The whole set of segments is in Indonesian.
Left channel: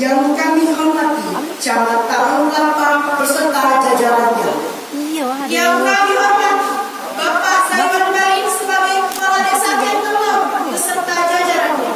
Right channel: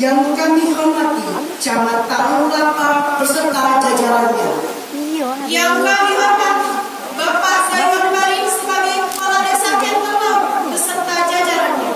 Yang kami hormati Camat Tarunglapa beserta jajarannya. Yang kami hormati Bapak Saiman Barin sebagai Kepala Desa Kentelong beserta jajarannya.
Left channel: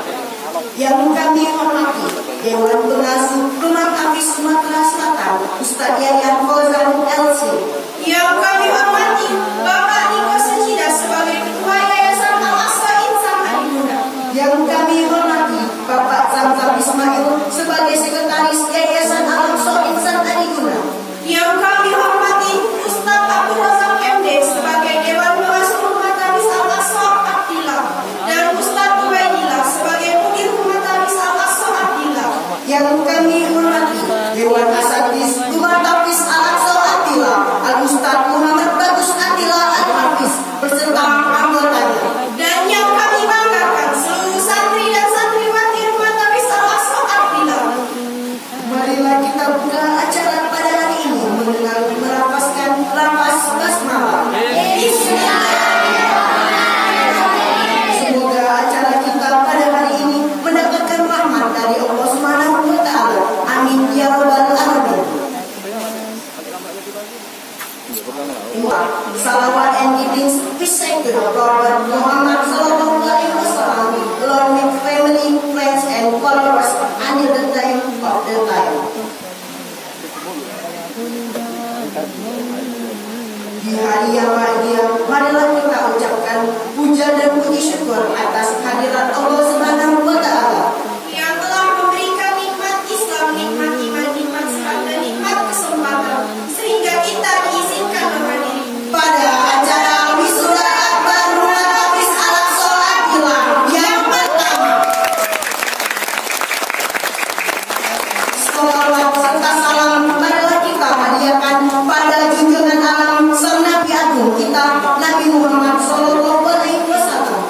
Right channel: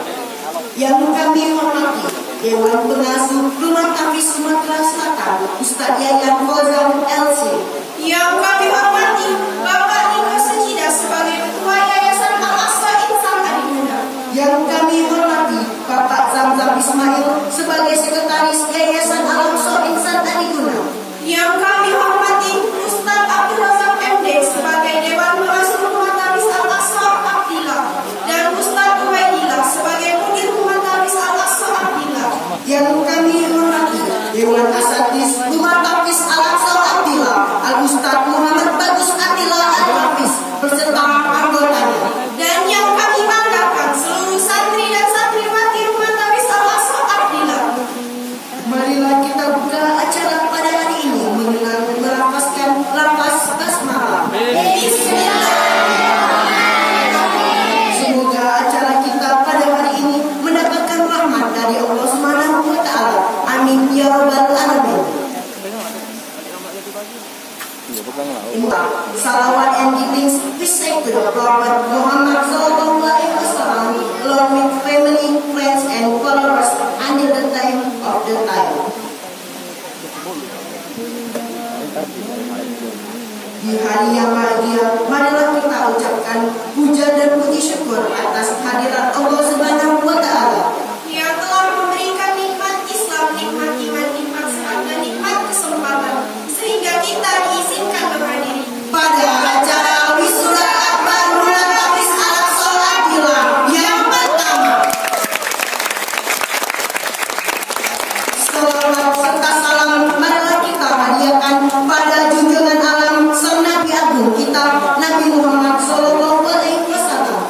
Yang kami hormati Dewan Pengasuh Kelurahan Apis Sumatera Selatan Ustaz Yayan Fauzan LC. Yang kami hormati Bapak Niko Sejida sebagai Ketua Yayasan Al-Aqsa Insan Adinda. Yang kami hormati Bapak Zamzam Ismail sebagai Sekretaris Yayasan Al-Aqsa Insan Adinda. Yang kami hormati Ustaz Abdul Razak MD sebagai Dewan Pengasuh Rumah Tarbis Al-Aqsa Abdillah dan Ustaz Ubaidillah sebagai Mudir Rumah Tarbis Al-Aqsa Abdillah. Yang kami hormati Dewan Asatidz Rumah Tarbis Al-Aqsa Abdillah Al-Ustaz Muhammad Bagus Abdillah Al-Hafiz beserta anggotanya. Dan yang kami banggakan seluruh santri dan santriwati Rumah Tarbis Al-Aqsa Abdillah. Marilah kita buka acara pada hari ini dengan melafazkan lafaz basmalah. Semoga acara kita pada hari ini mendapatkan rahmat dari Allah Subhanahu wa taala. Amin ya rabbal alamin. Salawat and greetings we say to the Prophet Muhammad sallallahu alaihi wasallam, along with family, friends and followers until the time of the time. Di hari yang bahagia, marilah kita ucapkan puja dan puji syukur atas kehadirat Allah Subhanahu wa taala Yang telah memberikan nikmat Islam, nikmat iman, nikmat sehat dan nikmat kesempatan sehingga kita diizinkan menghadiri pada acara wisuda akbar Rumah Tarbis Al-Aqsa Abdillah yang pertama. Salawat serta salam marilah kita hadiahkan pada junjungan alam sang Nabi Agung kita Nabi Muhammad sallallahu alaihi wasallam.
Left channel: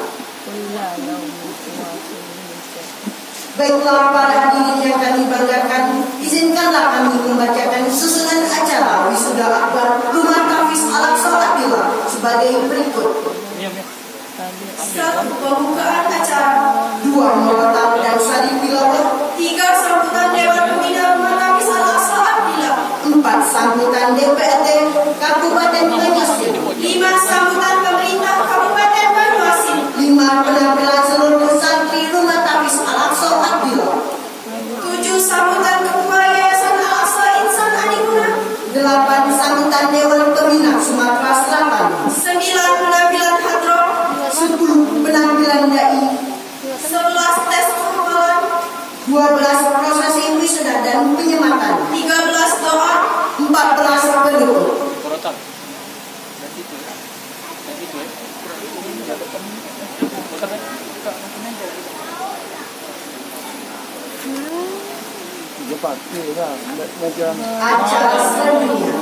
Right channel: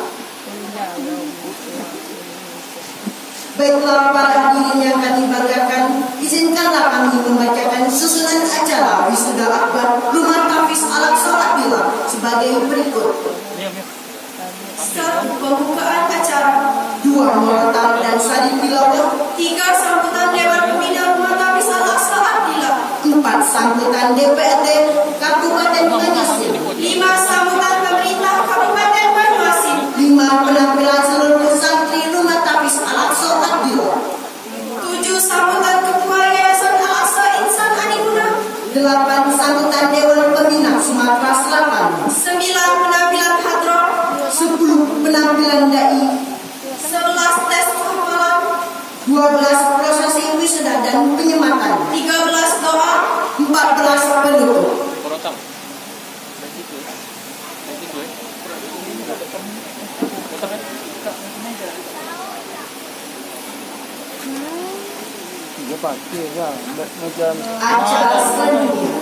Baiklah para hadirin yang kami banggakan, izinkanlah kami membacakan susunan acara wisuda akbar Rumah Tarbis Al-Aqsa Abdillah sebagai berikut. 1. Pembukaan acara. 2. Murotal dan sari tilawah. 3. Sambutan Dewan Pembina Rumah Tarbis Al-Aqsa Abdillah. 4. Sambutan DPRD Kabupaten Banyuasin. 5. Sambutan pemerintah Kabupaten Banyuasin. 5. Penampilan seluruh santri Rumah Tarbis Al-Aqsa Abdillah. 7. Sambutan Ketua Yayasan Al-Aqsa Insan Adinda. 8. Sambutan Dewan Pembina Sumatera Selatan. 9. Penampilan hadroh. 10. Penampilan dai. 11. Tes hafalan. 12. Prosesi wisuda dan penyematan. 13. Doa. 14. Penutup. Acara selanjutnya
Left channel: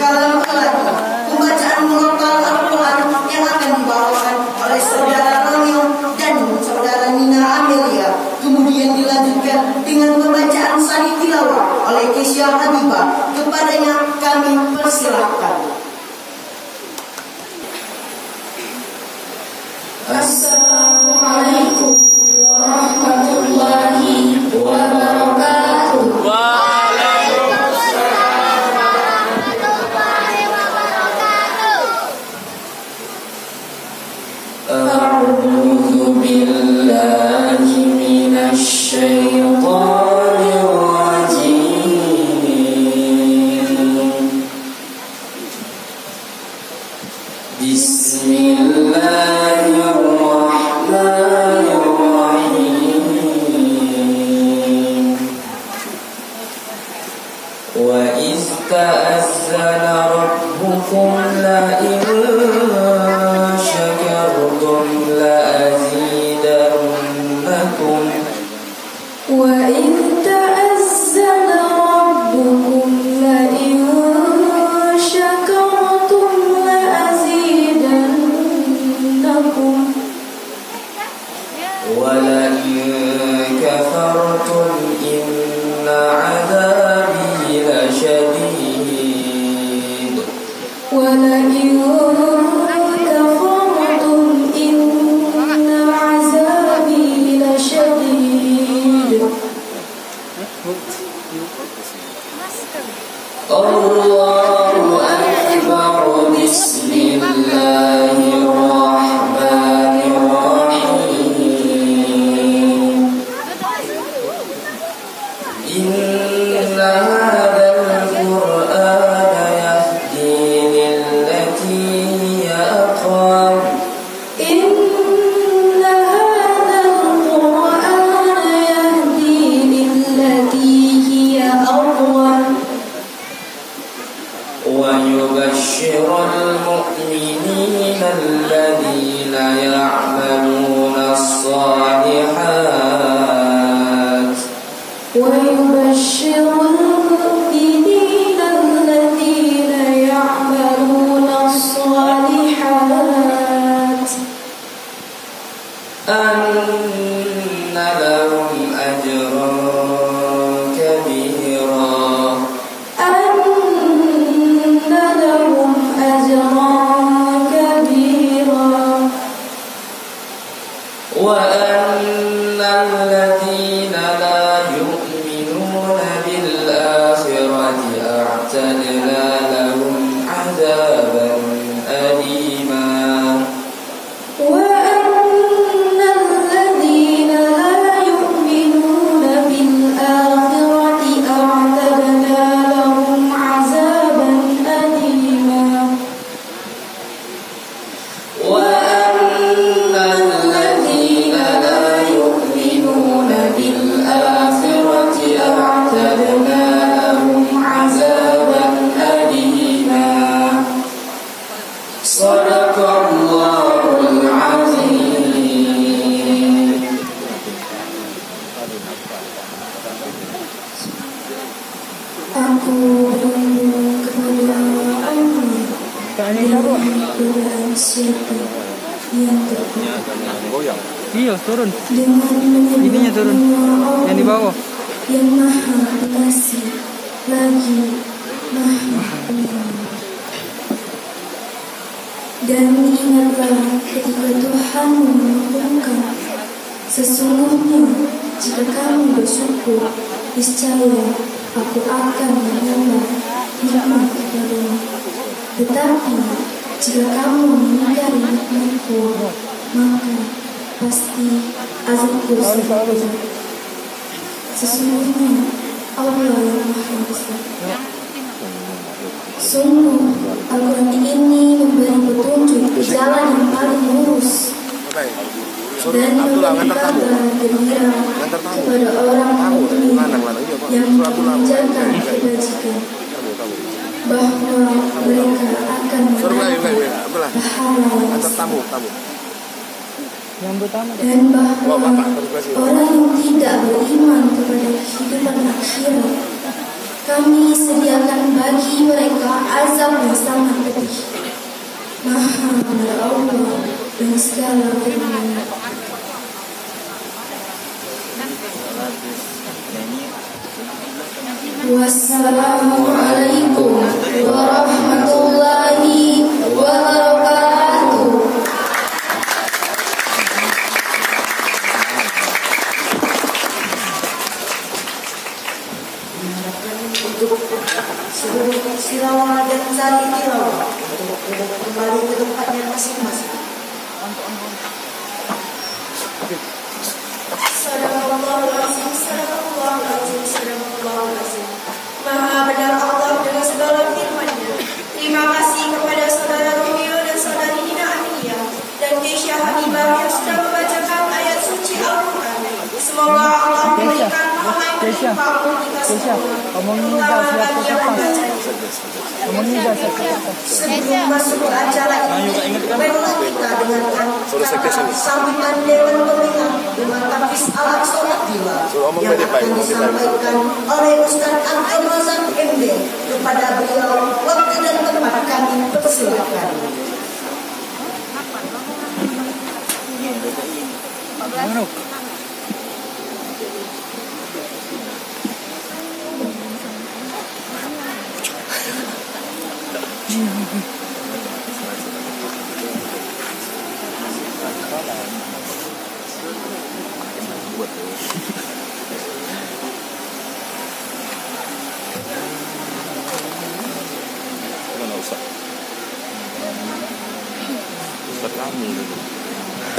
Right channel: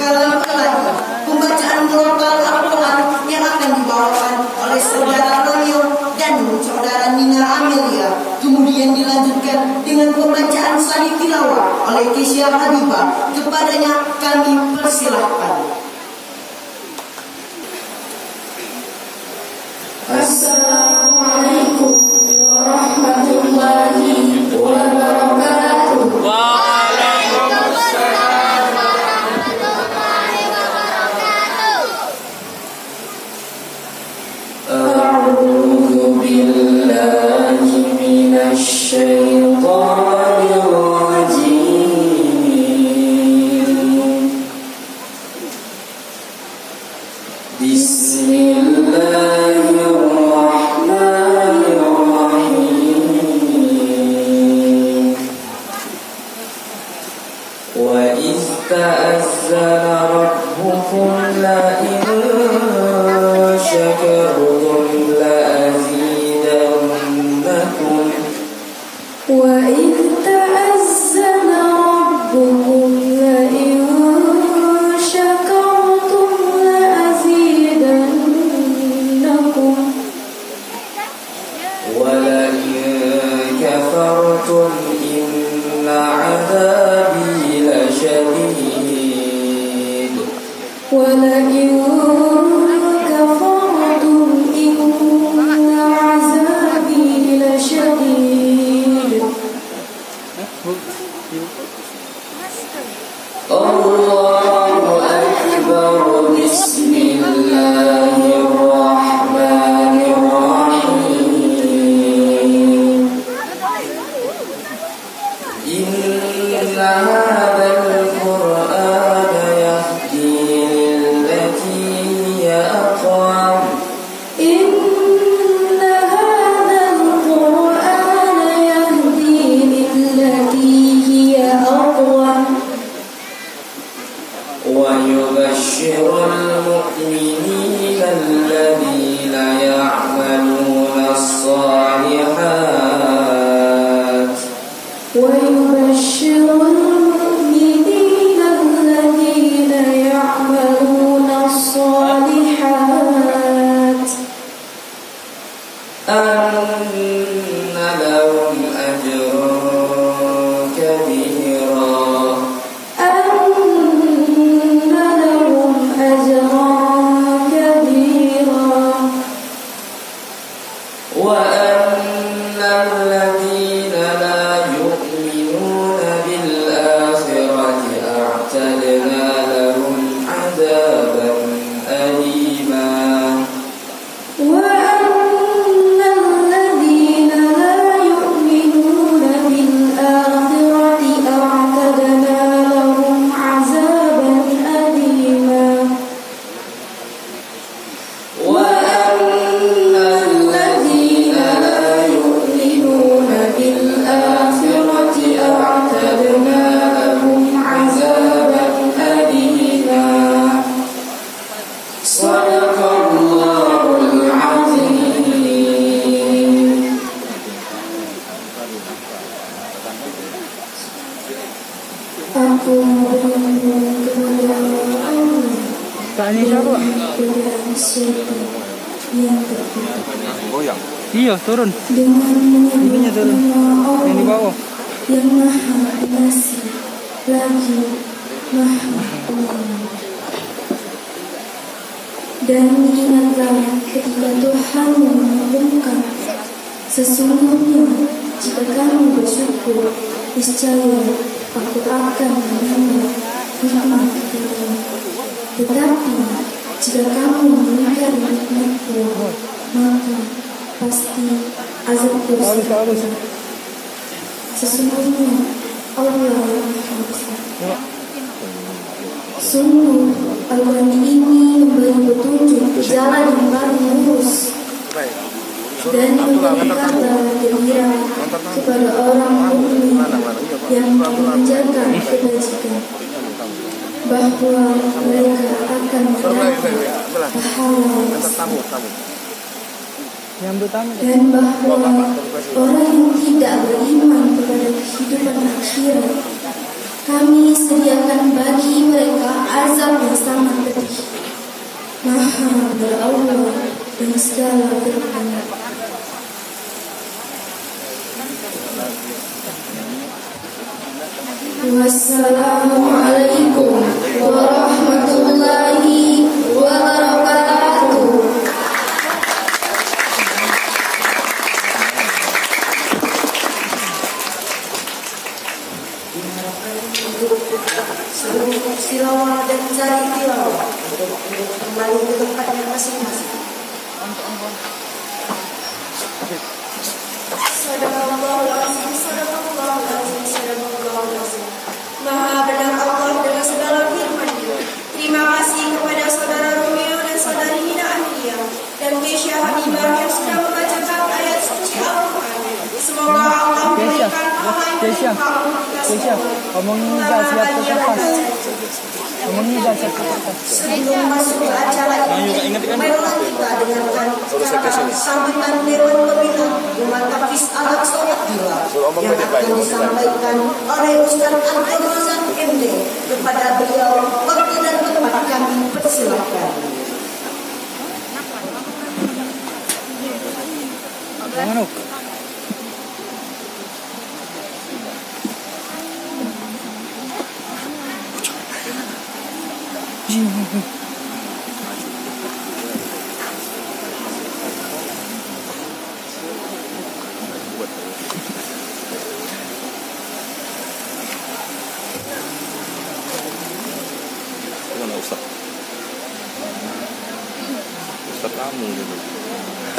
Kalam Keladi, pembacaan murotal Al-Quran yang akan dibawakan oleh saudara Romeo dan saudara Nina Amelia. Kemudian dilanjutkan dengan pembacaan sani tilawah oleh Kesya Habibah. Kepadanya kami persilahkan. Assalamualaikum warahmatullahi wabarakatuh. أعوذ بالله من الشيطان الرجيم. بسم الله الرحمن الرحيم. وإذ تأذن ربكم لئن شكرتم لأزيدنكم وإذ تأذن ربكم لئن شكرتم لأزيدنكم ولئن كفرتم إن عذابي لشديد ولئن كفرتم إن عذابي لشديد ويبشر المؤمنين الذين يعملون الصالحات أن لهم أجرا كبيرا أن لهم أجرا كبيرا وأن الذين لا يؤمنون بالآخرة أعتدنا لهم عذابا أليما وأن الذين لا يؤمنون بالآخرة أعتدنا لهم عذابا أليما وأن الذين لا يؤمنون بالآخرة أعتدنا لهم عذابا أليما صدق الله العظيم. Aku berlindung kepada Allah dari godaan syaitan yang terkuat Iya, turun. dengan Ininya turun. menyebut Yang di Allah bawah. yang maha pengasih lagi maha penyayang. Dan ingatlah ketika Tuhan mengumumkan, sesungguhnya jika kamu bersyukur, niscaya aku akan menambah nikmat kepadamu. Tetapi jika kamu mengingkari nikmatku, maka pasti azabku sangat. Sesungguhnya Allah yang Maha Besar. Sungguh Al-Quran ini memberi petunjuk jalan yang paling lurus dan memberi kabar gembira kepada orang mukmin yang mengerjakan kebajikan bahwa mereka akan mendapat pahala yang besar, Yang pertama. dan bahwa orang yang tidak beriman kepada kehidupan akhirat kami sediakan bagi mereka azab yang sangat pedih. Maha ya Allah yang segala firman. Wassalamualaikum warahmatullahi wabarakatuh. Untuk silawah dan cari tilawah untuk kembali ke tempatnya masing-masing. Sadaqallahul-azim, sadaqallahul-azim, sadaqallahul-azim. Maha benar Allah dengan segala firman-Nya. Terima kasih kepada saudara Romeo dan saudari Hina Amelia dan Keisha Habibah yang sudah membacakan ayat suci Al-Quran. Semoga Allah memberikan pahala yang berlimpah. Keisha, kamu ngizah siap ke kertas. Kamu ngizah siap ke kertas. Sebelum masuk ke acara ini, baiklah kita dengarkan sambutan Dewan Pembina Umat Hafiz Al-Aqsa Abdillah yang akan disampaikan oleh Ustaz Abdul Razak MD. Kepada beliau, waktu dan tempat kami persilakan.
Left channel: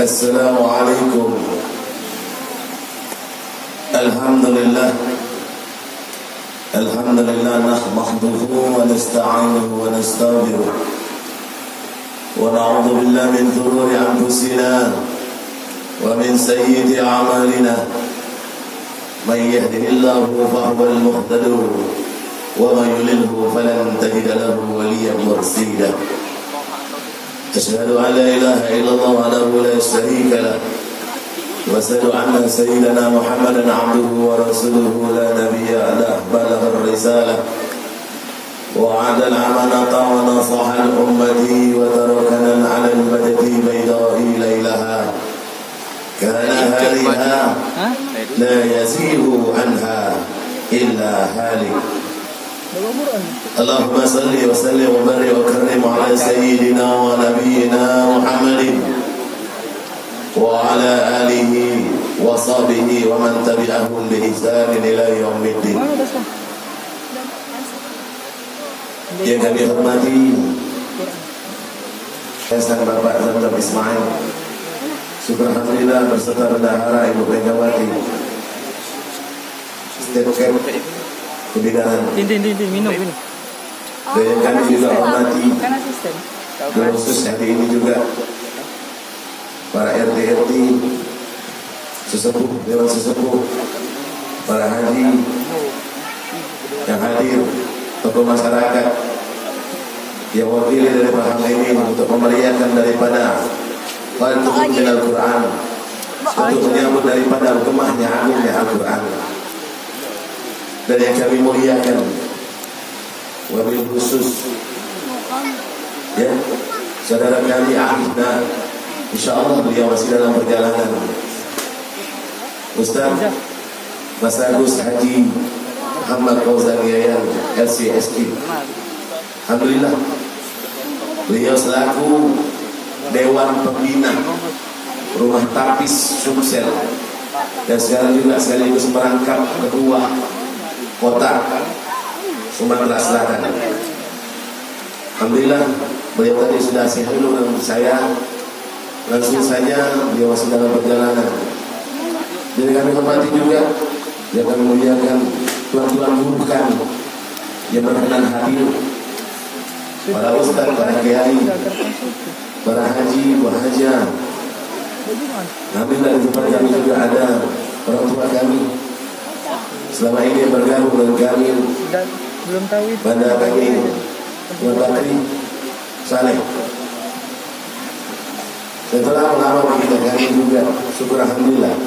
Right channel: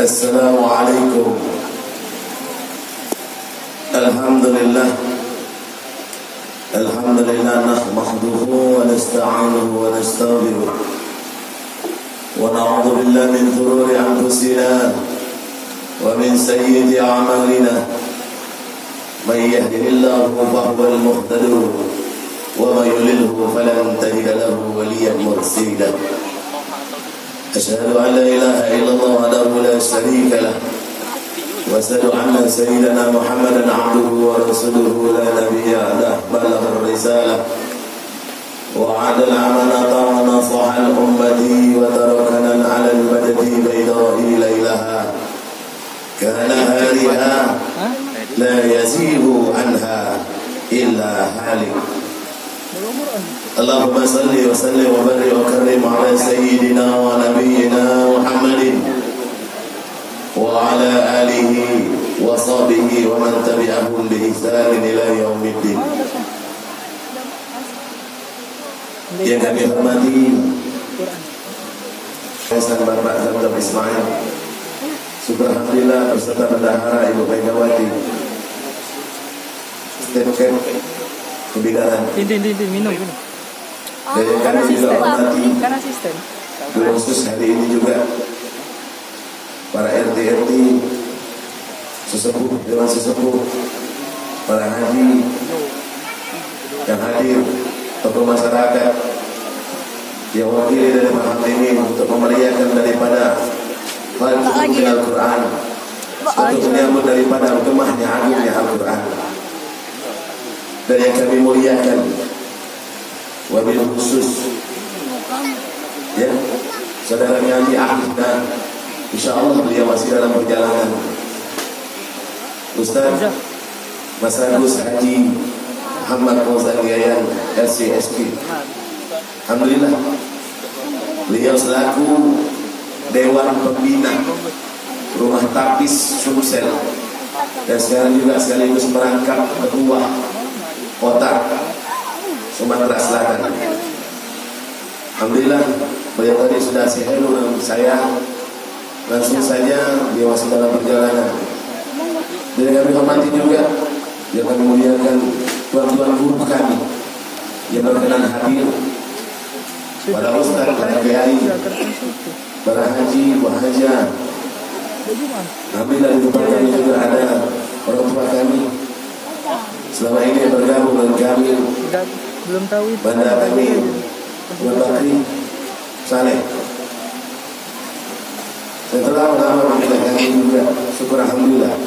Assalamualaikum. Alhamdulillah. Alhamdulillah nahmaduhu wa nasta'inuhu wa nastaghfiruh. Wa na'udzu billahi min shururi anfusina wa min sayyiati a'malina. May yahdihillahu fahuwal muhtadi wa may yudlilhu falan tajida lahu waliyyan murshida. أشهد أن لا إله إلا الله وحده لا شريك له وأشهد أن سيدنا محمدا عبده ورسوله لا نبي بعده بلغ الرسالة وعد الأمانة ونصح الأمة وتركنا على المهجة البيضاء ليلها كنهارها لا يزيغ عنها إلا هالك. اللهم صل وسلم وبارك وكرم على سيدنا ونبينا محمد وعلى آله وصحبه ومن تبعهم بإحسان إلى يوم الدين. Yang kami hormati Ustaz Bapak Dr. Ismail Subhanallah berserta bendahara Ibu Megawati Step Camp Kebidaran minum. dan yang kami juga hormati khusus hari ini juga para RT-RT sesepuh dengan sesepuh, para haji yang hadir, tokoh masyarakat yang wakili dari hal ini untuk memeriahkan daripada Al-Quran Al-Quran untuk menyambut daripada gemahnya agungnya Al-Quran. Dan yang kami muliakan wabil khusus ya saudara kami Ahmad, insyaallah beliau masih dalam perjalanan, Ustaz Mas Agus Haji Muhammad Qauzan Yayan LCSP. Alhamdulillah beliau selaku Dewan Pembina Rumah Tapis Sumsel dan sekarang juga sekaligus merangkap ketua Kota Sumatera Selatan. Alhamdulillah beliau tadi sudah say hello dengan saya, langsung saja beliau masih dalam perjalanan. Jadi kami hormati juga, yang kami muliakan tuan-tuan guru kami yang berkenan hadir, para ustaz, para kiai, para haji, wahaja. Alhamdulillah di tempat kami juga ada orang tua kami selama ini bergabung dengan kami. Belum tahu itu. Banda kami yang Bakri Saleh. Setelah lama mengenal kami juga, syukur alhamdulillah.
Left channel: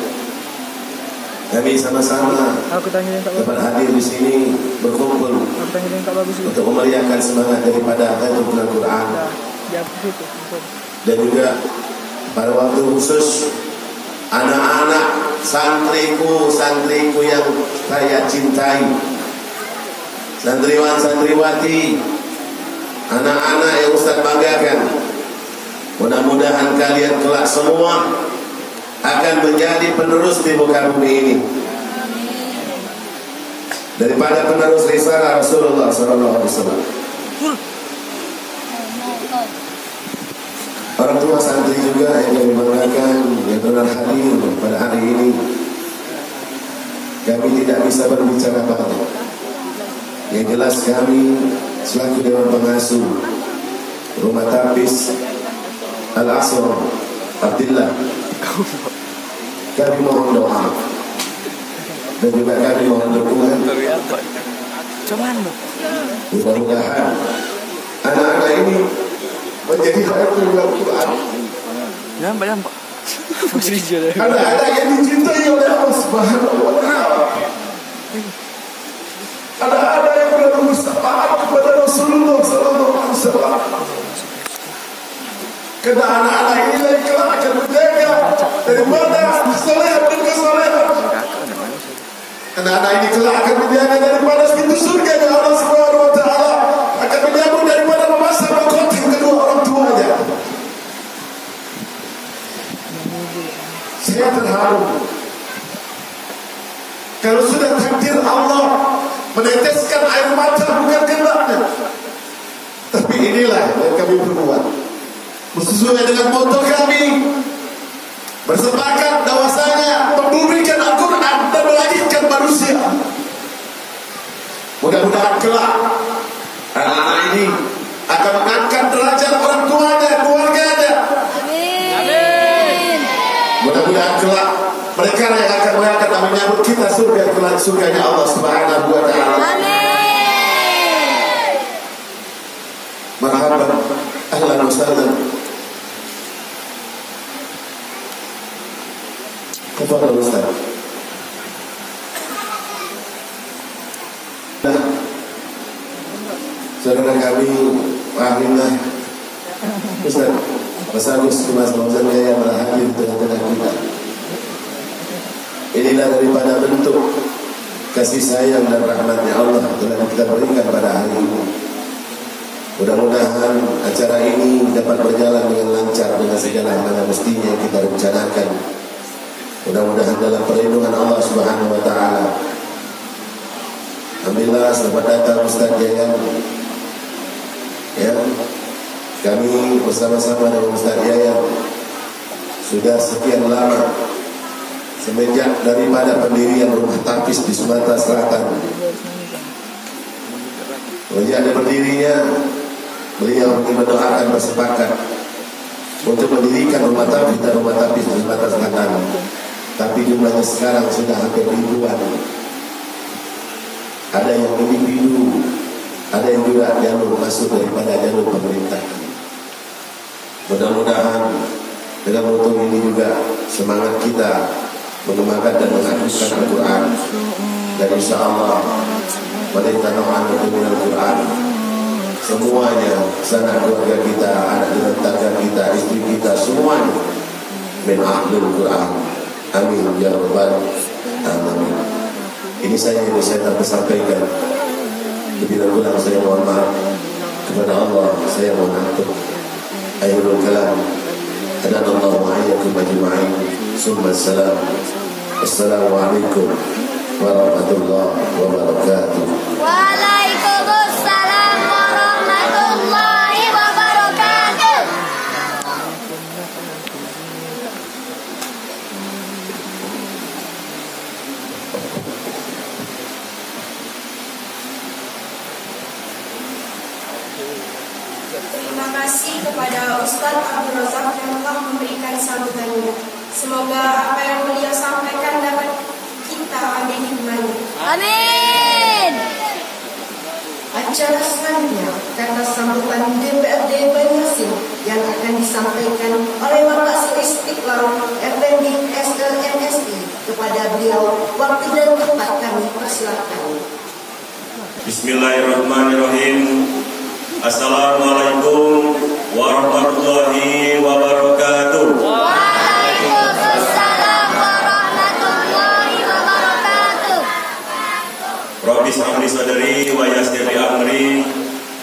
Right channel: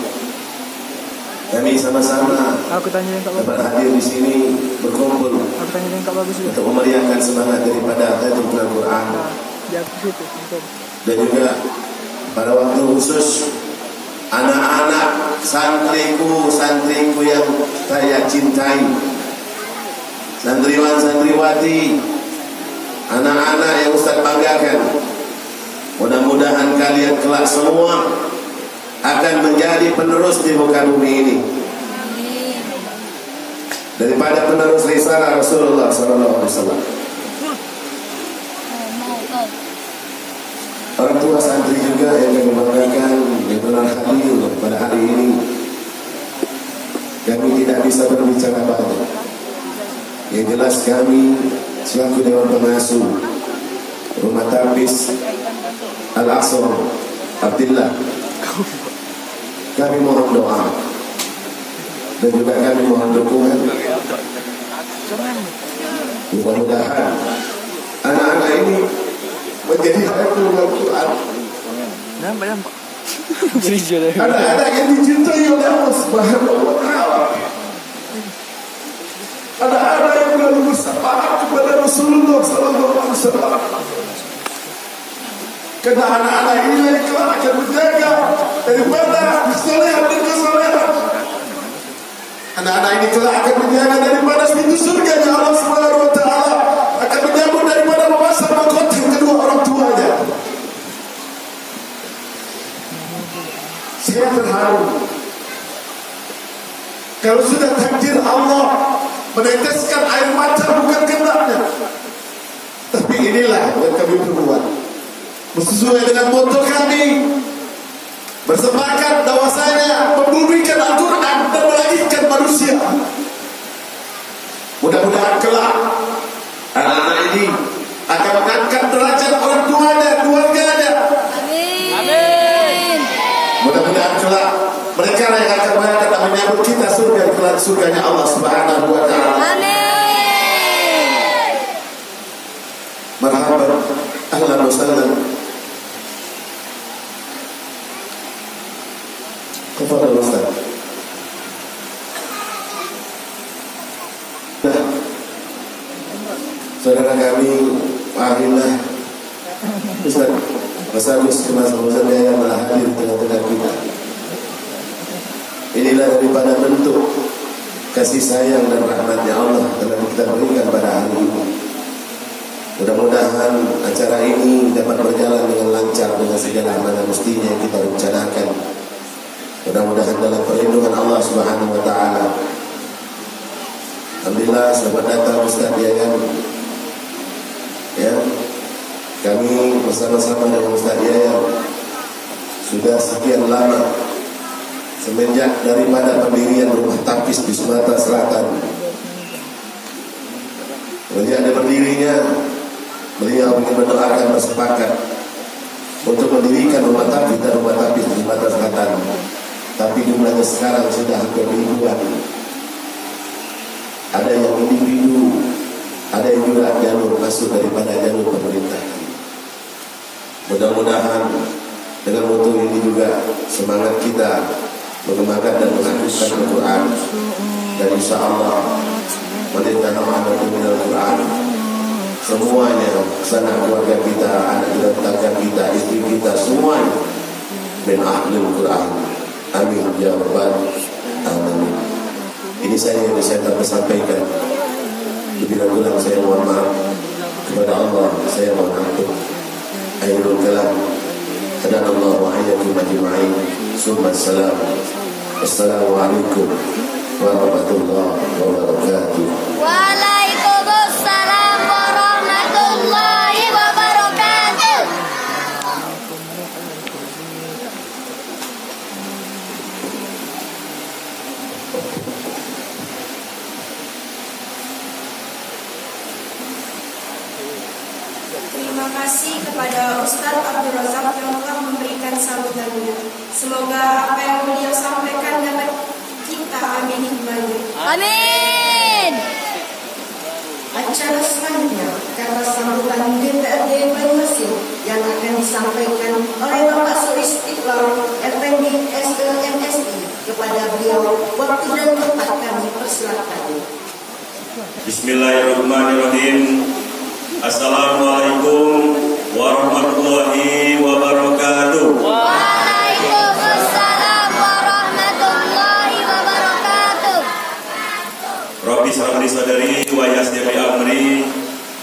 Kami sama-sama dapat hadir di sini berkumpul untuk memeriahkan semangat daripada Hayatul Quran. Dan juga pada waktu khusus anak-anak santriku yang saya cintai, santriwan santriwati, anak-anak yang Ustaz banggakan. Mudah-mudahan kalian kelak semua akan menjadi penerus di muka bumi ini, daripada penerus risalah Rasulullah SAW. Orang tua santri juga yang kami banggakan yang telah hadir pada hari ini. Kami tidak bisa berbicara banyak. Yang jelas kami selaku Dewan Pengasuh Rumah Tapis Al-Asr Abdillah, kami mohon doa dan juga kami mohon dukungan. Mudah-mudahan anak-anak ini menjadi hayatul Al-Quran. Anak-anak yang dicintai oleh Allah Subhanahu wa Ta'ala. Anak-anak yang benar bersyafaat kepada Rasulullah Sallallahu Alaihi Wasallam. Karena anak-anak ini yang kelak akan menjaga daripada kesalahan dan kesalahan. Anak-anak ini kelak akan menjaga daripada pintu surga yang Allah Subhanahu wa Ta'ala akan menyambut daripada memasang mahkota kedua orang tuanya. Saya terharu kalau sudah takdir Allah meneteskan air mata bukan kehendaknya, tapi inilah yang kami perbuat sesuai dengan moto kami, bersepakat bahwasanya membumikan Al-Quran dan melahirkan manusia. Mudah-mudahan kelak anak-anak ini akan mengangkat derajat orang tuanya, keluarganya. Amin. Mudah-mudahan kelak mereka yang akan mengangkat dan menyambut kita surga kelak surganya Allah Subhanahu wa Ta'ala. Amin. Marhaban, ahlan wa sahlan. Tafadhol Ustaz. Saudara kami Wahidillah Ustaz Mas Kemas Fauzan yang telah hadir di tengah-tengah kita. Inilah daripada bentuk kasih sayang dan rahmatnya Allah telah kita berikan pada hari ini. Mudah-mudahan acara ini dapat berjalan dengan lancar dengan segala mana mestinya yang kita rencanakan. Mudah-mudahan dalam perlindungan Allah Subhanahu wa taala. Alhamdulillah selamat datang Ustaz Yayan. Ya. Kami bersama-sama dengan Ustaz Yayan sudah sekian lama semenjak daripada pendirian rumah tapis di Sumatera Selatan. Sejak ada berdirinya, beliau mendoakan bersepakat untuk mendirikan rumah tapis dan rumah tapis di Sumatera Selatan. Tapi jumlahnya sekarang sudah hampir ribuan. Ada yang individu, ada yang juga jalur masuk daripada jalur pemerintahan. Mudah-mudahan dengan moto ini juga semangat kita mengembangkan dan melakukan Al-Quran. Dan insya Allah perintah Muhammad dengan Al-Quran semuanya, sanak keluarga kita, anak tetangga kita, istri kita, semuanya min ahlul Quran. Amin ya rabbal alamin. Ini saya yang bisa sampaikan. Lebih dahulu saya mohon maaf kepada Allah, saya mohon ampun. Akhirul kalam, hadanallahu wa iyyakum ajma'in. Summa salam. Assalamualaikum warahmatullahi wabarakatuh. Waalaikumsalam warahmatullahi wabarakatuh. Terima kasih kepada Ustaz Abdul Razak yang telah memberikan sambutannya. Semoga apa yang beliau sampaikan dapat kita ambil hikmahnya. Amin. Acara selanjutnya kata sambutan DPRD Banyuasin yang akan disampaikan oleh Bapak Su Istiqlal FND SLMSI. Kepada beliau waktu dan tempat kami persilakan. Bismillahirrahmanirrahim. Assalamualaikum warahmatullahi wabarakatuh. Waalaikumsalam warahmatullahi wabarakatuh. Rabbi shrah li sadri wa yassir li amri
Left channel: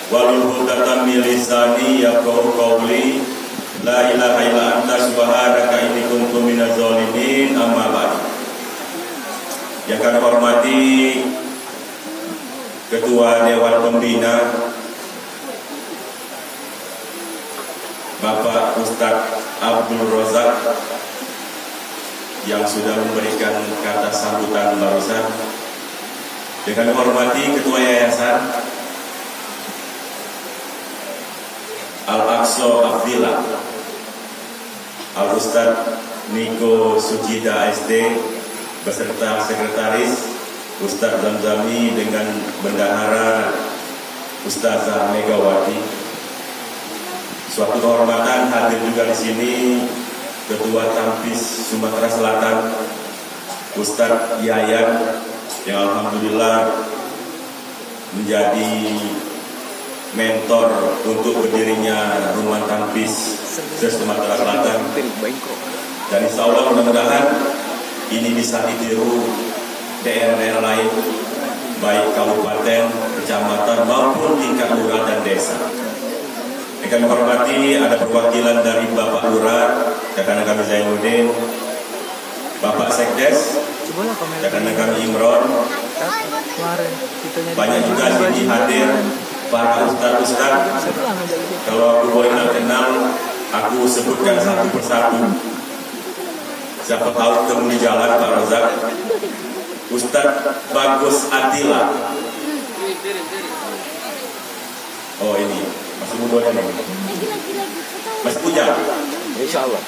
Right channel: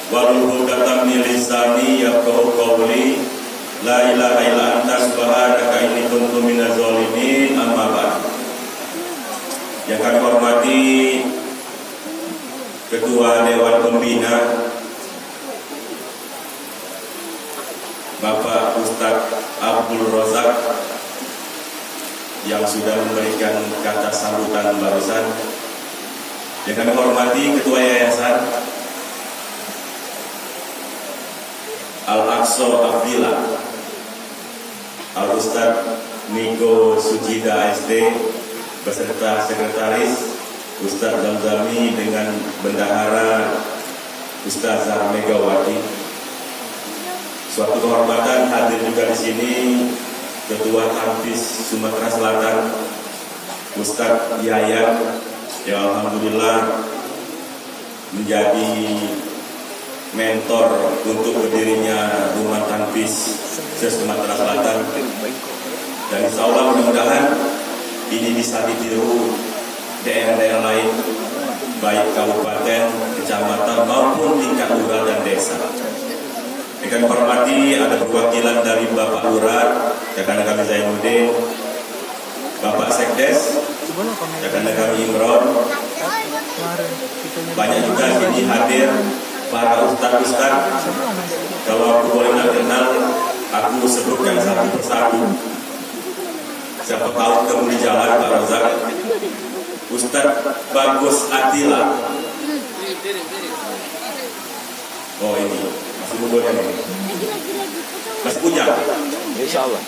wahlul 'uqdatam min lisani yafqahu qawli. La ilaha illa anta subhanaka inni kuntu minaz zalimin. Amma ba'd. Yang kami hormati Ketua Dewan Pembina Bapak Ustadz Abdul Razak yang sudah memberikan kata sambutan barusan. Yang kami hormati Ketua Yayasan Al-Aqsa Abdillah Al-Ustadz Niko Sujida SD beserta Sekretaris Ustadz Zamzami dengan Bendahara Ustazah Megawati. Suatu kehormatan hadir juga di sini Ketua Tampis Sumatera Selatan Ustadz Yayan yang alhamdulillah menjadi mentor untuk berdirinya Rumah Tampis se-Sumatera Selatan. Dan insya Allah mudah-mudahan ini bisa ditiru daerah-daerah lain, baik kabupaten, kecamatan maupun tingkat lurah dan desa. Kami hormati ada perwakilan dari Bapak Lurah, rekan kami Zainuddin, Bapak Sekdes, rekan kami Imron. Banyak juga sini hadir para ustaz-ustaz. Kalau aku boleh kenal, aku sebutkan satu persatu. Siapa tahu ketemu di jalan Pak Razak. Ustaz Bagus Atila. Oh ini masih muda ini. Masih Ujang. Insya Allah.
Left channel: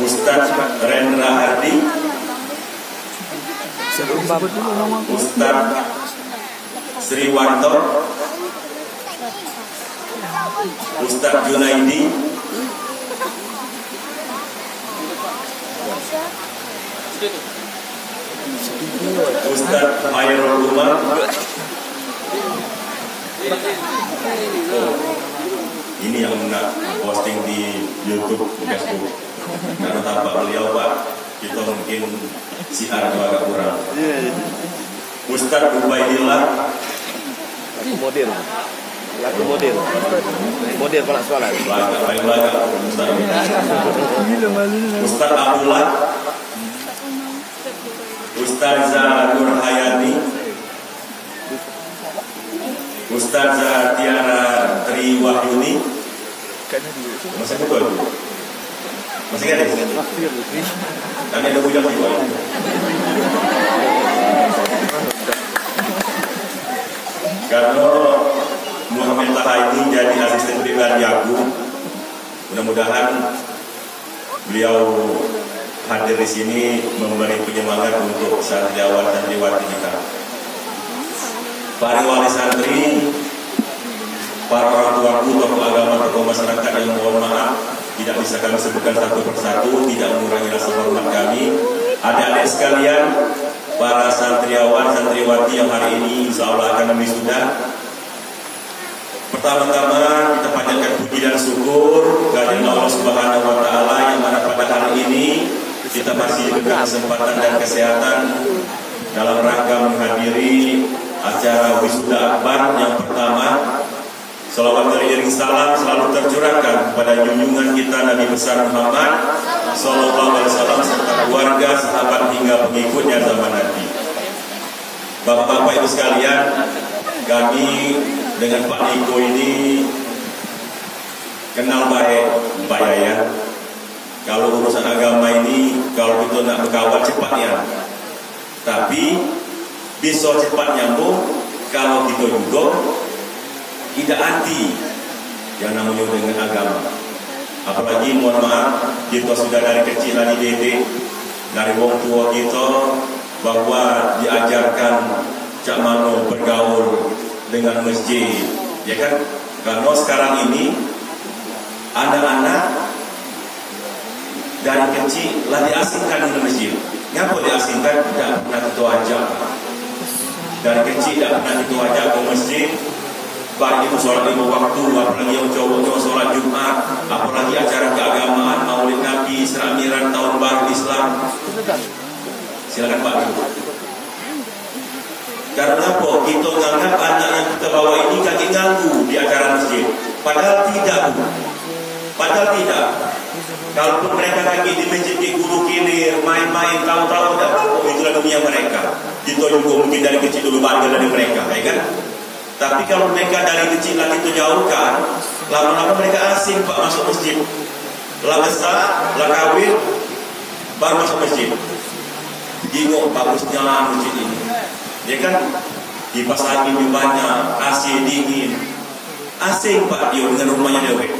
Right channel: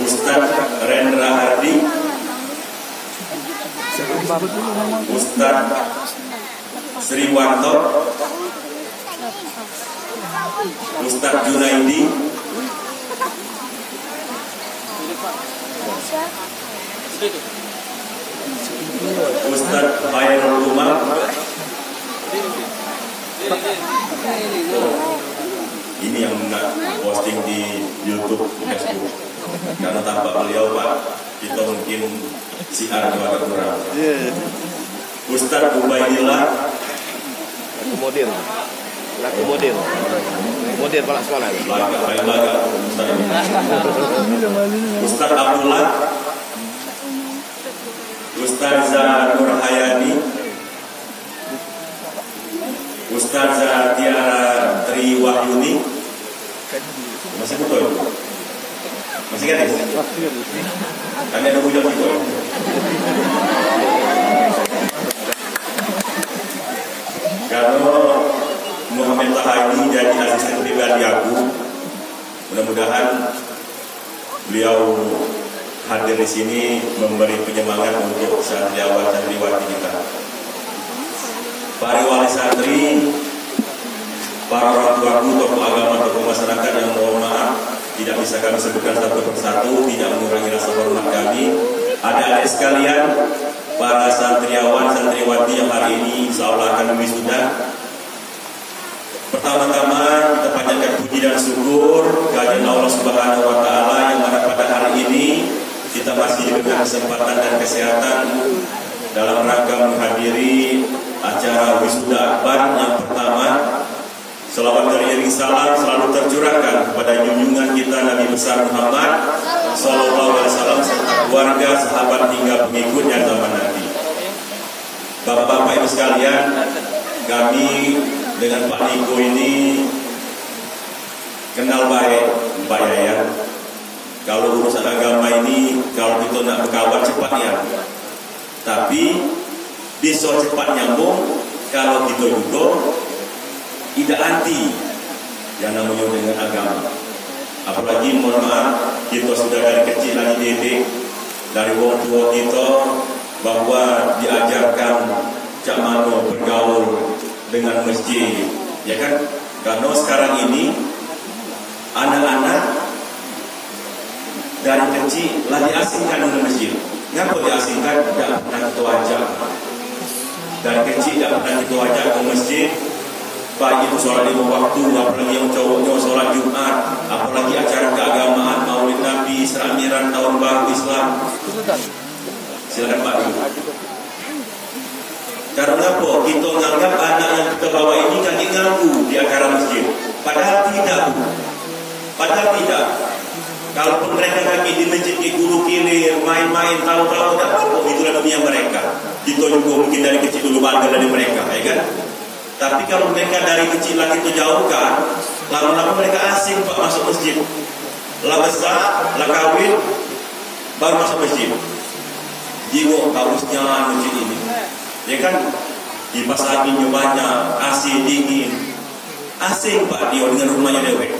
Ustaz Rendra Hardi. Ustaz Sriwanto. Ustaz Junaidi. Ustaz Khairul Umar. Ini yang nak posting di YouTube, Facebook. Karena tampak beliau Pak, kita mungkin siar juga agak kurang. Ustaz Ubaidillah. Laku model kepala sekolah. Belakang Ustaz Abdullah. Ustazah Nur Hayani, Ustazah Tiara Tri Wahyuni. Masih betul? Masih kan? Kami ada budak juga. Karena Muhammad Tahani jadi asisten pribadi aku. Mudah-mudahan beliau hadir di sini memberi penyemangat untuk santriawan santriwati kita. Para wali santri, para orang tuaku, tokoh agama, tokoh masyarakat yang mohon maaf tidak bisa kami sebutkan satu persatu, tidak mengurangi rasa hormat kami. Adik-adik sekalian, para santriawan santriwati yang hari ini insya Allah akan wisuda. Pertama-tama kita panjatkan puji dan syukur kepada Allah Subhanahu Wa Taala yang mana pada hari ini kita masih diberikan kesempatan dan kesehatan dalam rangka menghadiri acara wisuda akbar yang pertama. Salawat dari iring salam selalu tercurahkan kepada junjungan kita Nabi besar Muhammad Sallallahu Alaihi Wasallam serta keluarga, sahabat hingga pengikutnya zaman nanti. Bapak-bapak ibu sekalian, kami dengan Pak Niko ini kenal baik Pak Yayan. Kalau urusan agama ini, kalau kita nak berkawan cepat nyambung. Tapi bisa cepat nyambung kalau kita juga tidak anti yang namanya dengan agama. Apalagi mohon maaf, kita sudah dari kecil lagi didik dari wong tua kita bahwa diajarkan cak mano bergaul dengan masjid, ya kan? Karena sekarang ini anak-anak dari kecil lah diasingkan dengan masjid. Kenapa diasingkan? Tidak pernah kita ajak. Dari kecil tidak pernah kita ajak ke masjid. Baik itu sholat 5 waktu, apalagi yang cowoknya sholat Jumat, apalagi acara keagamaan, Maulid Nabi, seramiran tahun baru Islam. Silakan Pak. Karena apa? Kita menganggap anak yang kita bawa ini kaki nganggu di acara masjid. Padahal tidak. Kalaupun mereka kaki di masjid di guru kilir, main-main, tahu-tahu tidak apa-apa, itulah dunia mereka. Kita juga mungkin dari kecil dulu bangga dari mereka, ya kan? Tapi kalau mereka dari kecil lagi itu jauhkan, lama-lama mereka asing Pak masuk masjid. Lah besar, lah kawin, baru masuk masjid. Jengok bagusnya masjid ini. Ya kan, di pasar minggu banyak, AC dingin, asing Pak dia dengan rumahnya dewek.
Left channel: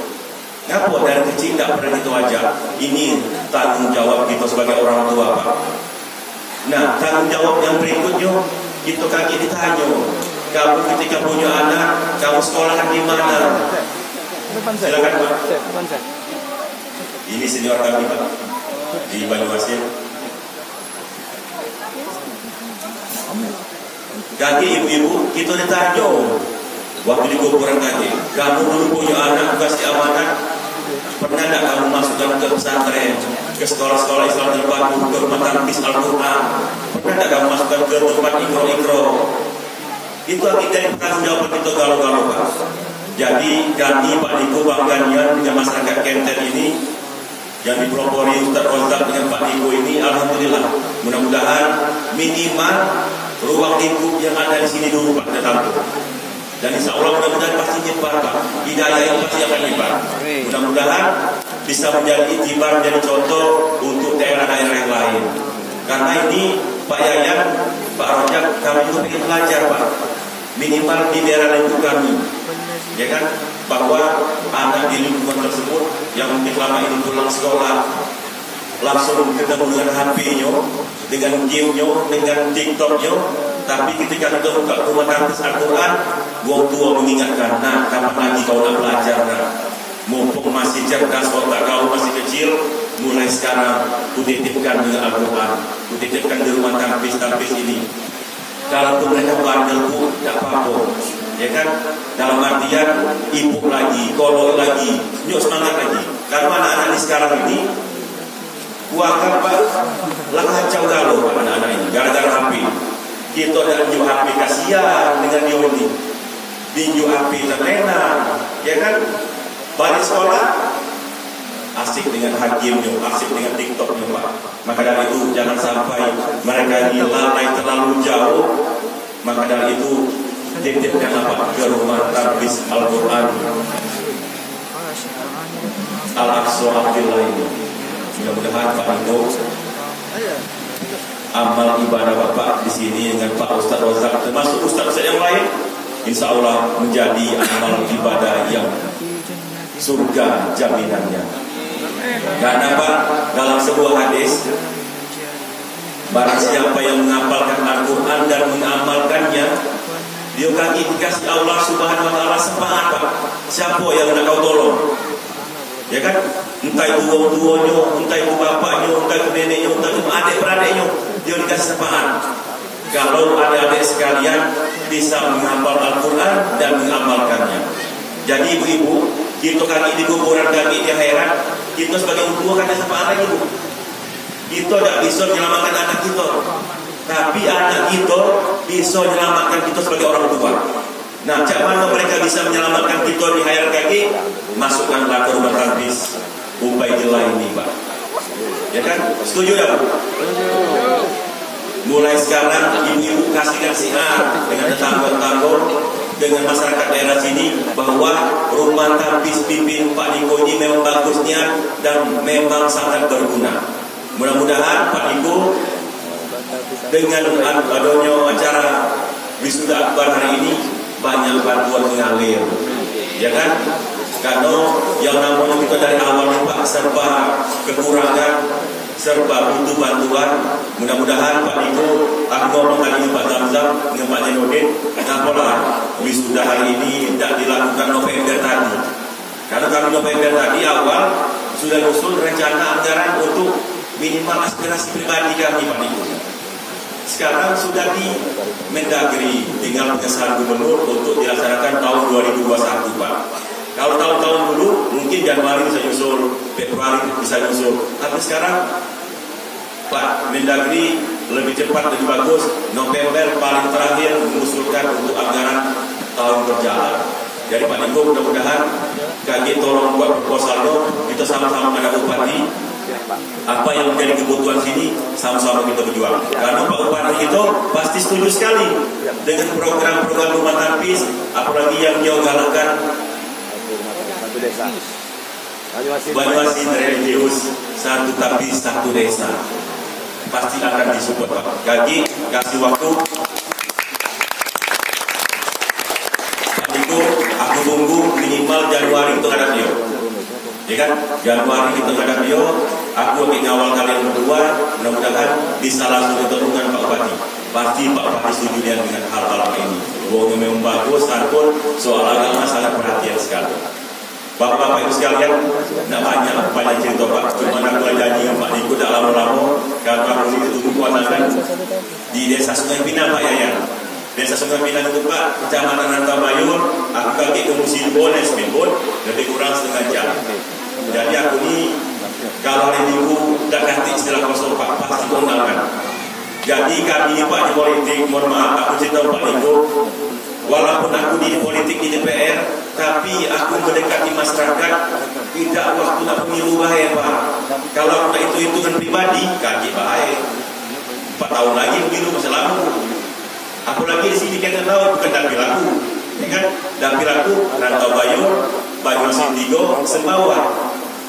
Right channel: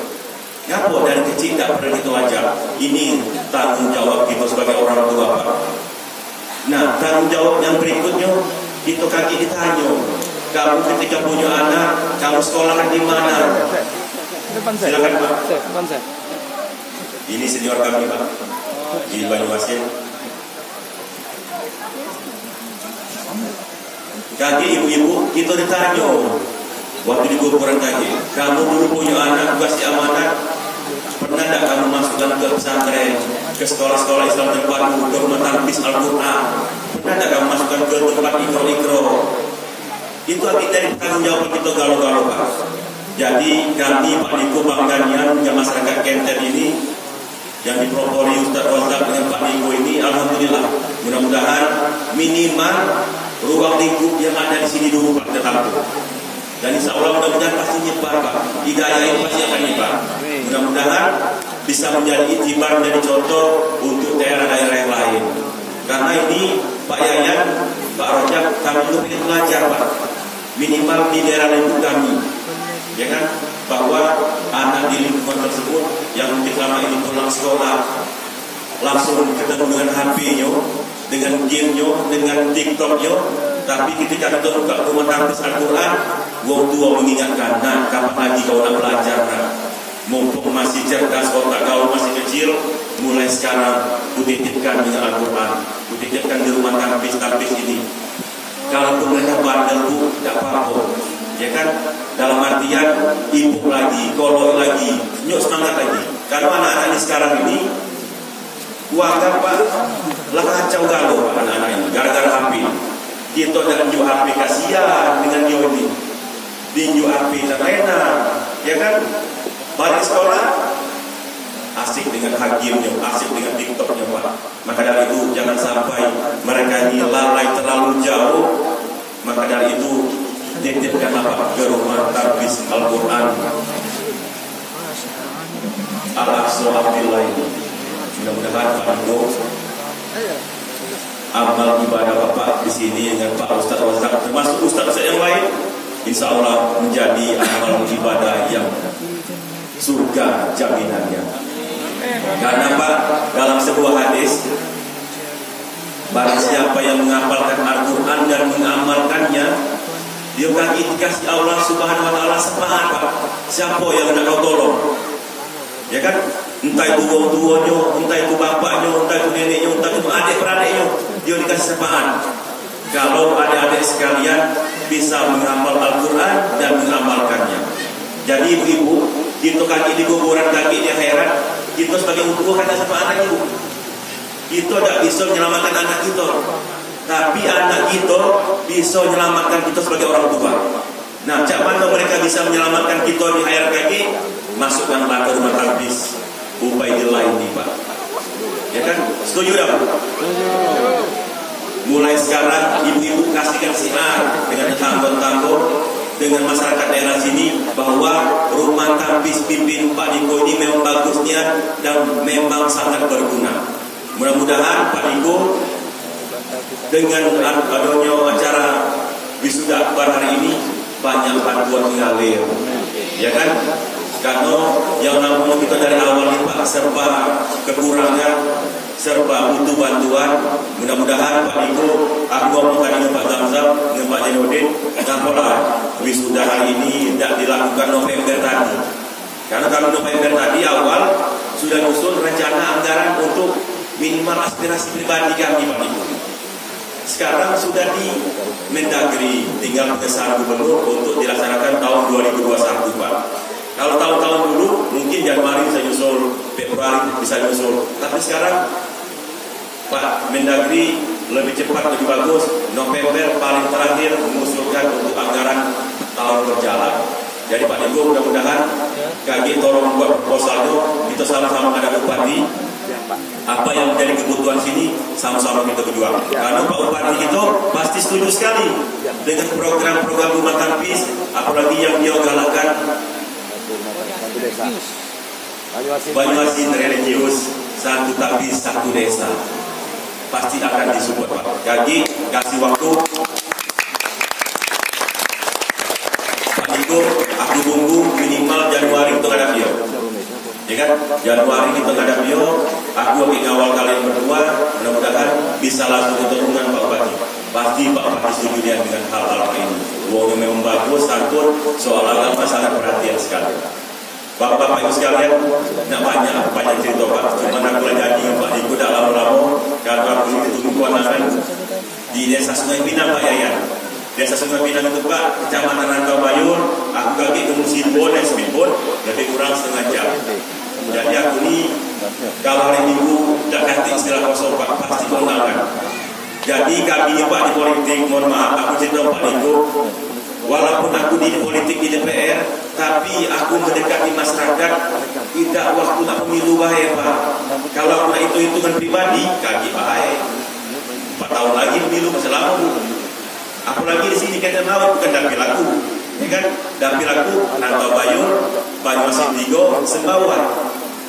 Ngapa dari kecil tidak pernah itu aja. Ini tanggung jawab kita sebagai orang tua Pak. Nah tanggung jawab yang berikutnya kita kaki ditanya, kamu ketika punya anak, kamu sekolahkan di mana? Silakan Pak. Ini senior kami Pak di Banyuasin. Kaki ibu-ibu kita ditanya waktu di kuburan kaki, kamu dulu punya anak kasih amanat, pernah tidak kamu masukkan ke pesantren, ke sekolah-sekolah Islam terbaru, ke rumah tahfiz Al-Quran, pernah tidak kamu masukkan ke tempat ikro-ikro? Itu akhirnya dari tanggung jawab kita galau-galau Pak. Jadi kami Pak Niko bangganya punya masyarakat Kenten ini yang dipelopori Ustaz Rozak dengan Pak Niko ini, alhamdulillah. Mudah-mudahan minimal ruang lingkup yang ada di sini dulu Pak kita tampung. Dan insya Allah mudah-mudahan pasti nyebar Pak. Hidayah ini pasti akan nyebar. Mudah-mudahan bisa menjadi itibar dan contoh untuk daerah-daerah yang lain. Karena ini Pak Yayan, Pak Rojak, kami juga ingin mengajar Pak. Minimal di daerah lingkup kami. Ya kan? Bahwa anak di lingkungan tersebut yang mungkin lama ini pulang sekolah langsung ketemu dengan HP-nya, dengan game-nya, dengan TikTok-nya. Tapi ketika kita buka rumah tahfiz Al-Quran, wong tua mengingatkan, nah kapan lagi kau nak belajar? Nah, mumpung masih cerdas, otak kau masih kecil, mulai sekarang kutitipkan dengan Al-Quran, kutitipkan di rumah tapis ini. Kalaupun mereka bandel pun tidak apa-apa, ya kan? Dalam artian ibu lagi, kolor lagi, nyok semangat lagi. Karena anak-anak ini sekarang ini kuakan Pak, lah kacau galau Pak anak-anak ini, gara-gara HP. Kita dah nyok HP kasihan dengan dia ini, di nyok HP tak enak, ya kan? Balik sekolah asik dengan hakimnya, asik dengan TikToknya Pak. Maka dari itu jangan sampai mereka lalai terlalu jauh. Maka dari itu titipkan apa ke rumah tapis Al-Quran Al-Aqsa Abdillah ini. Mudah-mudahan Pak Ibu amal ibadah Bapak di sini dengan Pak Ustaz Rozak termasuk Ustaz yang lain, insya Allah menjadi amal ibadah yang surga jaminannya. Karena Pak, dalam sebuah hadis, barang siapa yang menghafalkan Al-Quran dan mengamalkannya, dia akan dikasih Allah Subhanahu Wa Taala semangat Pak. Siapa yang nak kau tolong? Ya kan? Entah itu orang tuanya, entah itu bapaknya, entah itu neneknya, entah itu adik-beradiknya, dia dikasih semangat. Kalau adik-adik sekalian bisa menghafal Al-Quran dan mengamalkannya. Jadi ibu-ibu, kita kaki di kuburan, kaki di akhirat, kita sebagai ibu hanya sama anak ibu. Kita tidak bisa menyelamatkan anak kita, tapi anak kita bisa menyelamatkan kita sebagai orang tua. Nah, macam mana mereka bisa menyelamatkan kita di akhirat kaki? Masukkanlah ke rumah tapis Ubaidillah ini Pak. Ya kan? Setuju tak Pak? Mulai sekarang ibu-ibu kasihkan siar dengan tetangga-tetangga, dengan masyarakat daerah sini, bahwa rumah tapis pimpin Pak Niko ini memang bagusnya dan memang sangat berguna. Mudah-mudahan Pak Niko dengan adanya acara wisuda akbar hari ini banyak bantuan mengalir, ya kan? Karena yang namanya kita dari awalnya Pak serba kekurangan, serba butuh bantuan. Mudah-mudahan Pak Niko, aku ngomong dengan Pak Zamzam, dengan Pak Jenodin, kenapa lah wisuda hari ini tidak dilakukan November tadi? Karena kami November tadi awal sudah nyusun rencana anggaran untuk minimal aspirasi pribadi kami Pak Niko. Sekarang sudah di Mendagri, tinggal pengesahan gubernur untuk dilaksanakan tahun 2021 Pak. Kalau tahun-tahun dulu mungkin Januari bisa nyusul, Februari bisa nyusul, tapi sekarang Pak Mendagri lebih cepat, lebih bagus. November paling terakhir mengusulkan untuk anggaran tahun berjalan. Jadi Pak Niko, mudah-mudahan KG tolong buat proposalnya, kita sama-sama ada bupati. Apa yang menjadi kebutuhan sini sama-sama kita berjuang. Karena Pak Bupati itu pasti setuju sekali dengan program-program rumah tapis, apalagi yang dia galakkan satu desa. Banyuasin religius, satu tapis, satu desa. Pasti akan disupport Pak. Kaki kasih waktu. Pak Niko, aku tunggu minimal Januari untuk ada dia. Ya kan? Januari kita ada dia. Aku akan ngawal kalian berdua. Mudah-mudahan bisa langsung ketemu dengan Pak Bupati. Pasti Pak Bupati setuju dengan hal-hal ini. Wong memang bagus, santun, soal agama sangat perhatian sekali. Bapak-bapak ibu sekalian, tidak banyak cerita Pak. Cuma aku janji Pak Niko dah lama-lama. Kalau aku ini tunggu kuasakan di desa Sungai Pinang Pak Yayan. Desa Sungai Pinang itu Pak, Kecamatan Antabayur. Aku kaki ke Musimbon dan Speedboat lebih kurang setengah jam. Jadi aku ini kalau hari Minggu tidak ganti istilah kosong Pak, pasti kondangan. Jadi kami Pak di politik, mohon maaf aku cerita Pak Niko. Walaupun aku di politik di DPR, tapi aku mendekati masyarakat tidak waktu nak pemilu baik Pak. Kalau aku nak hitung-hitungan pribadi, kaki baik. 4 tahun lagi pemilu masa lalu. Aku lagi di sini kan tahu bukan dapil aku, ya kan? Dapil aku Antabayur, Banyuasin Tigo, Sembawa.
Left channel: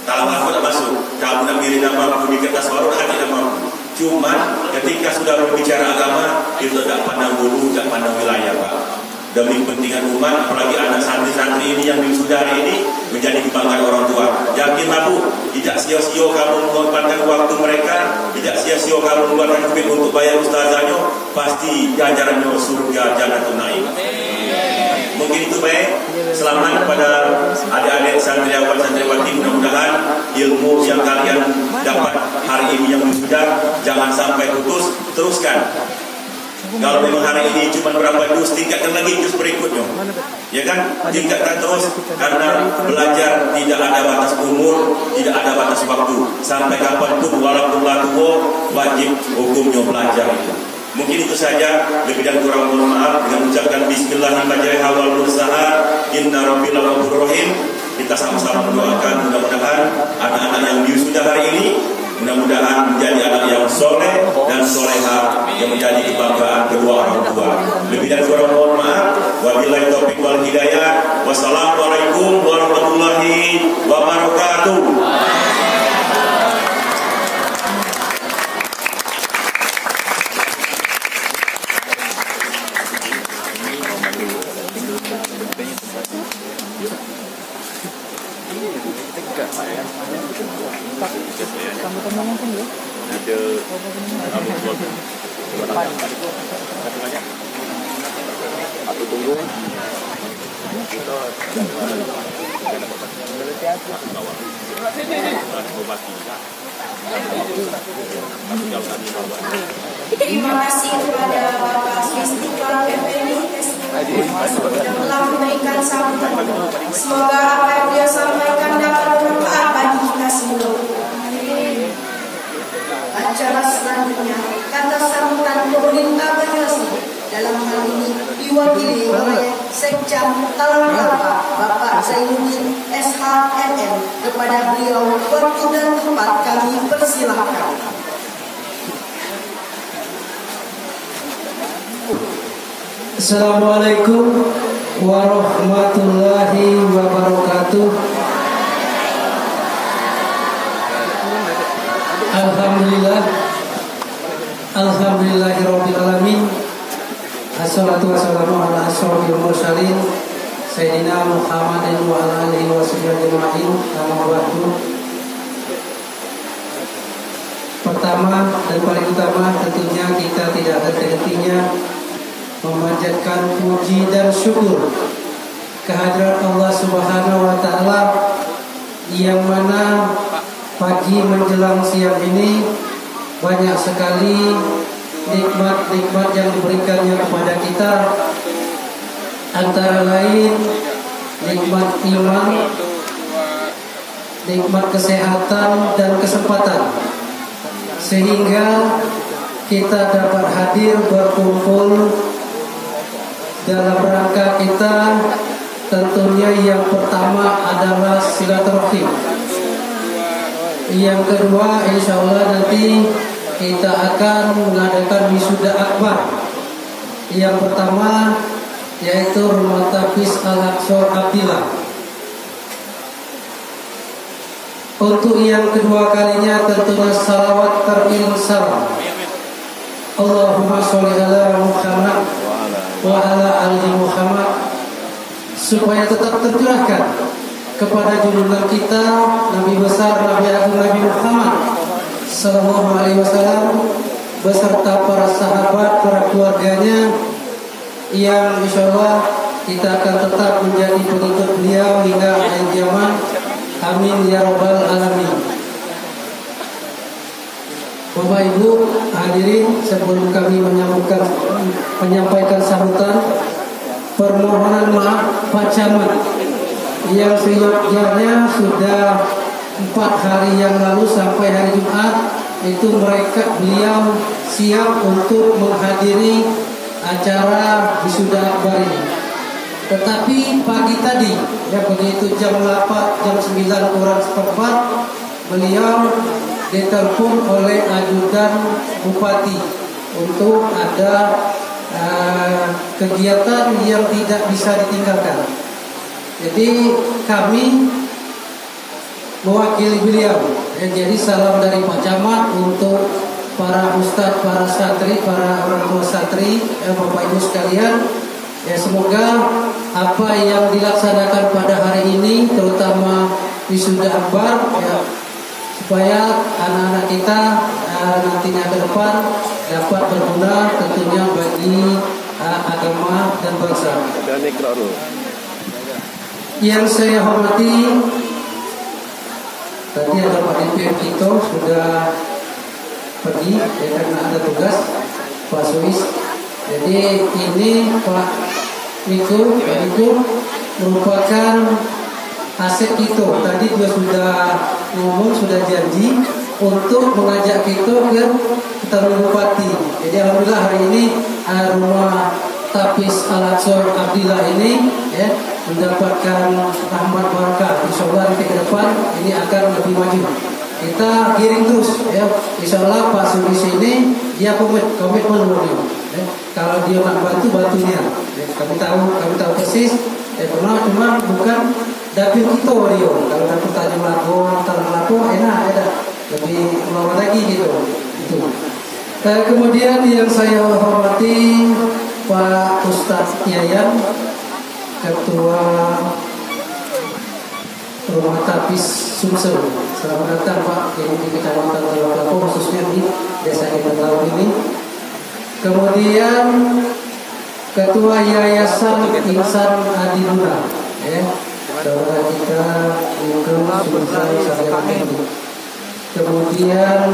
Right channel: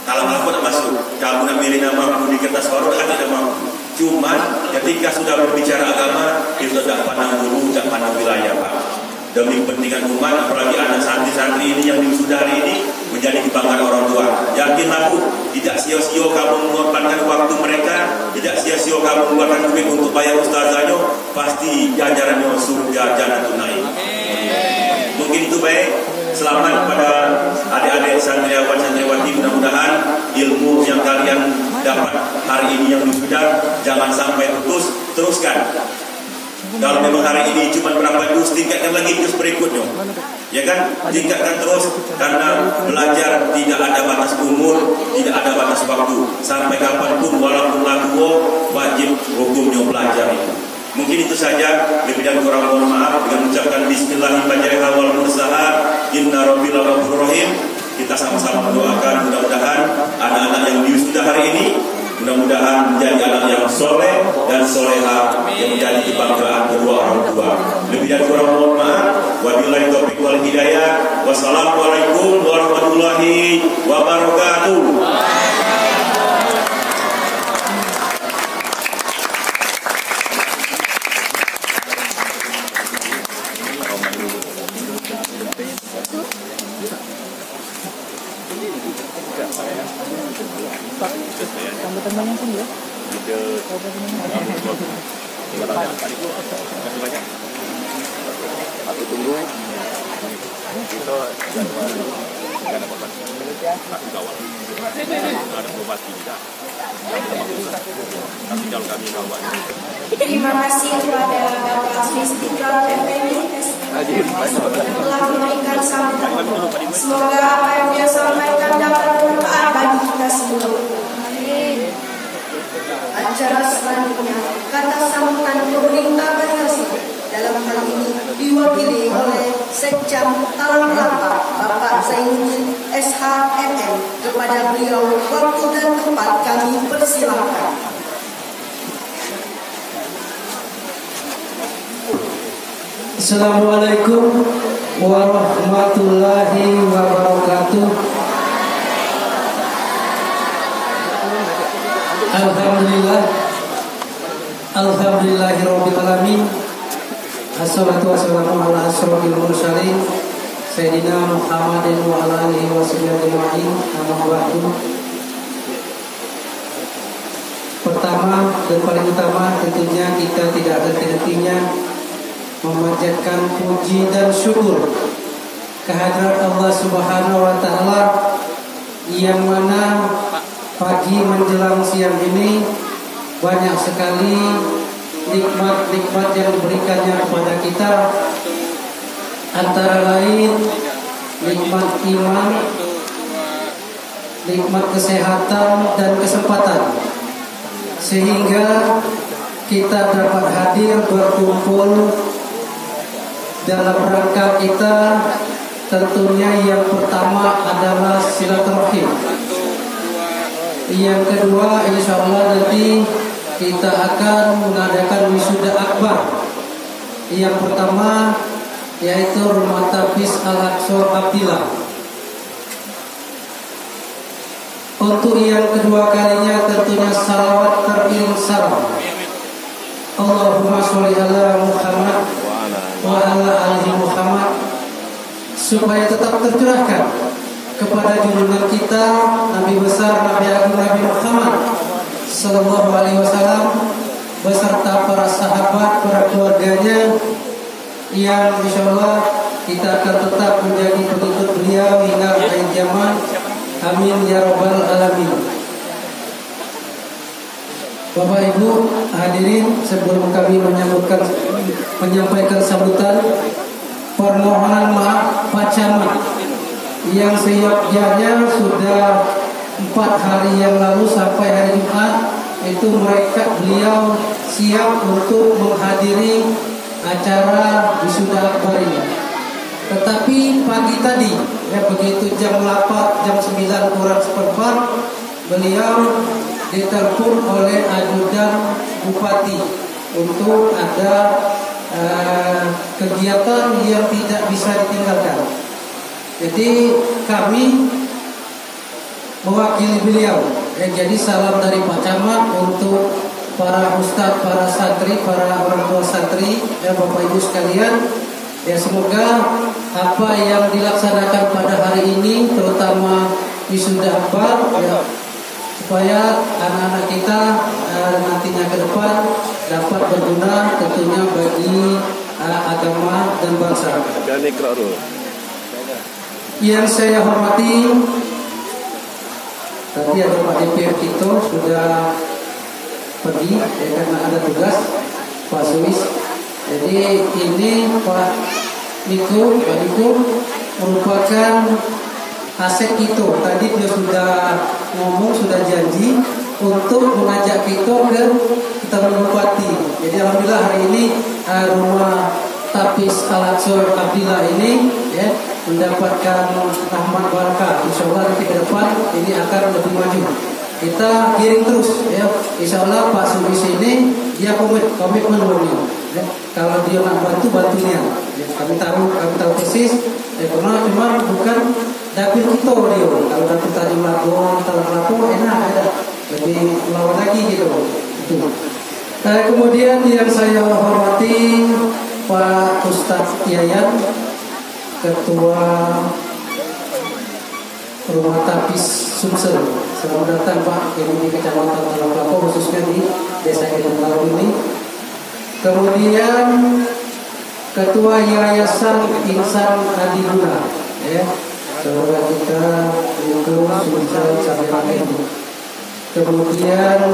Kalau aku tak masuk, kalau nak milih nama aku di kertas baru, tak ada nama. Cuma ketika sudah berbicara agama, kita tak pandang dulu, tak pandang wilayah Pak. Demi kepentingan umat, apalagi anak santri-santri ini yang diwisudari ini menjadi kebanggaan orang tua. Yakin aku, tidak sia-sia kamu mengorbankan waktu mereka, tidak sia-sia kamu mengeluarkan duit untuk bayar ustazahnya, pasti jajarannya surga Jannatul Naim. Mungkin itu baik. selamat kepada adik-adik santriawan santriwati. Mudah-mudahan ilmu yang kalian dapat hari ini yang wisuda jangan sampai putus, teruskan. Kalau memang hari ini cuma berapa juz, tingkatkan lagi juz berikutnya, ya kan? Tingkatkan terus, karena belajar tidak ada batas umur, tidak ada batas waktu. Sampai kapanpun, walaupun tua, wajib hukumnya belajar itu. Mungkin itu saja, lebih dan kurang mohon maaf. Dengan mengucapkan Bismillahirrahmanirrahim, kita sama-sama mendoakan mudah-mudahan anak-anak yang wisuda hari ini mudah-mudahan menjadi anak yang soleh dan soleha, yang menjadi kebanggaan kedua orang tua. Lebih dan kurang mohon maaf. Wabillahi taufiq wal hidayah. Wassalamualaikum warahmatullahi wabarakatuh. Sambutannya mungkin ya. Aku tunggu. Terima kasih kepada Bapak Istiqlal Effendi yang telah memberikan sambutan. Semoga apa yang dia sampaikan dapat bermanfaat bagi kita semua. Acara selanjutnya, kata sambutan pemerintah Banyuwangi dalam hal ini diwakili oleh Sekjen Talang Kelapa Bapak Zainuddin SHMM. Kepada beliau waktu dan tempat kami persilakan. Assalamualaikum warahmatullahi wabarakatuh. Alhamdulillahirabbil alamin. Assalatu wassalamu ala asyrofil mursalin Sayyidina Muhammadin wa ala alihi washabbihi ajma'in. Pertama dan paling utama tentunya kita tidak ada henti-hentinya memanjatkan puji dan syukur kehadirat Allah Subhanahu wa taala yang mana pagi menjelang siang ini banyak sekali nikmat-nikmat yang diberikannya kepada kita, antara lain nikmat iman, nikmat kesehatan dan kesempatan, sehingga kita dapat hadir berkumpul dalam rangka kita. Tentunya yang pertama adalah silaturahim. Yang kedua, insya Allah nanti kita akan mengadakan wisuda akbar. Yang pertama yaitu Rumah Tafis Al-Aqsa Abdillah. Untuk yang kedua kalinya tentunya salawat terirsal. Allahumma sholli ala Muhammad wa ala ali Muhammad, supaya tetap tercurahkan kepada junjungan kita Nabi besar Nabi Agung Nabi Muhammad sallallahu alaihi wasallam beserta para sahabat, para keluarganya, yang insyaallah kita akan tetap menjadi pengikut beliau hingga akhir zaman. Amin ya rabbal alamin. Bapak Ibu hadirin, sebelum kami menyampaikan sambutan, permohonan maaf Pak Camat yang seyogyanya sudah 4 hari yang lalu sampai hari Jumat itu beliau siap untuk menghadiri acara wisuda akbar ini. Tetapi pagi tadi ya begitu jam 8, jam 9 kurang seperempat, beliau ditelepon oleh ajudan bupati untuk ada kegiatan yang tidak bisa ditinggalkan. Jadi kami mewakili beliau. Jadi salam dari Pak Camat untuk para ustadz, para santri, para orang tua santri, Bapak Ibu sekalian. Ya semoga apa yang dilaksanakan pada hari ini, terutama wisuda akbar, ya, supaya anak-anak kita nantinya ke depan dapat berguna tentunya bagi agama dan bangsa. Yang saya hormati, tadi ada Pak DPR Tito sudah pergi karena ada tugas, Pak Suis. Jadi ini Pak Niko merupakan aset Tito. Tadi dia sudah ngomong, sudah janji untuk mengajak Tito ke Taman Bupati. Jadi alhamdulillah hari ini rumah Tapis Al-Aqsa Abdillah ini ya mendapatkan rahmat barakah. Insyaallah nanti ke depan ini akan lebih maju. Kita kirim terus ya. Insyaallah Pak Subis ini dia komitmen murni. Ya. Kalau dia nak bantu dia. Ya, kami tahu persis. Ya, cuma bukan dapil itu dia. Kalau dapil Tanjung Lapo enak. Lebih lawan lagi gitu. Itu. Kemudian yang saya hormati Pak Ustadz Yayan, Ketua Rumah Tapis Sumsel. Selamat datang Pak ini di Kecamatan Lapo, khususnya di Desa Gedan Laut ini. Kemudian Ketua Yayasan Insan Adilura, ya, saudara kita itu Sumsel Sarjana. Kemudian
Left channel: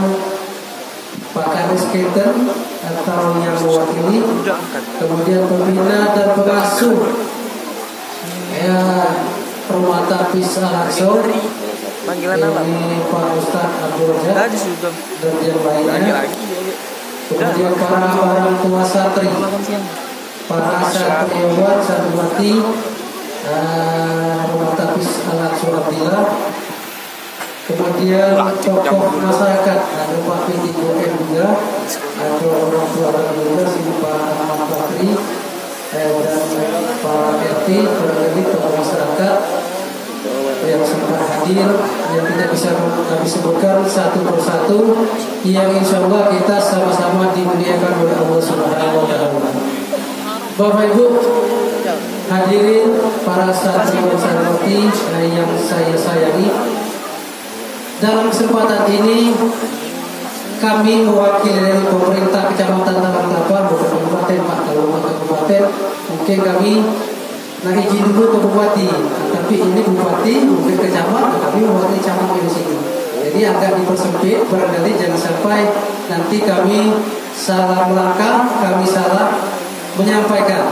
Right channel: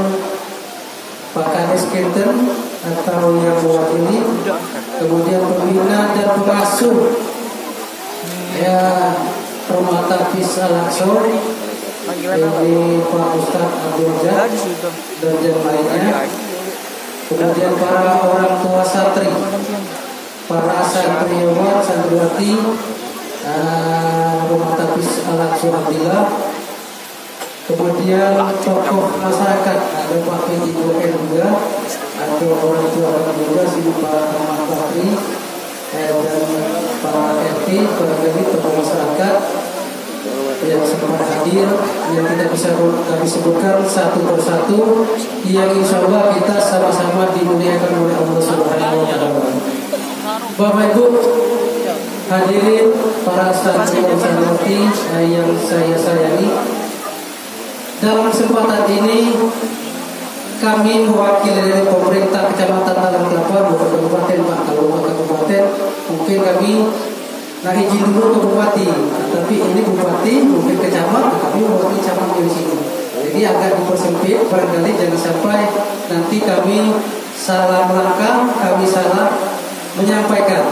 Pak Kadis Kenten atau yang mewakili, kemudian pembina dan pengasuh ya Rumah Tapis Al-Aqsa, ini Pak Ustadz Abdul Jad dan yang lainnya, kemudian para orang tua santri, para santriwan santriwati Rumah Tapis Al-Aqsa Abdillah. Kemudian tokoh masyarakat ada Pak Pidi Joken juga, atau orang tua juga sini Pak Ahmad Bakri dan Pak RT, barangkali tokoh masyarakat yang sempat hadir, yang kita bisa kami sebutkan satu persatu, yang insya Allah kita sama-sama dimuliakan oleh Allah Subhanahu Wa Taala. Bapak Ibu hadirin, para santri dan santriwati yang saya sayangi. Dalam kesempatan ini kami mewakili dari pemerintah Kecamatan Taman Kelapa, bukan kabupaten Pak, kalau kabupaten mungkin kami nak izin dulu ke bupati, tapi ini bupati bukan kecamatan, kami bupati camat di sini. Jadi agak dipersempit, barangkali jangan sampai nanti kami salah melangkah, kami salah menyampaikan.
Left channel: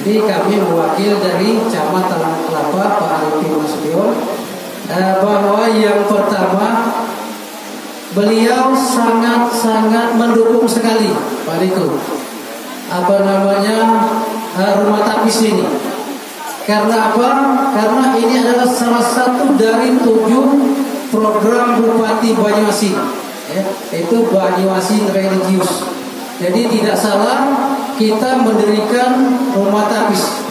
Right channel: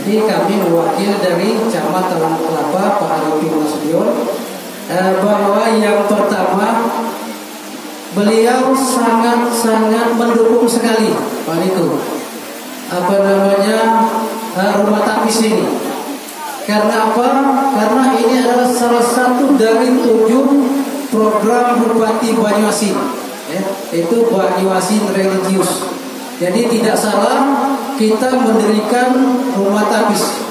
Jadi kami mewakili dari Camat Taman Kelapa Pak Arifin Nasution. Bahwa yang pertama beliau sangat mendukung sekali Pak itu Rumah Tapis ini. Karena apa? Karena ini adalah salah satu dari 7 program Bupati Banyuasin, ya, itu Banyuasin religius. Jadi tidak salah kita mendirikan Rumah Tapis.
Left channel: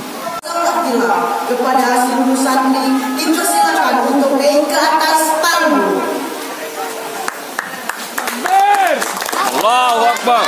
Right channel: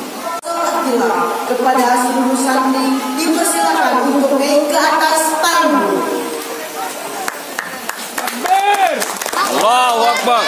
Kepada seluruh santri dipersilakan untuk naik ke atas panggung. Allahu Akbar.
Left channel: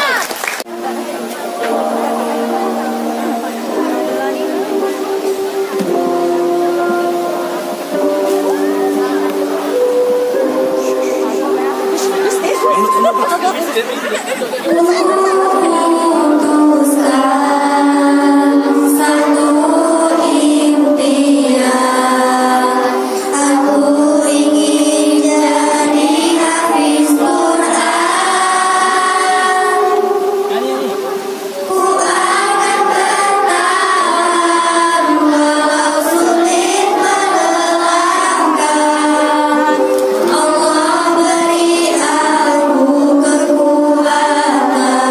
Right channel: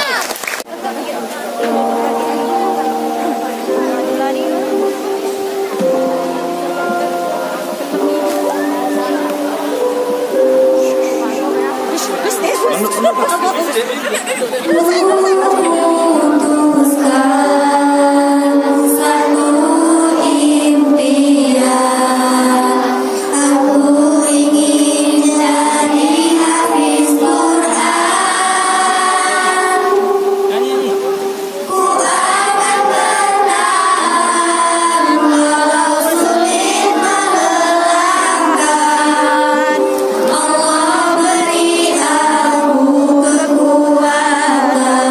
Allah beri aku kekuatan.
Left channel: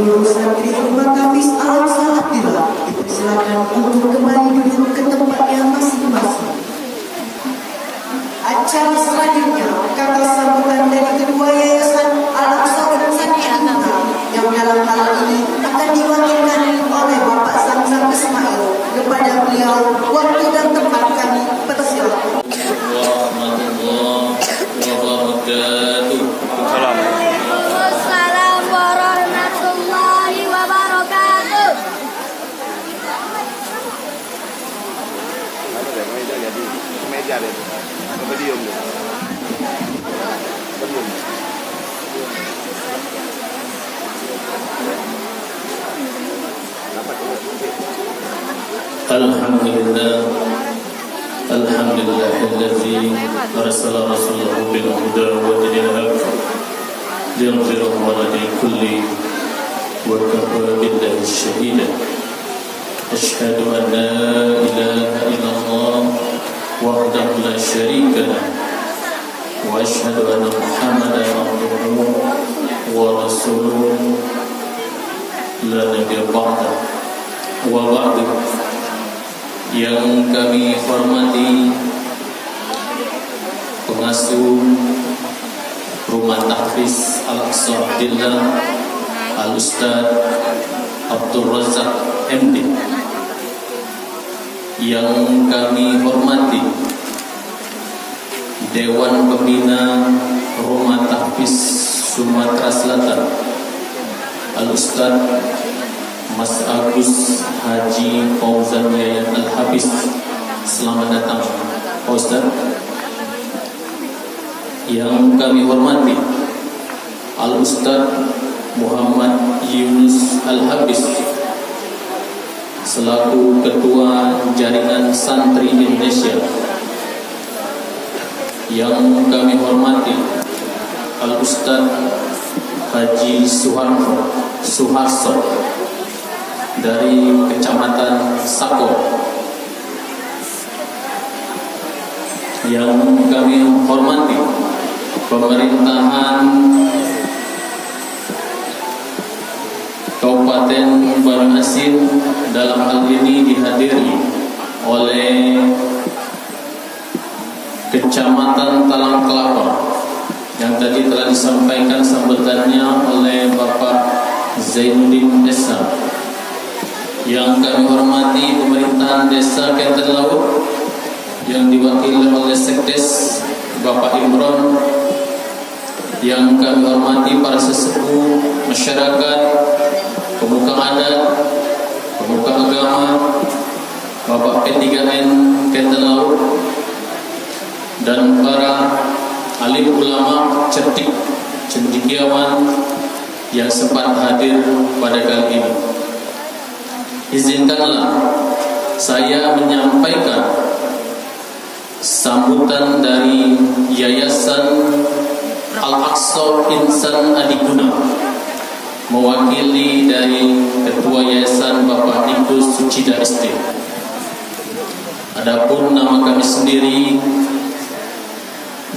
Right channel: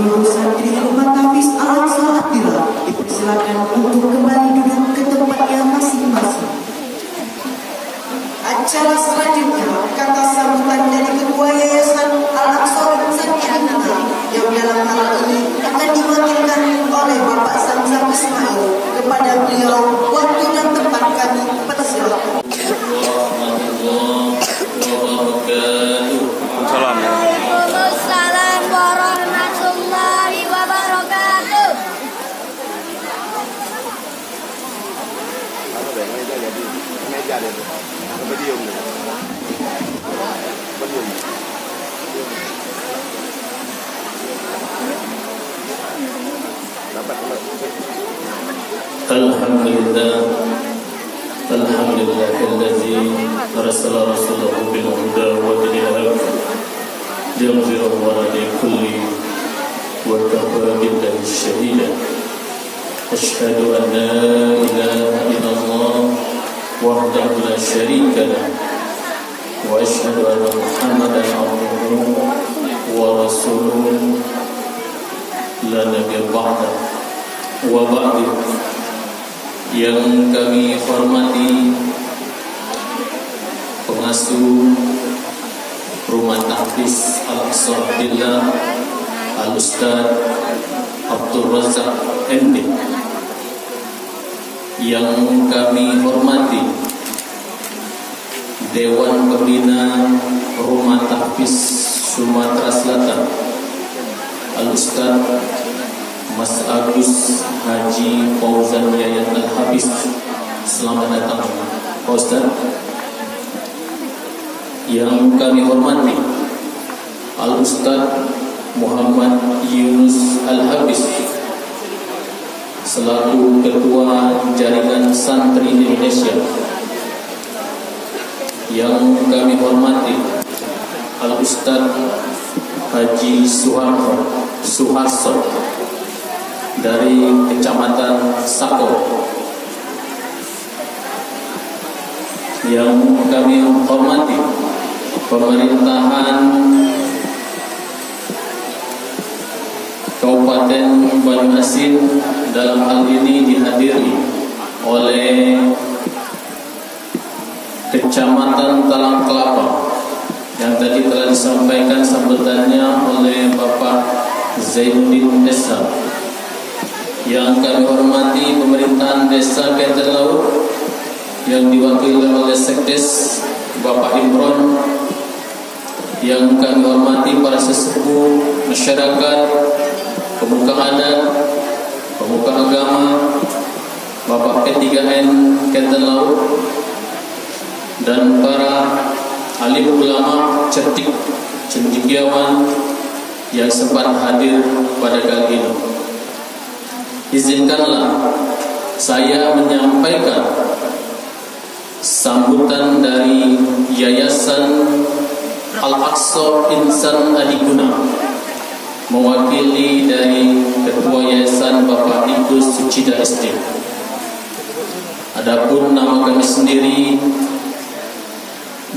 seluruh santri Rumah Tafis Al-Aqsa Attila dipersilakan untuk kembali duduk ke tempatnya masing-masing. Acara selanjutnya kata sambutan dari Ketua Yayasan Al-Aqsa Attila yang dalam hal ini akan diwakilkan oleh Bapak Samsam Ismail. Kepada beliau waktu dan tempat kami persilakan. Waalaikumsalam warahmatullahi wabarakatuh. Ano deh, meja deh. Kebedium deh. Kebedium. Dapat Alhamdulillah Alhamdulillahilladzi arsala rasulahu bil huda wa dinil haq liyudhhirahu 'ala dini kulli wa kafa billahi shahida. Asyhadu an la ilaha illallah wahdahu la syarika lah wa asyhadu anna Muhammadan abduhu wa rasuluhu la nabiyya ba'da wa ba'du. Yang kami hormati pengasuh Rumah Tafis Al-Aqsa Attila Al-Ustaz Abdul Razak MD, yang kami hormati Dewan Pembina Rumah Tafis Sumatera Selatan Al-Ustaz Mas Agus Haji Fauzan Yayan Al-Habis. Selamat datang Pak Ustaz. Yang kami hormati Al-Ustaz Muhammad Yunus Al-Habis selaku Ketua Jaringan Santri Indonesia. Yang kami hormati Al-Ustaz Haji Suharso dari Kecamatan Sako. Yang kami hormati pemerintahan Kabupaten Banjarmasin, dalam hal ini dihadiri oleh Kecamatan Talang Kelapa yang tadi telah disampaikan sambutannya oleh Bapak Zainuddin Desa. Yang kami hormati pemerintahan Desa Kenten Laut yang diwakili oleh Sekdes Bapak Imron. Yang kami hormati para sesepuh masyarakat, pemuka adat, pemuka agama, Bapak P3N Kenten Laut, dan para alim ulama cendekiawan yang sempat hadir pada kali ini. Izinkanlah saya menyampaikan sambutan dari Yayasan Al-Aqsa Insan Adiguna, mewakili dari Ketua Yayasan Bapak Nikus Sucida SD. Adapun nama kami sendiri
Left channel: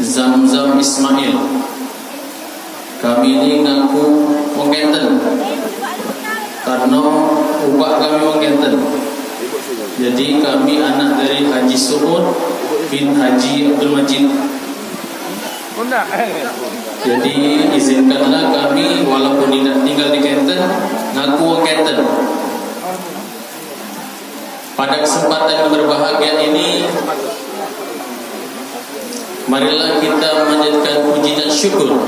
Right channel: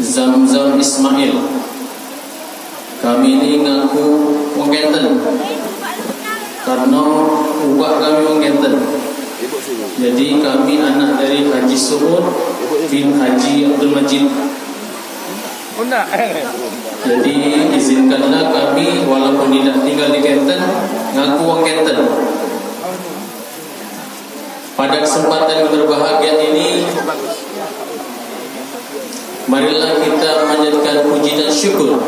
Zamzam Ismail. Kami ini ngaku Wongenten karena ubah kami Wongenten. Jadi kami anak dari Haji Suud bin Haji Abdul Majid. Jadi izinkanlah kami walaupun tidak tinggal di Kenten ngaku Wongenten. Pada kesempatan yang berbahagia ini, marilah kita memanjatkan puji dan syukur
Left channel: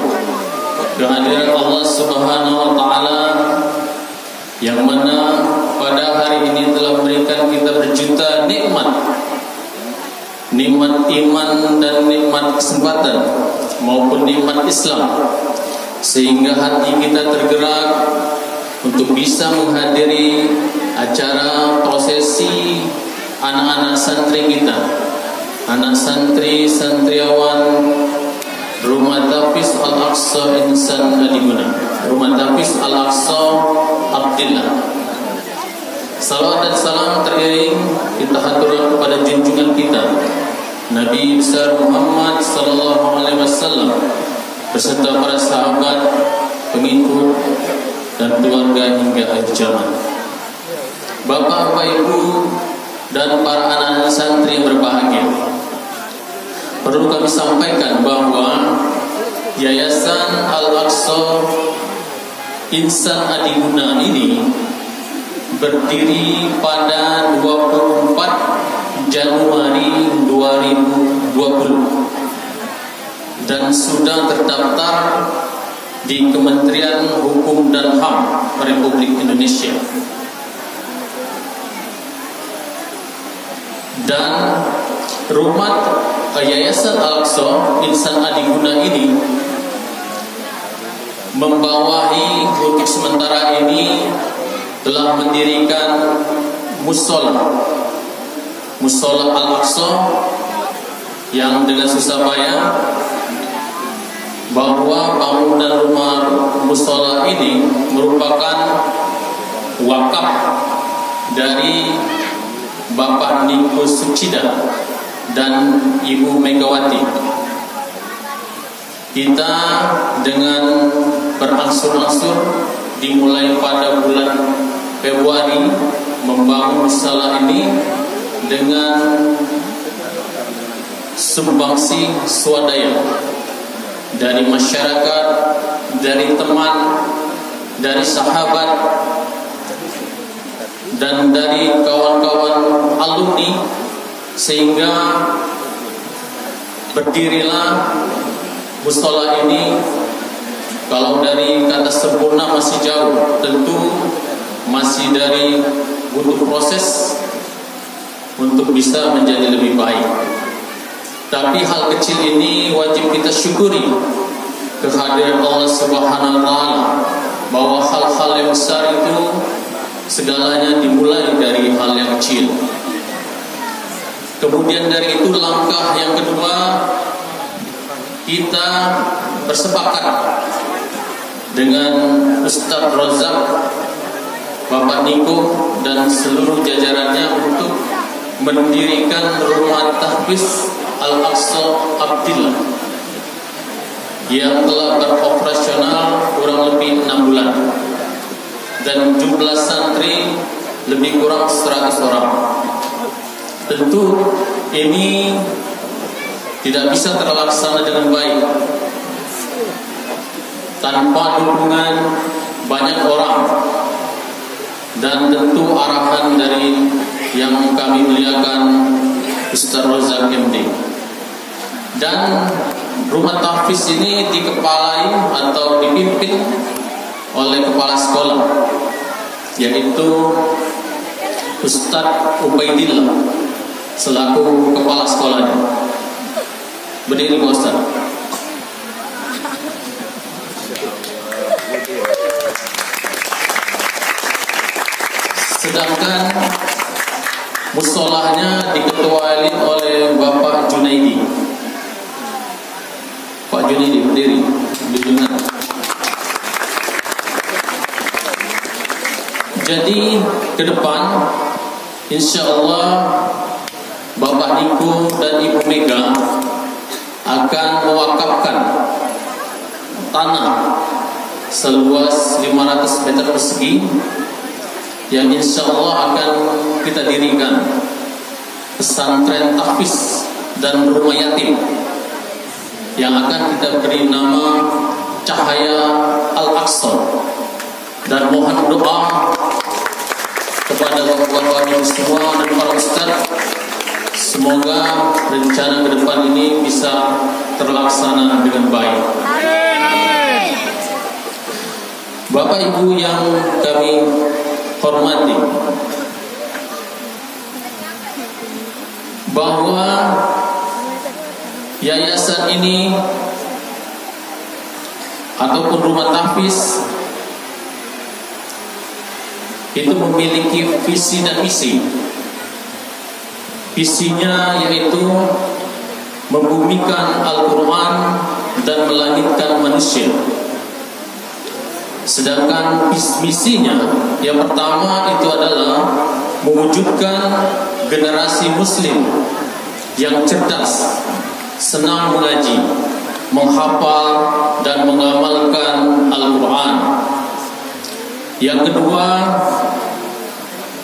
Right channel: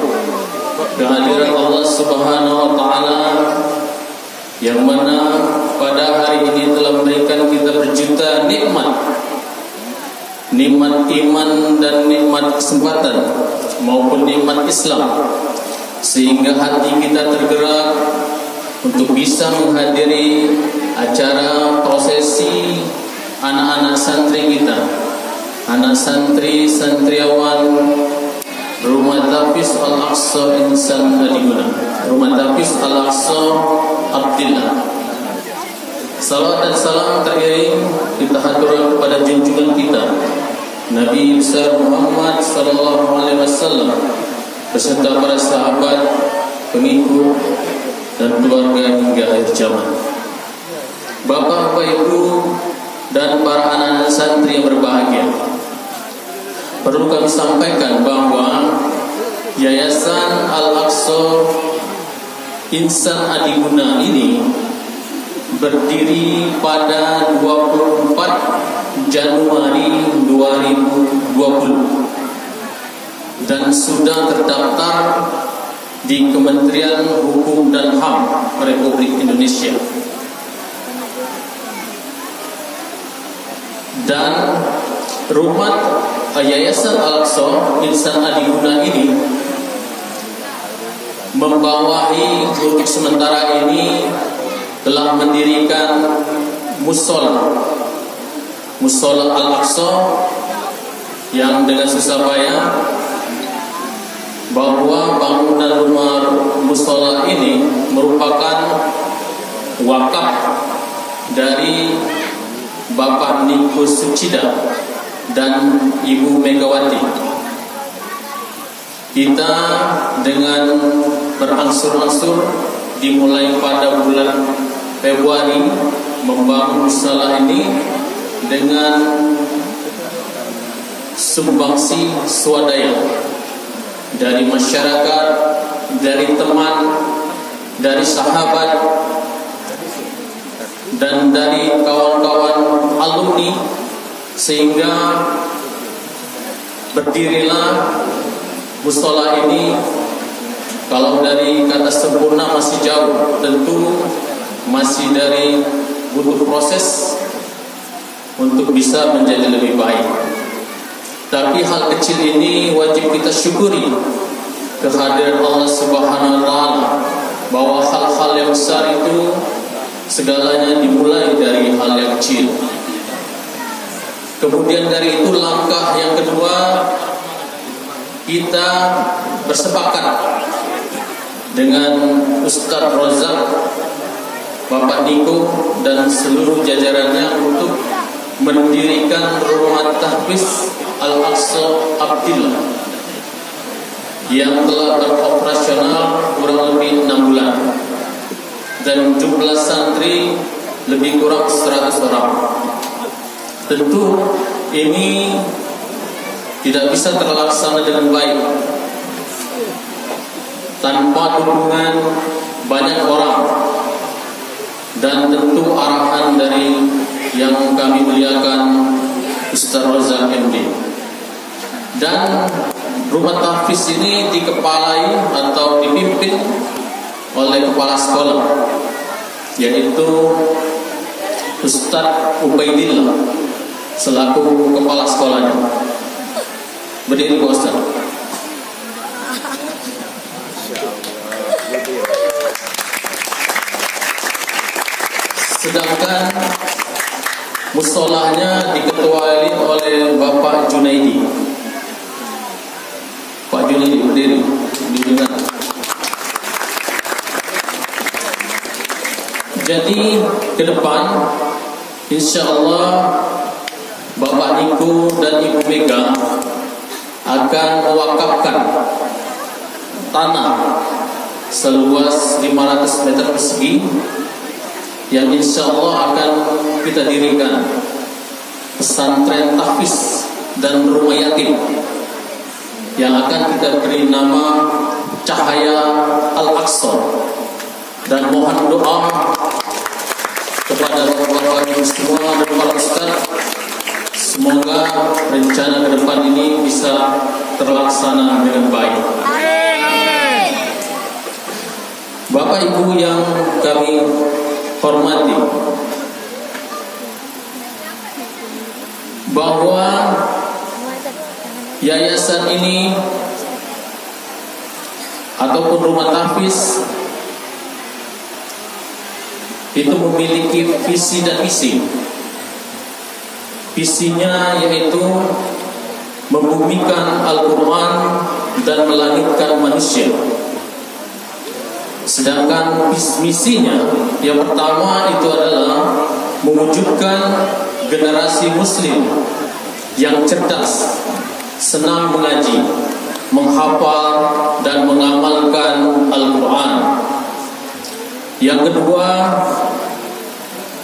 kehadiran Allah Subhanahu wa taala yang mana pada hari ini telah memberikan kita berjuta nikmat iman dan nikmat kesempatan maupun nikmat Islam, sehingga hati kita tergerak untuk bisa menghadiri acara prosesi anak-anak santri kita, anak santri santriawan Rumah Tafis Al-Aqsa Insan Adiguna, Rumah Tafis Al-Aqsa Attila. Salawat dan salam teriring kita haturkan kepada junjungan kita Nabi besar Muhammad sallallahu alaihi wasallam beserta para sahabat, pengikut dan dan keluarga hingga akhir zaman. Bapak, Ibu, dan para anak santri yang berbahagia, perlu kami sampaikan bahwa Yayasan Al-Aqsa Insan Adiguna ini berdiri pada 24 Januari 2020 dan sudah terdaftar di Kementerian Hukum dan HAM Republik Indonesia. Dan rumah Yayasan Al-Aqsa Insan Adiguna ini membawahi untuk sementara ini telah mendirikan musola Al-Aqsa yang dengan susah payah, bahwa bangunan rumah musola ini merupakan wakaf dari Bapak Niko Sucida dan Ibu Megawati. Kita dengan berangsur-angsur dimulai pada bulan Februari membangun musola ini dengan sumbangsi swadaya dari masyarakat, dari teman, dari sahabat, dan dari kawan-kawan alumni, sehingga berdirilah musola ini. Kalau dari kata sempurna masih jauh, tentu masih dari butuh proses untuk bisa menjadi lebih baik. Tapi hal kecil ini wajib kita syukuri kehadiran Allah Subhanahu wa Ta'ala, bahwa hal-hal yang besar itu segalanya dimulai dari hal yang kecil. Kemudian dari itu langkah yang kedua, kita bersepakat dengan Ustadz Rozak, Bapak Niko, dan seluruh jajarannya untuk mendirikan rumah tahfiz Al-Aqsa Abdillah yang telah beroperasional kurang lebih 6 bulan dan jumlah santri lebih kurang 100 orang. Tentu ini tidak bisa terlaksana dengan baik tanpa dukungan banyak orang, dan tentu arahan dari yang kami muliakan Ustaz Rozak MD. Dan rumah tahfiz ini dikepalai atau dipimpin oleh kepala sekolah, yaitu Ustaz Ubaidillah selaku kepala sekolahnya. Berdiri, Ustaz. Sedangkan musholahnya diketuai oleh Bapak Junaidi. Pak Junaidi berdiri di tengah. Jadi ke depan insya Allah Bapak Niko dan Ibu Mega akan mewakafkan tanah seluas 500 meter persegi yang insya Allah akan kita dirikan pesantren tahfiz dan rumah yatim yang akan kita beri nama Cahaya Al-Aqsa. Dan mohon doa kepada bapak-bapak semua dan para ustaz, semoga rencana ke depan ini bisa terlaksana dengan baik. Bapak Ibu yang kami hormati, bahwa yayasan ini ataupun rumah tahfiz itu memiliki visi dan misi. Visinya yaitu membumikan Al-Quran dan melangitkan manusia. Sedangkan misinya yang pertama itu adalah mewujudkan generasi muslim yang cerdas, senang mengaji, menghafal dan mengamalkan Al-Quran. Yang kedua,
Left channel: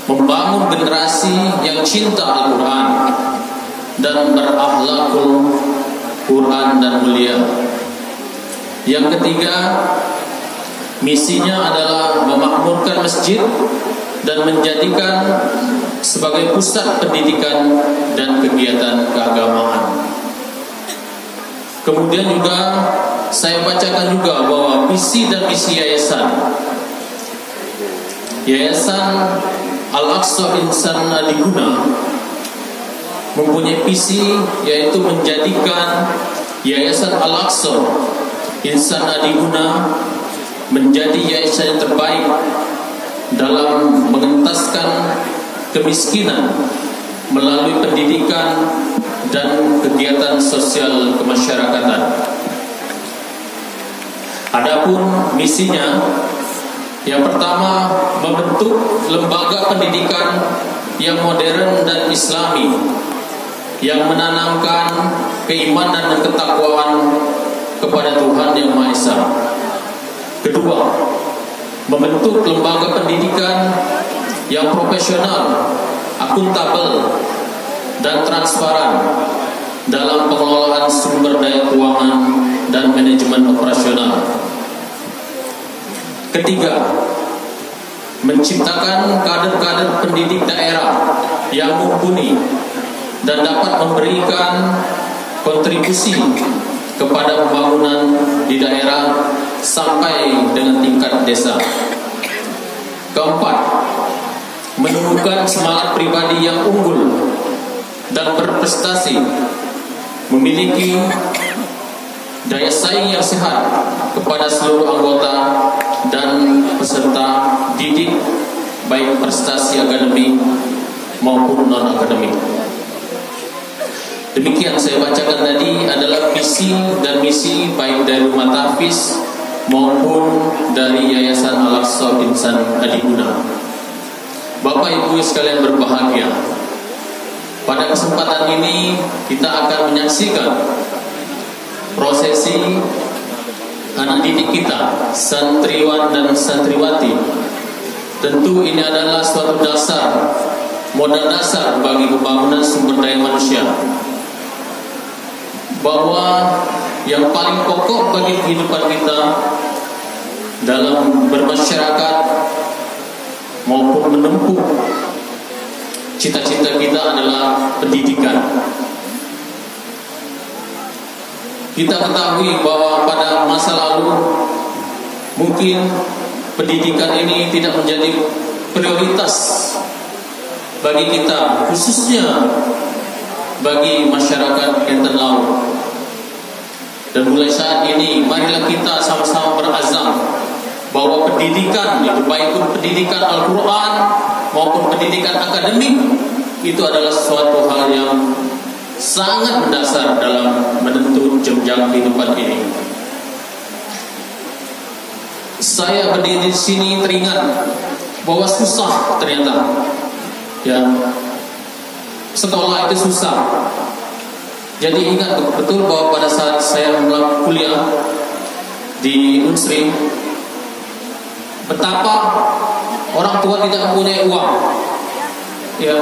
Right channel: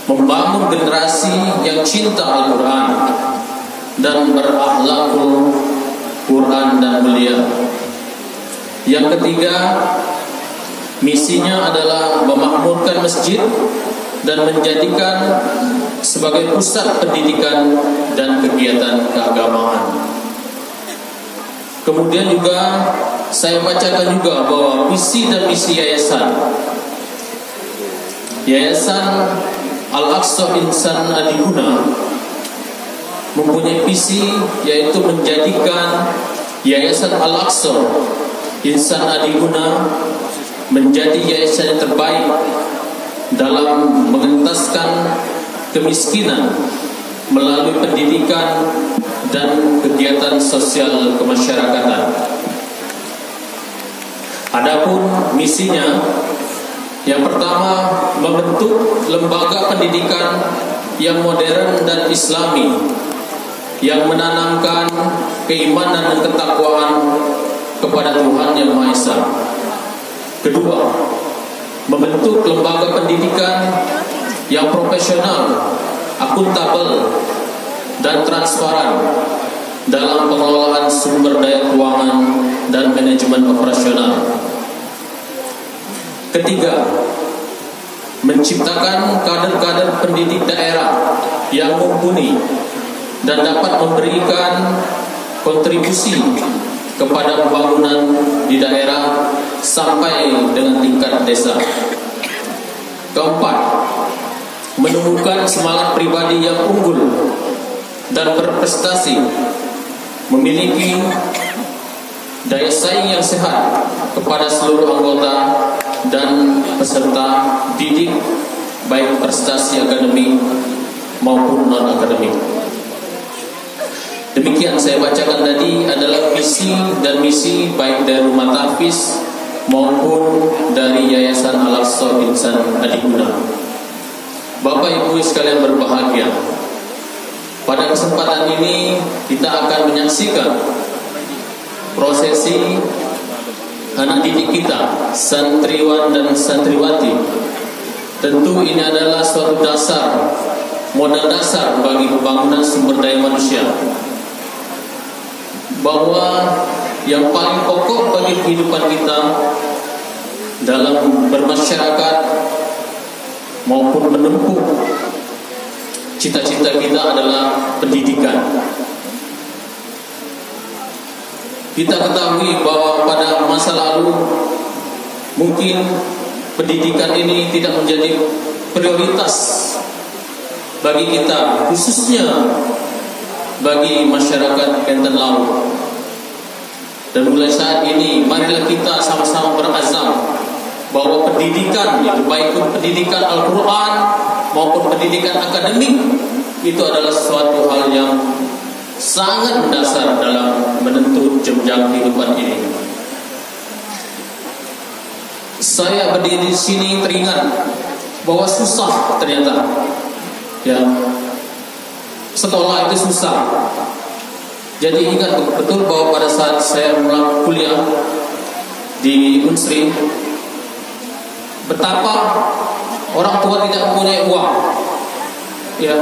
membangun generasi yang cinta Al-Quran dan berakhlakul Quran dan mulia. Yang ketiga, misinya adalah memakmurkan masjid dan menjadikan sebagai pusat pendidikan dan kegiatan keagamaan. Kemudian juga saya bacakan juga bahwa visi dan misi Yayasan Al-Aqsa Insan Adiguna mempunyai visi, yaitu menjadikan Yayasan Al-Aqsa Insan Adiguna menjadi yayasan yang terbaik dalam mengentaskan kemiskinan melalui pendidikan dan kegiatan sosial kemasyarakatan. Adapun misinya, yang pertama, membentuk lembaga pendidikan yang modern dan islami, yang menanamkan keimanan dan ketakwaan kepada Tuhan Yang Maha Esa. Kedua, membentuk lembaga pendidikan yang profesional, akuntabel, dan transparan dalam pengelolaan sumber daya keuangan dan manajemen operasional. Ketiga, menciptakan kader-kader pendidik daerah yang mumpuni dan dapat memberikan kontribusi kepada pembangunan di daerah sampai dengan tingkat desa. Keempat, menemukan semangat pribadi yang unggul dan berprestasi, memiliki daya saing yang sehat kepada seluruh anggota dan peserta didik, baik prestasi akademik maupun non-akademik. Demikian saya bacakan tadi adalah visi dan misi baik dari Rumah Tahfiz maupun dari Yayasan Al-Aqsa Insan Adiguna. Bapak Ibu sekalian berbahagia, pada kesempatan ini kita akan menyaksikan prosesi anak didik kita, santriwan dan santriwati. Tentu ini adalah suatu dasar, modal dasar bagi pembangunan sumber daya manusia, bahwa yang paling pokok bagi kehidupan kita dalam bermasyarakat maupun menempuh cita-cita kita adalah pendidikan. Kita ketahui bahwa pada masa lalu mungkin pendidikan ini tidak menjadi prioritas bagi kita, khususnya bagi masyarakat Enten Laut. Dan mulai saat ini, marilah kita sama-sama berazam bahwa pendidikan, yaitu baik pendidikan Al-Quran maupun pendidikan akademik, itu adalah suatu hal yang sangat mendasar dalam menentu jenjang kehidupan ini. Saya berdiri di sini teringat bahwa susah ternyata, ya, sekolah itu susah. Jadi ingat betul bahwa pada saat saya mulai kuliah di Unsri, betapa orang tua tidak mempunyai uang, ya,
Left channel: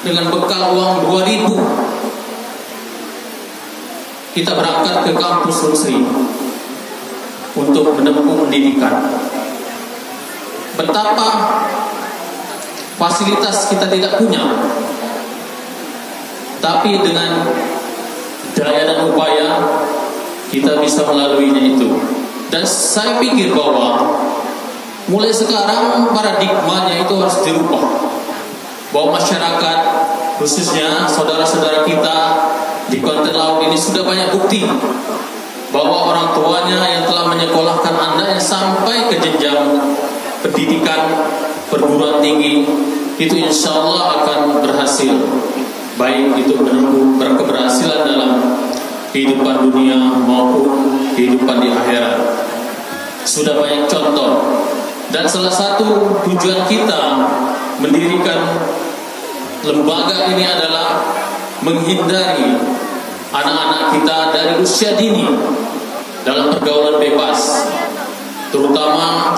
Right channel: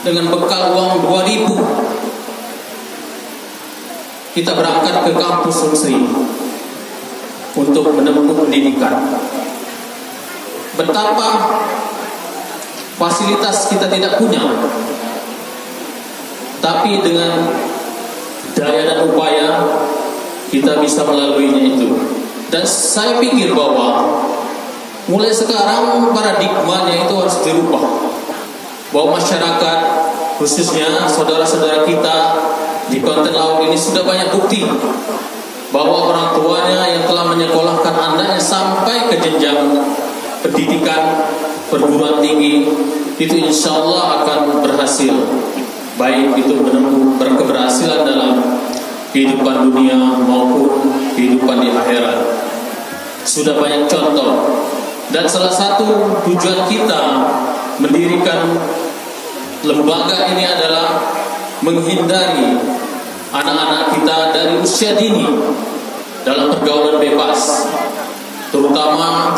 dengan bekal uang 2.000 kita berangkat ke kampus Unsri untuk menempuh pendidikan. Betapa fasilitas kita tidak punya, tapi dengan daya dan upaya kita bisa melaluinya itu. Dan saya pikir bahwa mulai sekarang paradigmanya itu harus dirubah, bahwa masyarakat, khususnya saudara-saudara kita di Konten Laut ini, sudah banyak bukti bahwa orang tuanya yang telah menyekolahkan Anda sampai ke jenjang pendidikan perguruan tinggi itu insya Allah akan berhasil, baik itu menempuh berkeberhasilan dalam kehidupan dunia maupun kehidupan di akhirat. Sudah banyak contoh, dan salah satu tujuan kita mendirikan lembaga ini adalah menghindari anak-anak kita dari usia dini dalam pergaulan bebas, terutama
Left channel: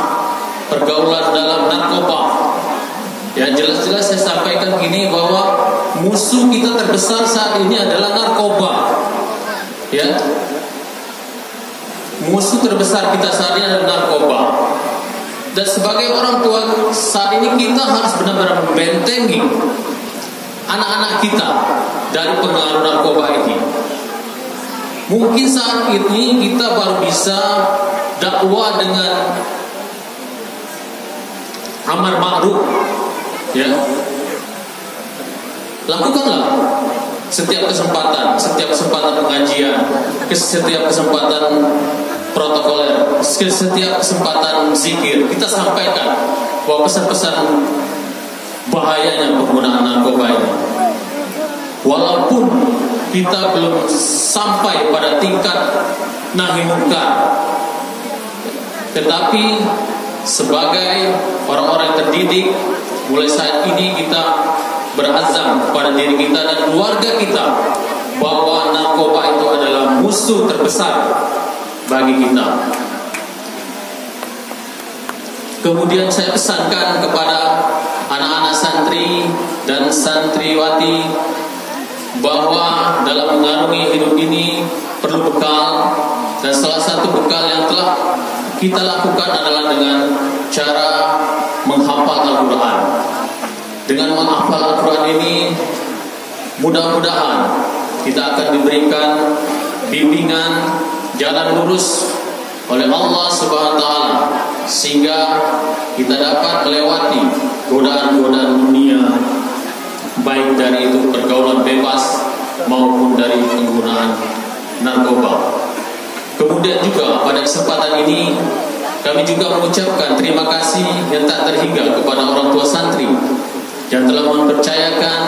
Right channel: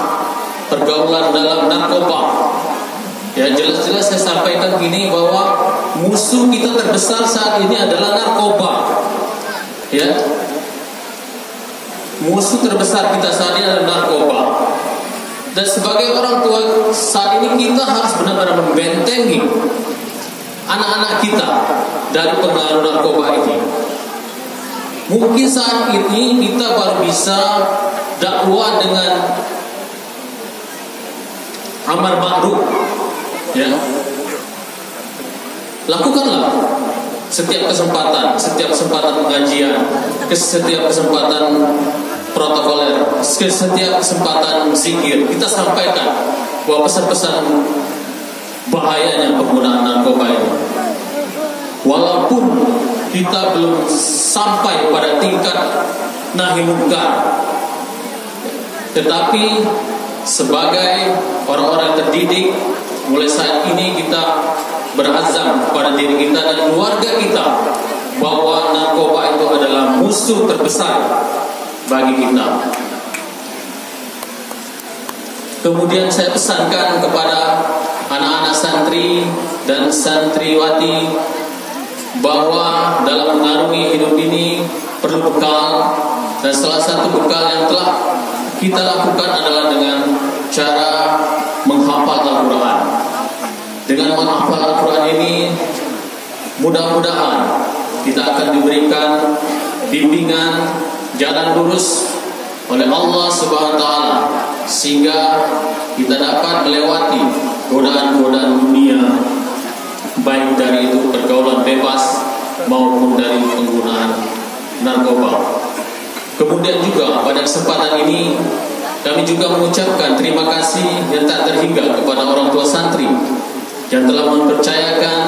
pergaulan dalam narkoba. Ya, jelas-jelas saya sampaikan gini bahwa musuh kita terbesar saat ini adalah narkoba. Ya, musuh terbesar kita saat ini adalah narkoba. Dan sebagai orang tua saat ini kita harus benar-benar membentengi anak-anak kita dari pengaruh narkoba ini. Mungkin saat ini kita baru bisa dakwah dengan amar ma'ruf, ya. Lakukanlah setiap kesempatan pengajian, setiap kesempatan protokoler, setiap kesempatan zikir kita sampaikan bahwa pesan-pesan bahayanya penggunaan narkoba ini. Walaupun kita belum sampai pada tingkat nahi munkar, tetapi sebagai orang-orang terdidik, mulai saat ini kita berazam pada diri kita dan keluarga kita bahwa narkoba itu adalah musuh terbesar bagi kita. Kemudian saya pesankan kepada anak-anak santri dan santriwati bahwa dalam mengarungi hidup ini perlu bekal, dan salah satu bekal yang telah kita lakukan adalah dengan cara menghafal Al-Quran. Dengan menghafal Al-Quran ini, mudah-mudahan kita akan diberikan bimbingan jalan lurus oleh Allah Subhanahu wa Ta'ala, sehingga kita dapat melewati godaan-godaan dunia, baik dari itu pergaulan bebas maupun dari penggunaan narkoba. Kemudian juga pada kesempatan ini kami juga mengucapkan terima kasih yang tak terhingga kepada orang tua santri yang telah mempercayakan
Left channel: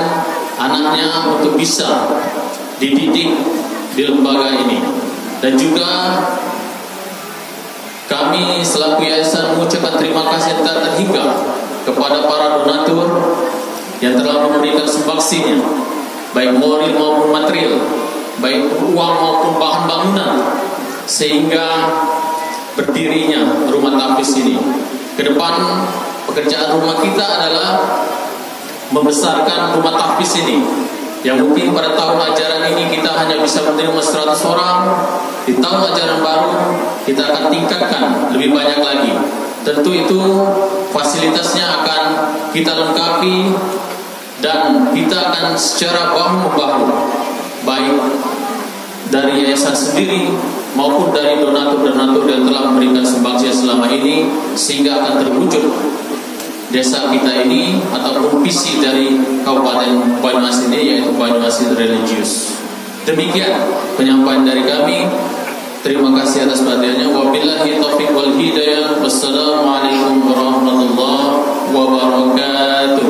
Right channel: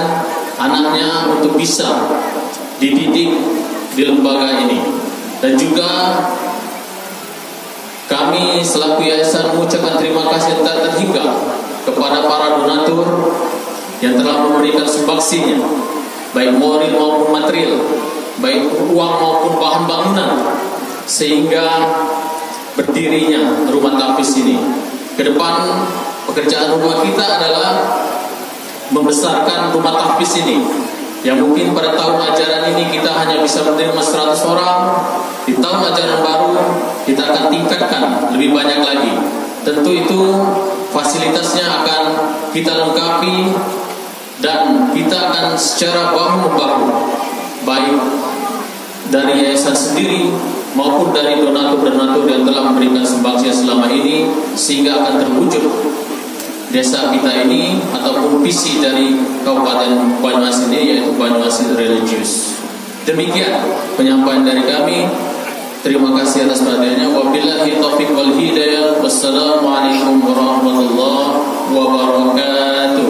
anaknya untuk bisa dididik di lembaga ini. Dan juga kami selaku yayasan mengucapkan terima kasih yang tak terhingga kepada para donatur yang telah memberikan sumbangsihnya, baik moral maupun material, baik uang maupun bahan bangunan, sehingga berdirinya rumah tahfiz ini. Ke depan pekerjaan rumah kita adalah membesarkan rumah tahfiz ini, yang mungkin pada tahun ajaran ini kita hanya bisa menerima 100 orang. Di tahun ajaran baru kita akan tingkatkan lebih banyak lagi. Tentu itu fasilitasnya akan kita lengkapi, dan kita akan secara bahu-membahu, baik dari yayasan sendiri maupun dari donatur-donatur yang telah memberikan sumbangsi selama ini, sehingga akan terwujud desa kita ini ataupun visi dari Kabupaten Banyumas ini, yaitu Banyumas Religius. Demikian penyampaian dari kami. Terima kasih atas perhatiannya. Wabillahi taufiq wal hidayah. Wassalamualaikum warahmatullahi wabarakatuh.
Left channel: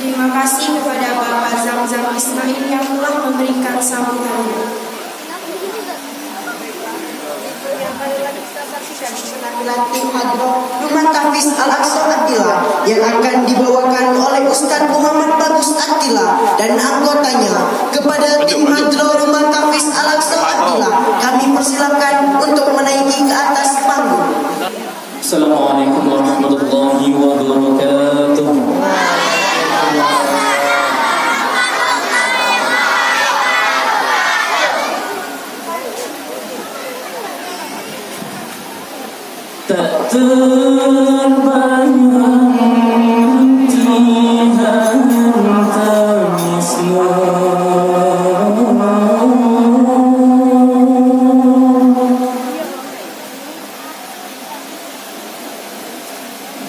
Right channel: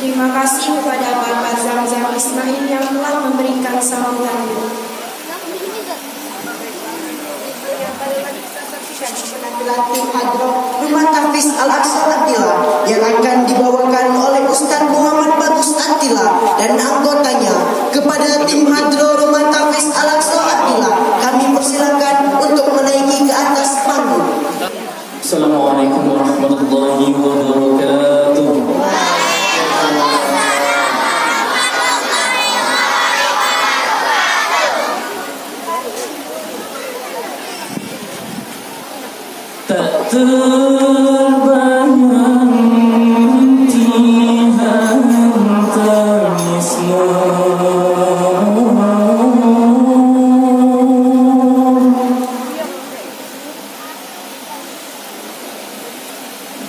Terima kasih kepada Bapak Zamzam Ismail yang telah memberikan sambutannya. Yang paling lagi kita saksikan penampilan tim hadroh Rumah Tahfiz Al-Aqsa Attila yang akan dibawakan oleh Ustaz Muhammad Bagus Attila dan anggotanya. Kepada tim hadroh Rumah Tahfiz Al-Aqsa Attila, kami persilakan untuk menaiki ke atas panggung. Assalamualaikum warahmatullahi wabarakatuh. Tak terbayang hentian tangismu,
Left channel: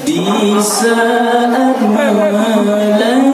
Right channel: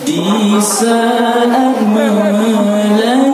di saat melahirkan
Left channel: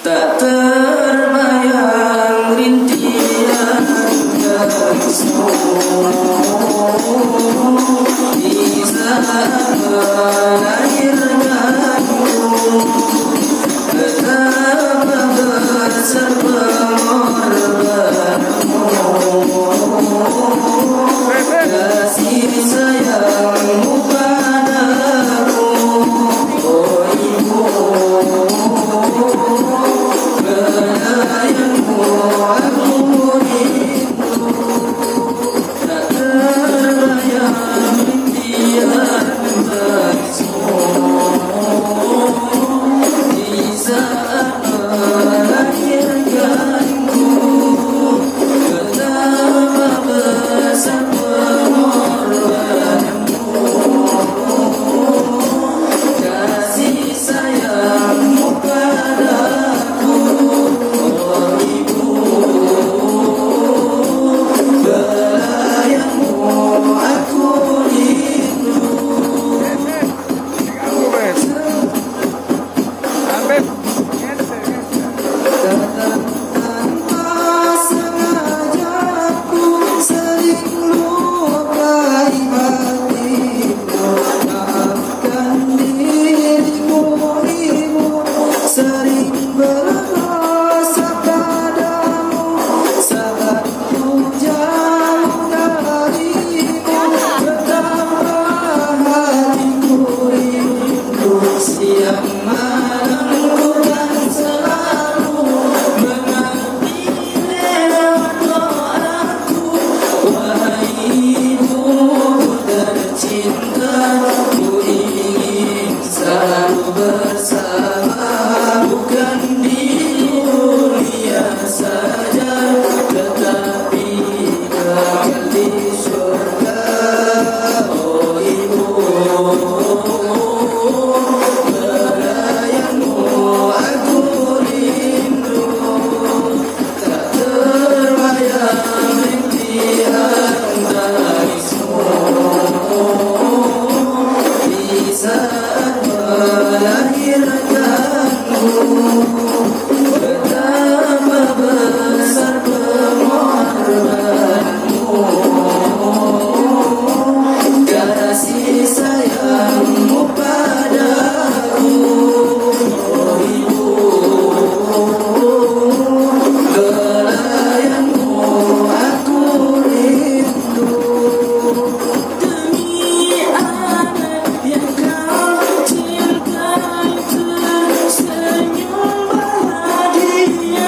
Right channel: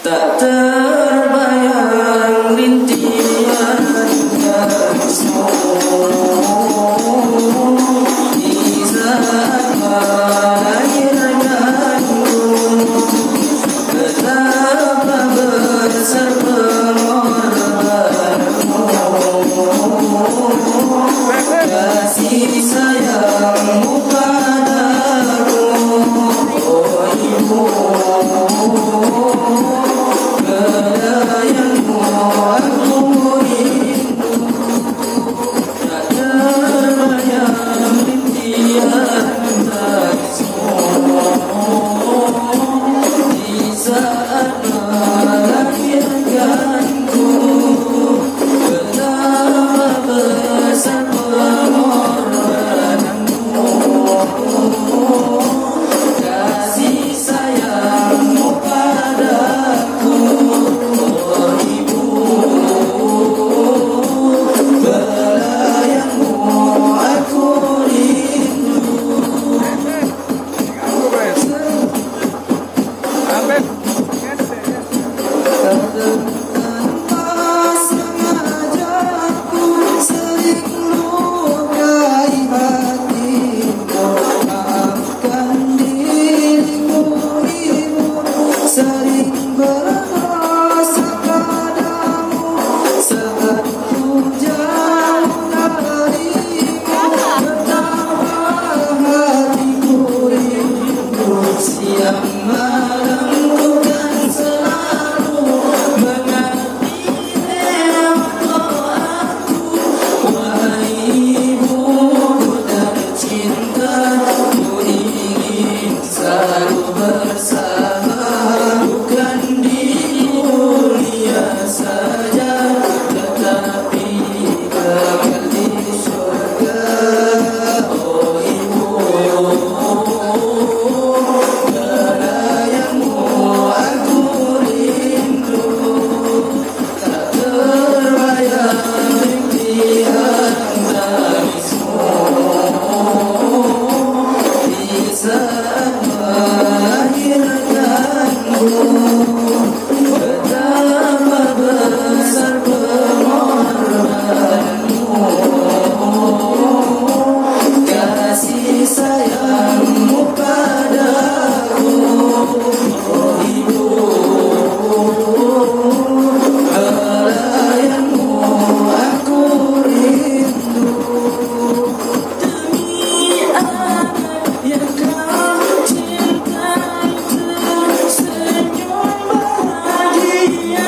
tak terbayang rintihan tarisu di saat melahirkanku. Betapa besar pengorbananmu, kasih sayangmu padaku, oh ibu. Belayanmu aku rindu, tak terbayang rintihan tarisu di saat melahirkanku. Betapa besar pengorbananmu, kasih sayangmu padaku, oh ibu. Belayanmu aku rindu. Siang malam bukan selalu mengerti lewat doaku. Wahai ibu tercinta, ku ingin selalu bersama, bukan di dunia saja, tetapi kekal di surga. Oh ibu, belayanmu aku rindu, tak terbayang rintihan tarisu di saat melahirkanmu. Betapa besar pengorbananmu, kasih sayangmu padaku, oh ibu. Belayanmu aku rindu, demi anak yang kau cinta, tersenyum bahagia,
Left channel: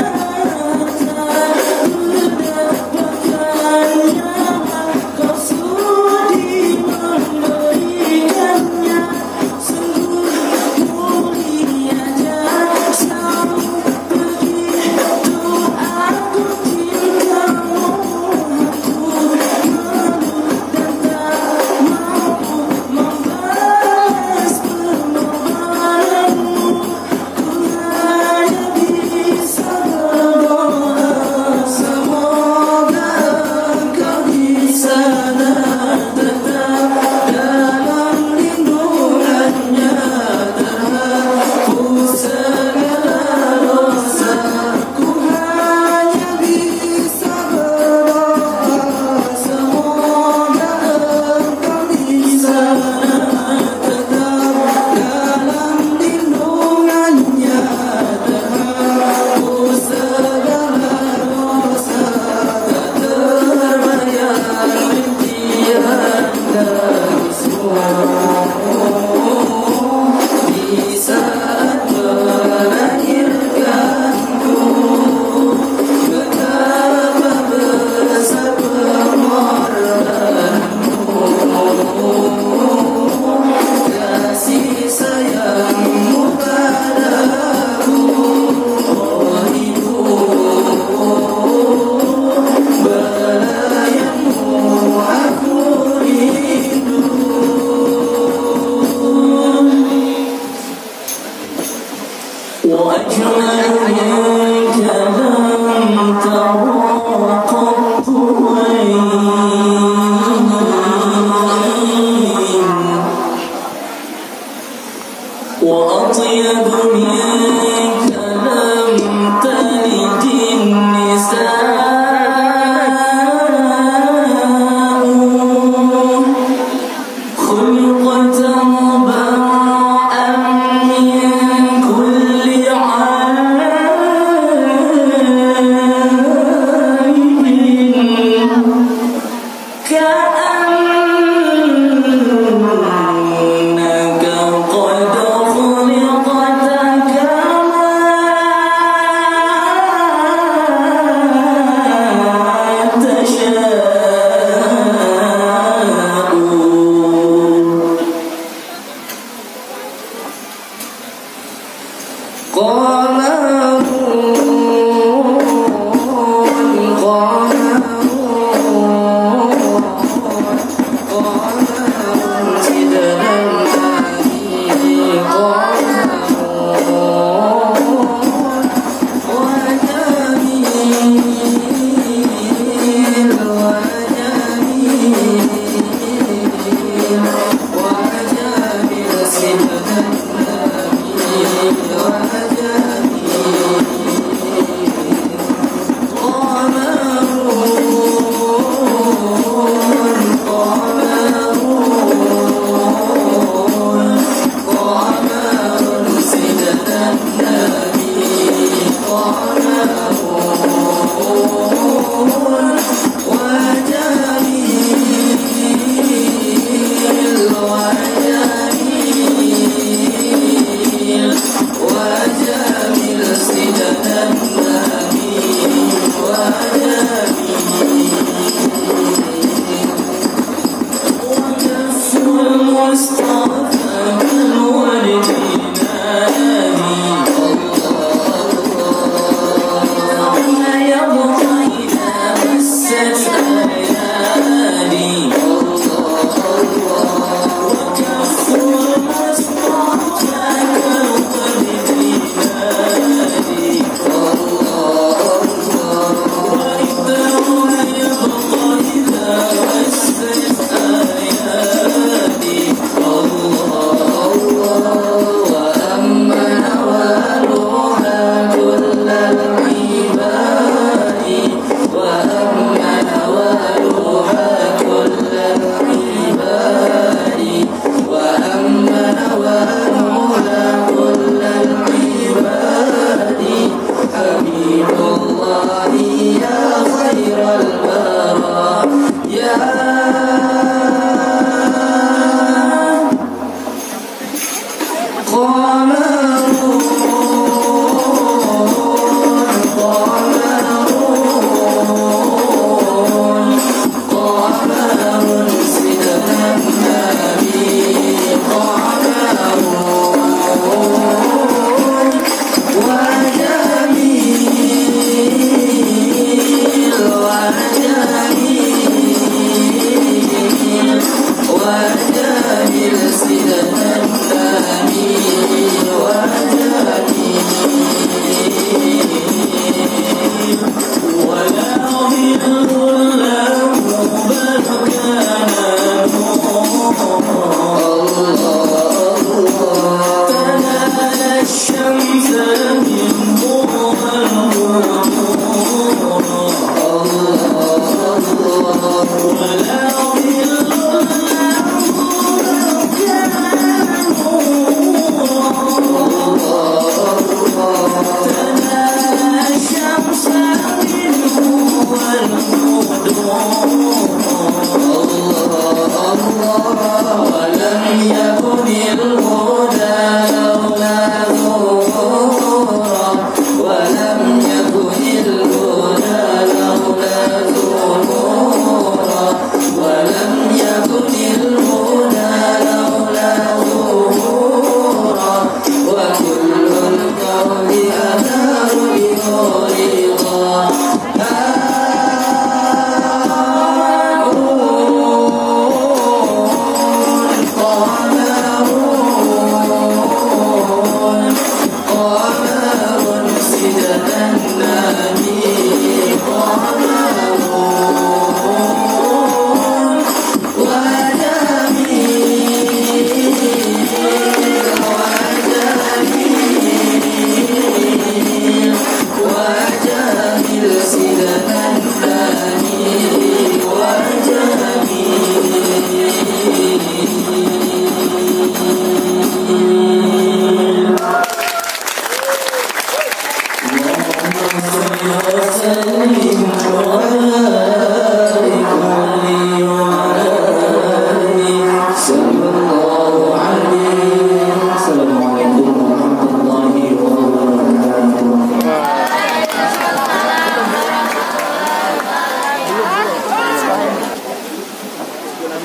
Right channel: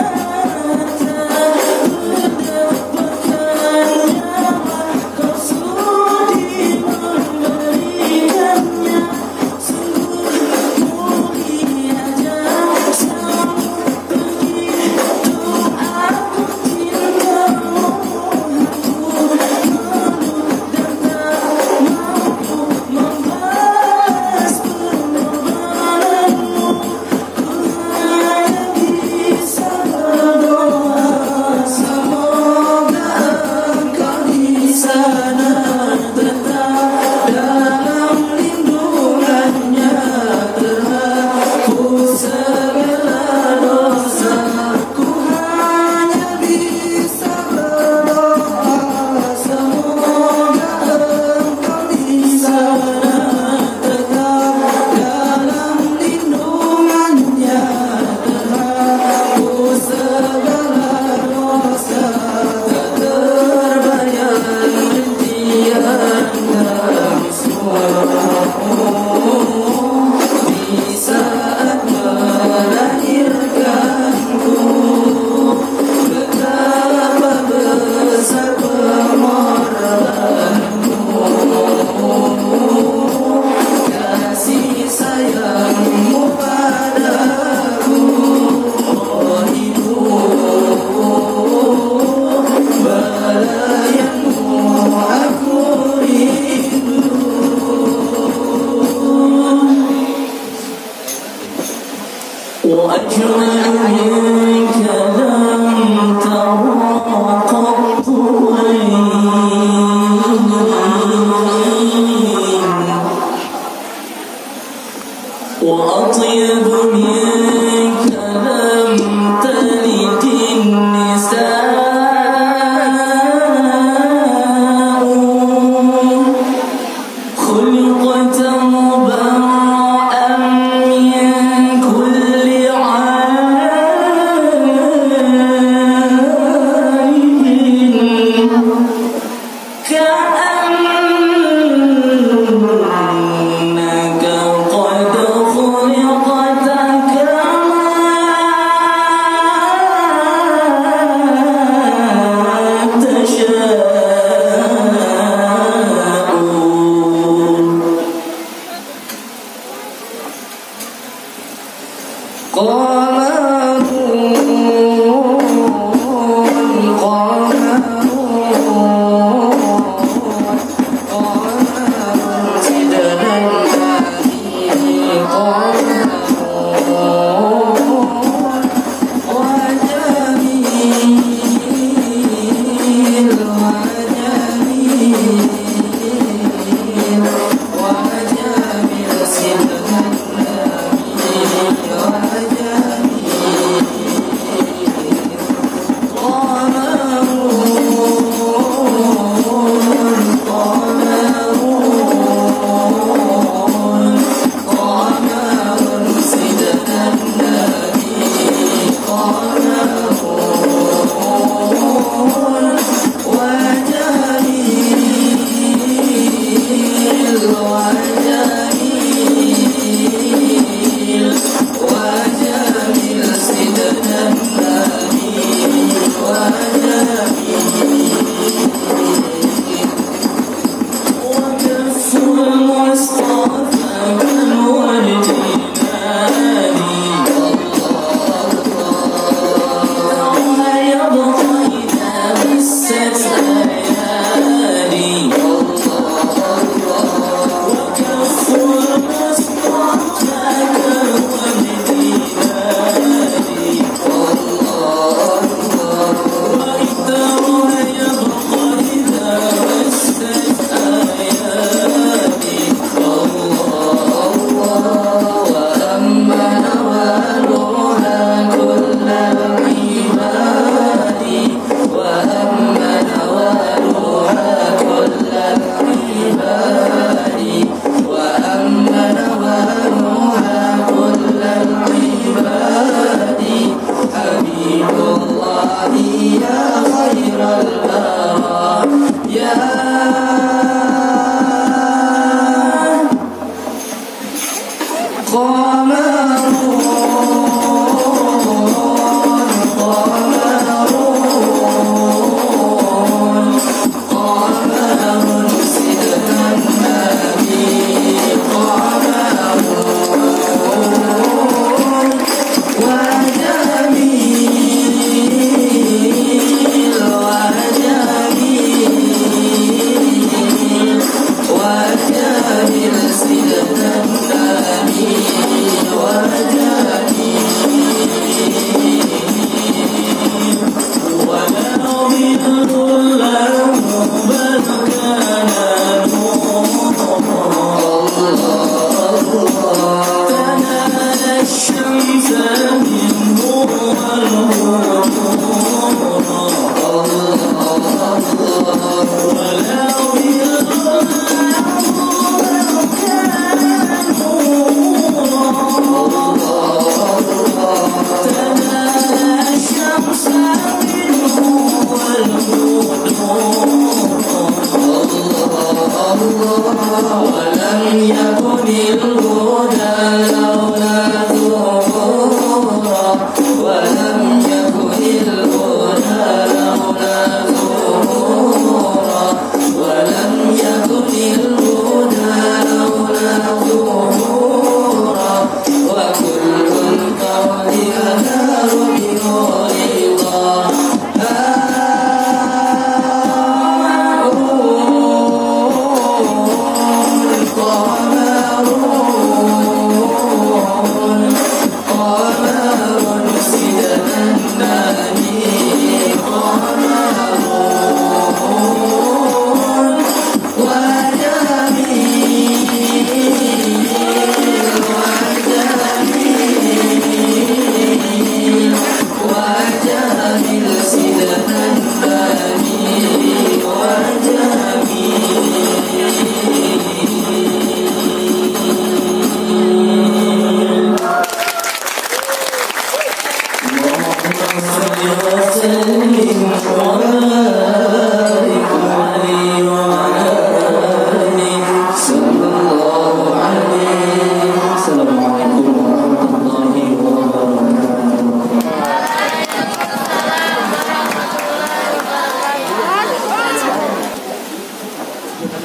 tak mendapatkannya, kau sudi memberikannya. Sungguh mulia jasamu, begitu aku cintamu. Aku tak mampu membalas pengorbananmu, ku hanya bisa berdoa semoga engkau di sana tetap dalam lindungannya, terhapus segala dosa. Ku hanya bisa berdoa semoga engkau di sana tetap dalam lindungannya, terhapus segala dosa. Tak terbayang rintihan tarisu di saat melahirkanku. Betapa besar pengorbananmu, kasih sayangmu padaku, oh ibu. Belayanmu aku rindu. وأجمل منك لم ترى قط عين، وأطيب منك لم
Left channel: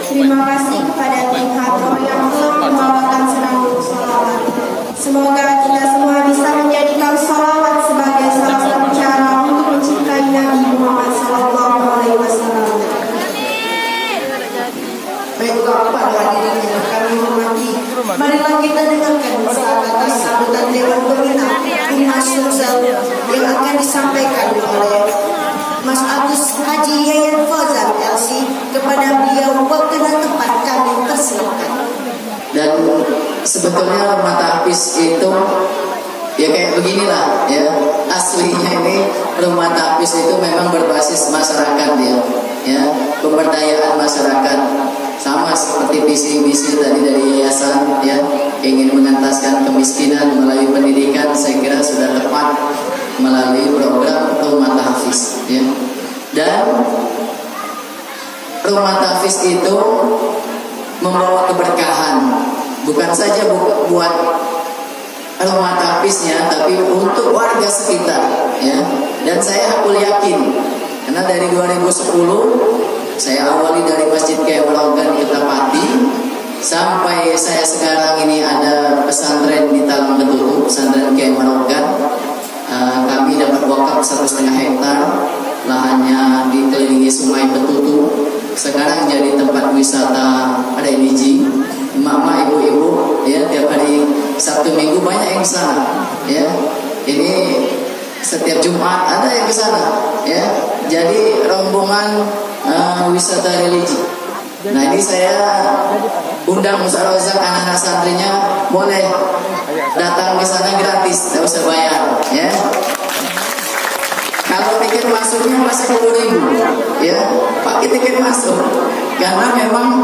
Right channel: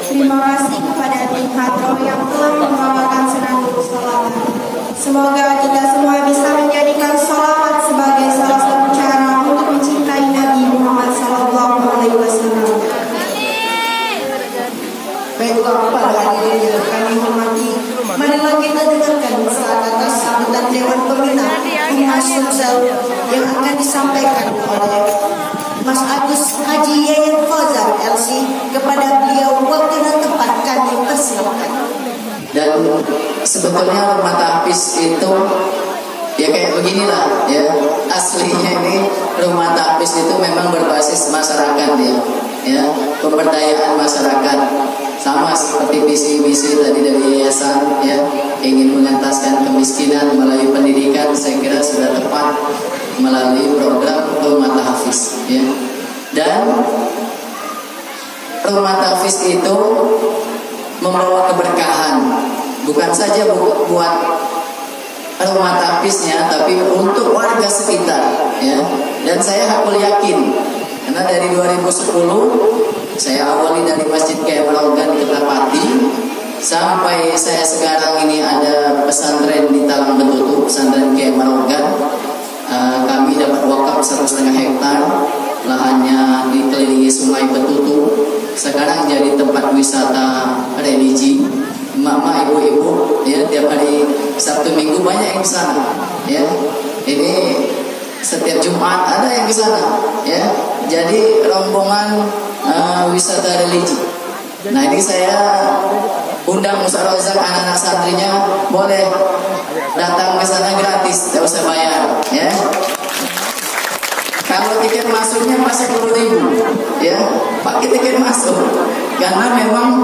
Terima kasih kepada Tim Hadro yang telah membawakan senandung sholawat. Semoga kita semua bisa menjadikan sholawat sebagai salah satu cara untuk mencintai Nabi Muhammad SAW. Baiklah para hadirin yang kami hormati, marilah kita dengarkan kata sambutan Dewan Pembina Humas Sosial yang akan disampaikan oleh Mas Agus Haji Yayan Fauzan LC. Kepada beliau waktu dan tempat kami persilakan. Dan sebetulnya rumah tahfiz itu ya kayak beginilah ya, aslinya ini rumah tahfiz itu memang berbasis masyarakat ya, pemberdayaan masyarakat, sama seperti visi-misi tadi dari yayasan ya, ingin mengentaskan kemiskinan melalui pendidikan. Saya kira sudah tepat melalui program rumah tahfiz ya. Dan rumah tahfiz itu membawa keberkahan, bukan saja buat rumah tahfiznya, tapi untuk warga sekitar ya. Dan saya hakul yakin, karena dari 2010 saya awali dari Masjid Kiai Maraugan di Ketapati sampai saya sekarang ini ada pesantren di Talang Betutu, pesantren Kiai Maraugan. Kami dapat wakaf 1,5 hektar, lahannya dikelilingi sungai Betutu. Sekarang jadi tempat wisata religi. Emak-emak, ibu-ibu ya, tiap hari Sabtu Minggu banyak yang ke sana ya. Ini setiap Jumat ada yang ke sana ya. Jadi rombongan wisata religi. Nah, ini saya undang Ustaz Rozak, anak-anak santrinya boleh datang ke sana gratis, tidak usah bayar ya. Kalau tiket masuknya masih 10.000 ya, pakai tiket masuk, karena memang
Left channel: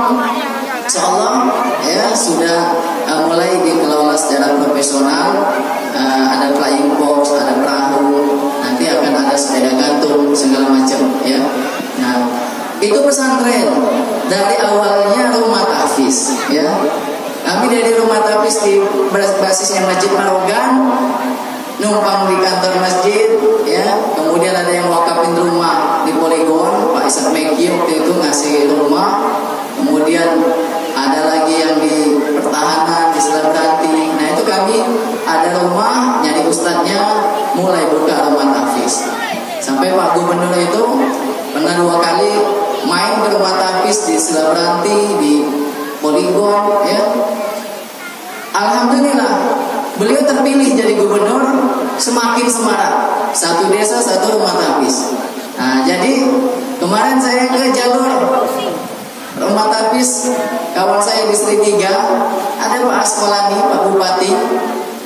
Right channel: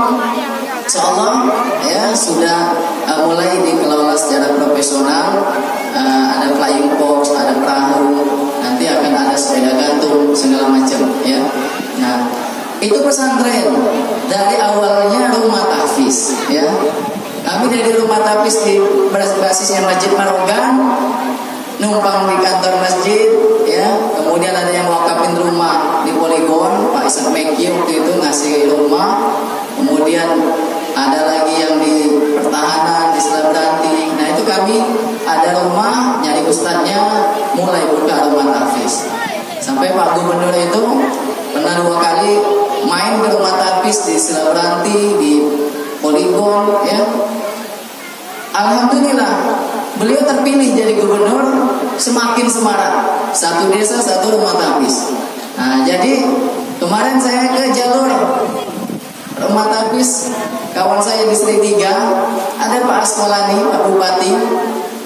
insyaallah ya sudah mulai dikelola secara profesional. Ada flying fox, ada perahu, nanti akan itu pesantren. Dari awalnya rumah tahfiz, ya. Kami dari rumah tahfiz di basisnya Masjid Marogan, numpang di kantor masjid, ya. Kemudian ada yang wakafin rumah di Poligon, Pak Ishak Meki waktu itu ngasih rumah. Kemudian ada lagi yang di pertahanan di Selabrati. Nah itu kami ada rumah, nyari ustadznya, mulai buka rumah tahfiz. Sampai Pak Gubernur itu pernah 2 kali main ke rumah tahfiz di Selabrati, di Poligon, ya. Alhamdulillah beliau terpilih jadi gubernur, semakin semarak. 1 desa 1 rumah tahfiz. Nah jadi kemarin saya ke jalur rumah tahfiz kawan saya di Sri 3, ada Pak Askolani, Pak Bupati,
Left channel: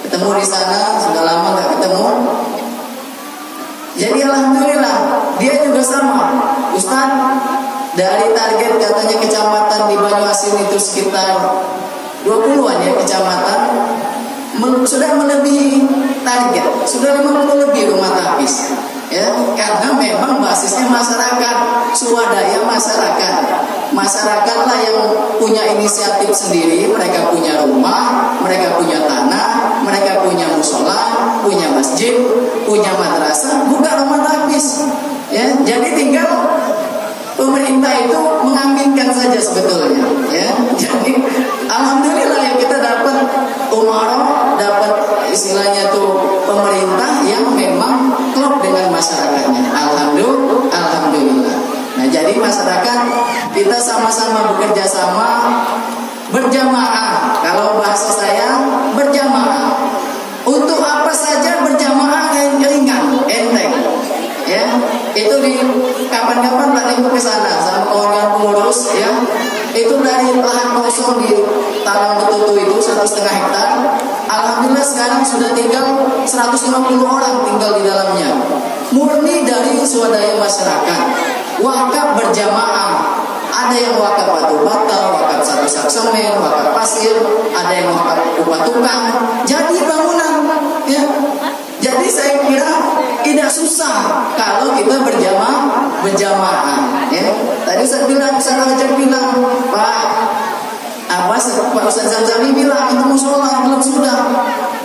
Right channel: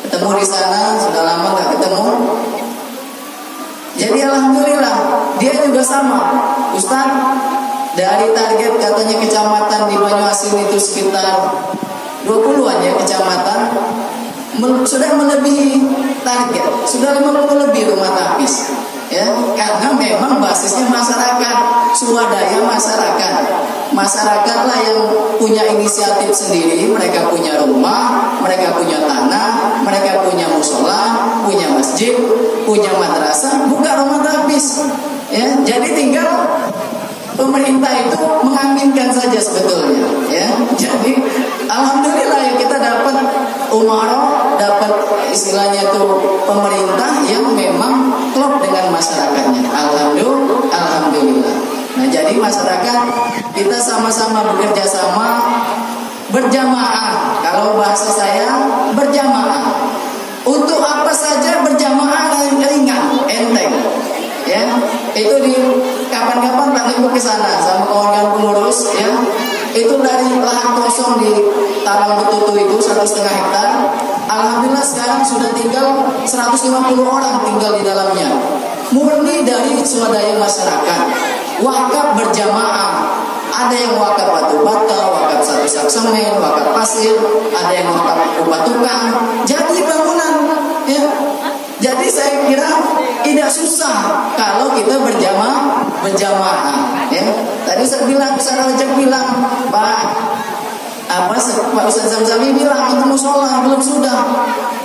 ketemu di sana, sudah lama nggak ketemu. Jadi alhamdulillah dia juga sama, Ustaz. Dari target katanya kecamatan di Banyuasin itu sekitar 20-an ya kecamatan, sudah melebihi target, sudah 50 lebih rumah tahfiz. Ya, karena memang basisnya masyarakat, swadaya masyarakat. Masyarakatlah yang punya inisiatif sendiri, mereka punya rumah, mereka punya tanah, mereka punya musola, punya masjid, punya madrasah, buka rumah tahfiz. Ya, jadi tinggal pemerintah itu mengaminkan saja sebetulnya, ya. Jadi alhamdulillah yang kita dapat umaro, dapat istilahnya itu pemerintah yang memang klop dengan masyarakatnya. Alhamdulillah. Nah, jadi masyarakat kita sama-sama bekerja sama, berjamaah. Kalau bahasa saya berjamaah. Untuk apa saja berjamaah ringan, enteng. Ya, itu di kapan-kapan tak lingkup ke sana sama kawan-kawan pengurus, ya. Itu dari lahan kosong di Tarang Betutu itu 1,5 hektar. Alhamdulillah sekarang sudah tinggal 150 orang tinggal di dalamnya. Murni dari swadaya masyarakat. Wakaf berjamaah. Ada yang wakaf batu bata, wakaf 1 sak semen, wakaf pasir, ada yang wakaf upah tukang. Jadi bangunan, ya. Jadi saya kira tidak susah kalau kita berjamaah, ya. Tadi saya bilang, saya Rajab bilang, Pak Ustaz Zamzami bilang itu musola belum sudah.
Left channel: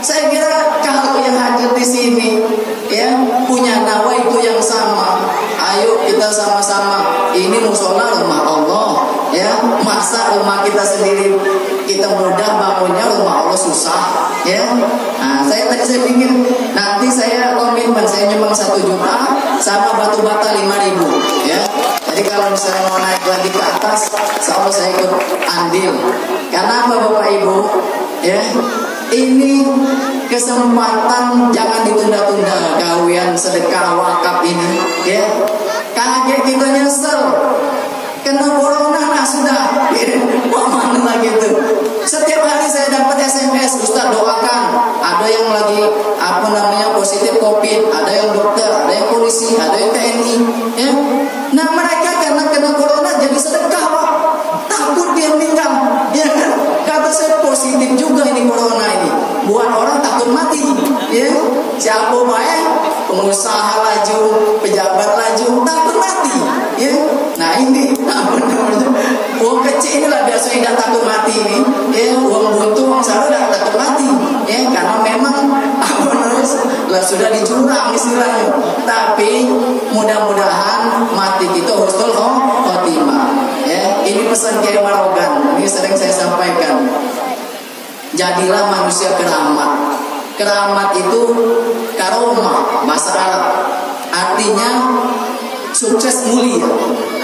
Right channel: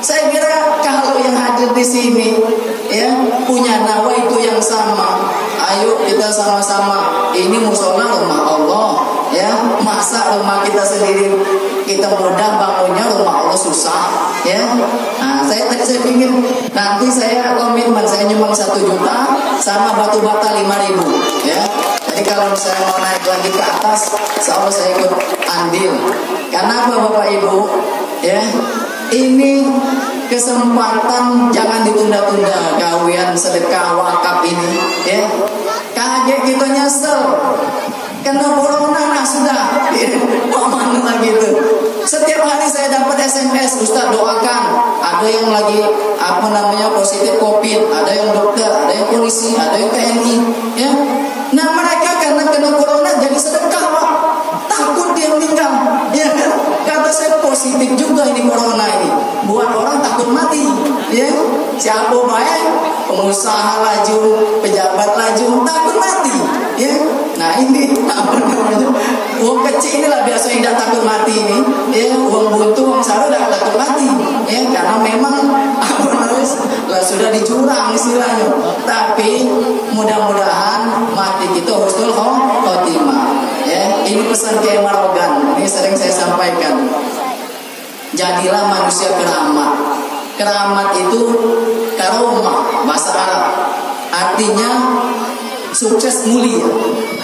Saya kira kalau yang hadir di sini, ya, punya nawa itu yang sama. Ayo kita sama-sama. Ini musola rumah Allah, ya. Masa rumah kita sendiri kita mudah bangunnya, rumah Allah susah, ya. Nah, saya pikir nanti saya komitmen saya nyumbang 1 juta sama batu bata 5.000, ya. Jadi kalau misalnya mau naik lagi ke atas, insya Allah saya ikut andil. Karena apa Bapak Ibu, ya? Ini kesempatan, jangan ditunda-tunda gawian sedekah wakaf ini, ya. Kaget kita nyesel, kena corona, nah sudah, wah mana lagi tuh. Setiap hari saya dapat SMS, Ustaz doakan. Ada yang lagi positif COVID, ada yang dokter, ada yang polisi, ada yang TNI, ya. Nah mereka karena kena corona jadi sedekah, Pak. Takut dia meninggal, ya kan? Kata saya positif juga ini corona ini, buat orang takut mati, ya. Siapa baik, pengusaha laju, pejabat laju, takut mati, ya. Nah ini uang kecil inilah biasa yang tidak takut mati ini, ya. Uang buntu, uang saru tidak takut mati, ya. Karena memang sudah dicurang istilahnya. Tapi mudah-mudahan mati kita husnul khotimah. Ya, ini pesan Kiai Marogan, ini sering saya sampaikan. Jadilah manusia keramat. Keramat itu karomah, bahasa Arab. Artinya sukses mulia.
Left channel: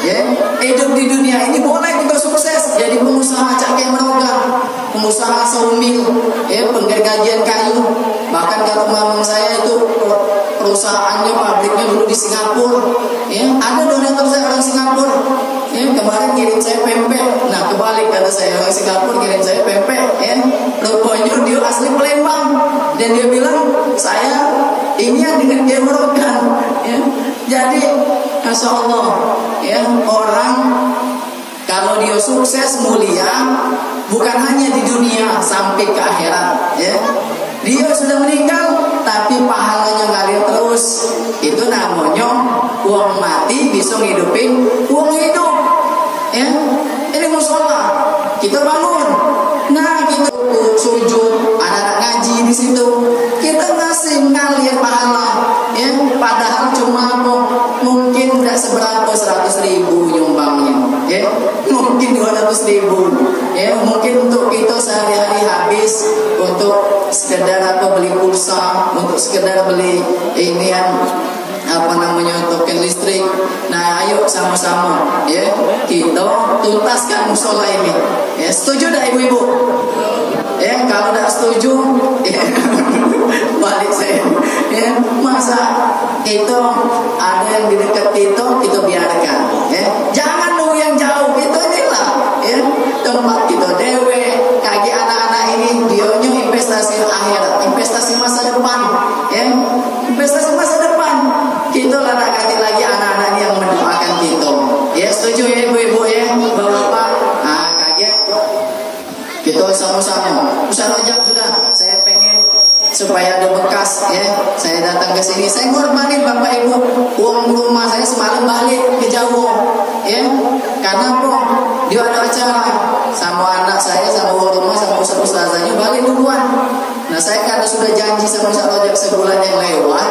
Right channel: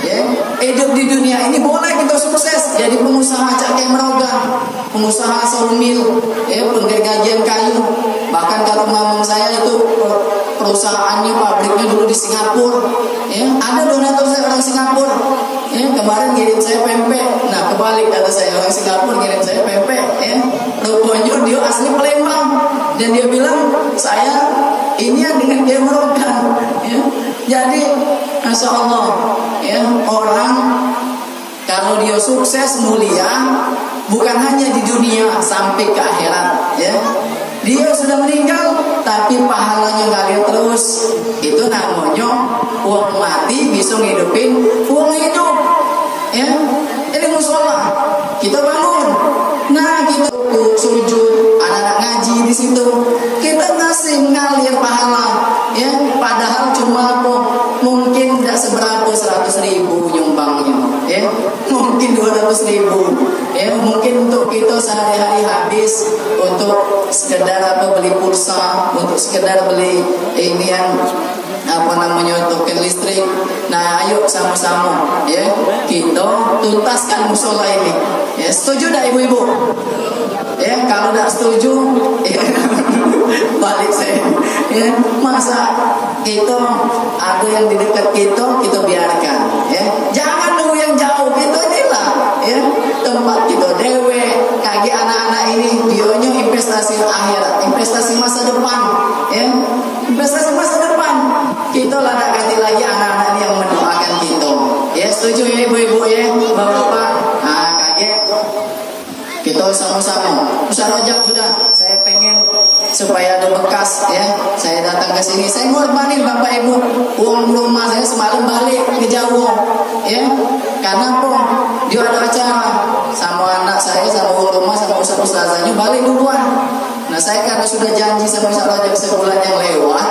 Ya, hidup di dunia ini boleh kita sukses. Jadi pengusaha Cak Kiai Marogan, pengusaha saumil, ya, penggergajian kayu. Bahkan kalau mamang saya itu perusahaannya, pabriknya dulu di Singapura. Ya, ada donatur saya orang Singapura. Ya, kemarin ngirim saya pempek. Nah kebalik, kata saya orang Singapura ngirim saya pempek, ya. Rupanya dia asli Palembang. Dan dia bilang saya ini yang dengan Kiai Marogan, ya. Jadi Masya Allah, ya, orang kalau dia sukses mulia bukan hanya di dunia sampai ke akhirat, ya. Dia sudah meninggal tapi pahalanya ngalir terus. Itu namanya uang mati bisa ngidupin uang hidup. Ya, ini musola kita bangun. Nah, kita sujud, anak-anak ngaji di situ, kita masih ngalir pahala. Ya, padahal cuma mungkin tidak seberapa 100.000 nyumbangnya. Ya, mungkin 200.000. Ya, mungkin untuk kita sehari-hari habis untuk sekedar beli pulsa, untuk sekedar beli inian token listrik. Nah, ayo sama-sama ya kita tuntaskan musola ini. Ya, setuju tak ibu-ibu? Ya, kalau tak setuju ya, balik saya. Ya, masa itu ada yang di dekat kita biarkan. Ya, jangan nunggu yang jauh. Kita inilah ya tempat kita dewe kaki anak-anak ini dionya investasi akhirat, investasi masa depan. Ya, investasi masa depan. Kita larakati lagi anak-anak yang mendoakan kita. Ya, setuju ya ibu-ibu ya, bapak-bapak. Nah, kakek, kita sama-sama. Ustaz Rajab sudah, saya pengen supaya ada bekas ya. Saya datang ke sini, saya mau balik bapak ibu. Uang rumah saya semalam balik ke Jawa. Ya, karena dia ada acara sama anak saya, sama uang rumah, sama ustaz-ustazanya balik duluan. Nah, saya karena sudah janji sama Ustaz Rajab sebulan yang lewat,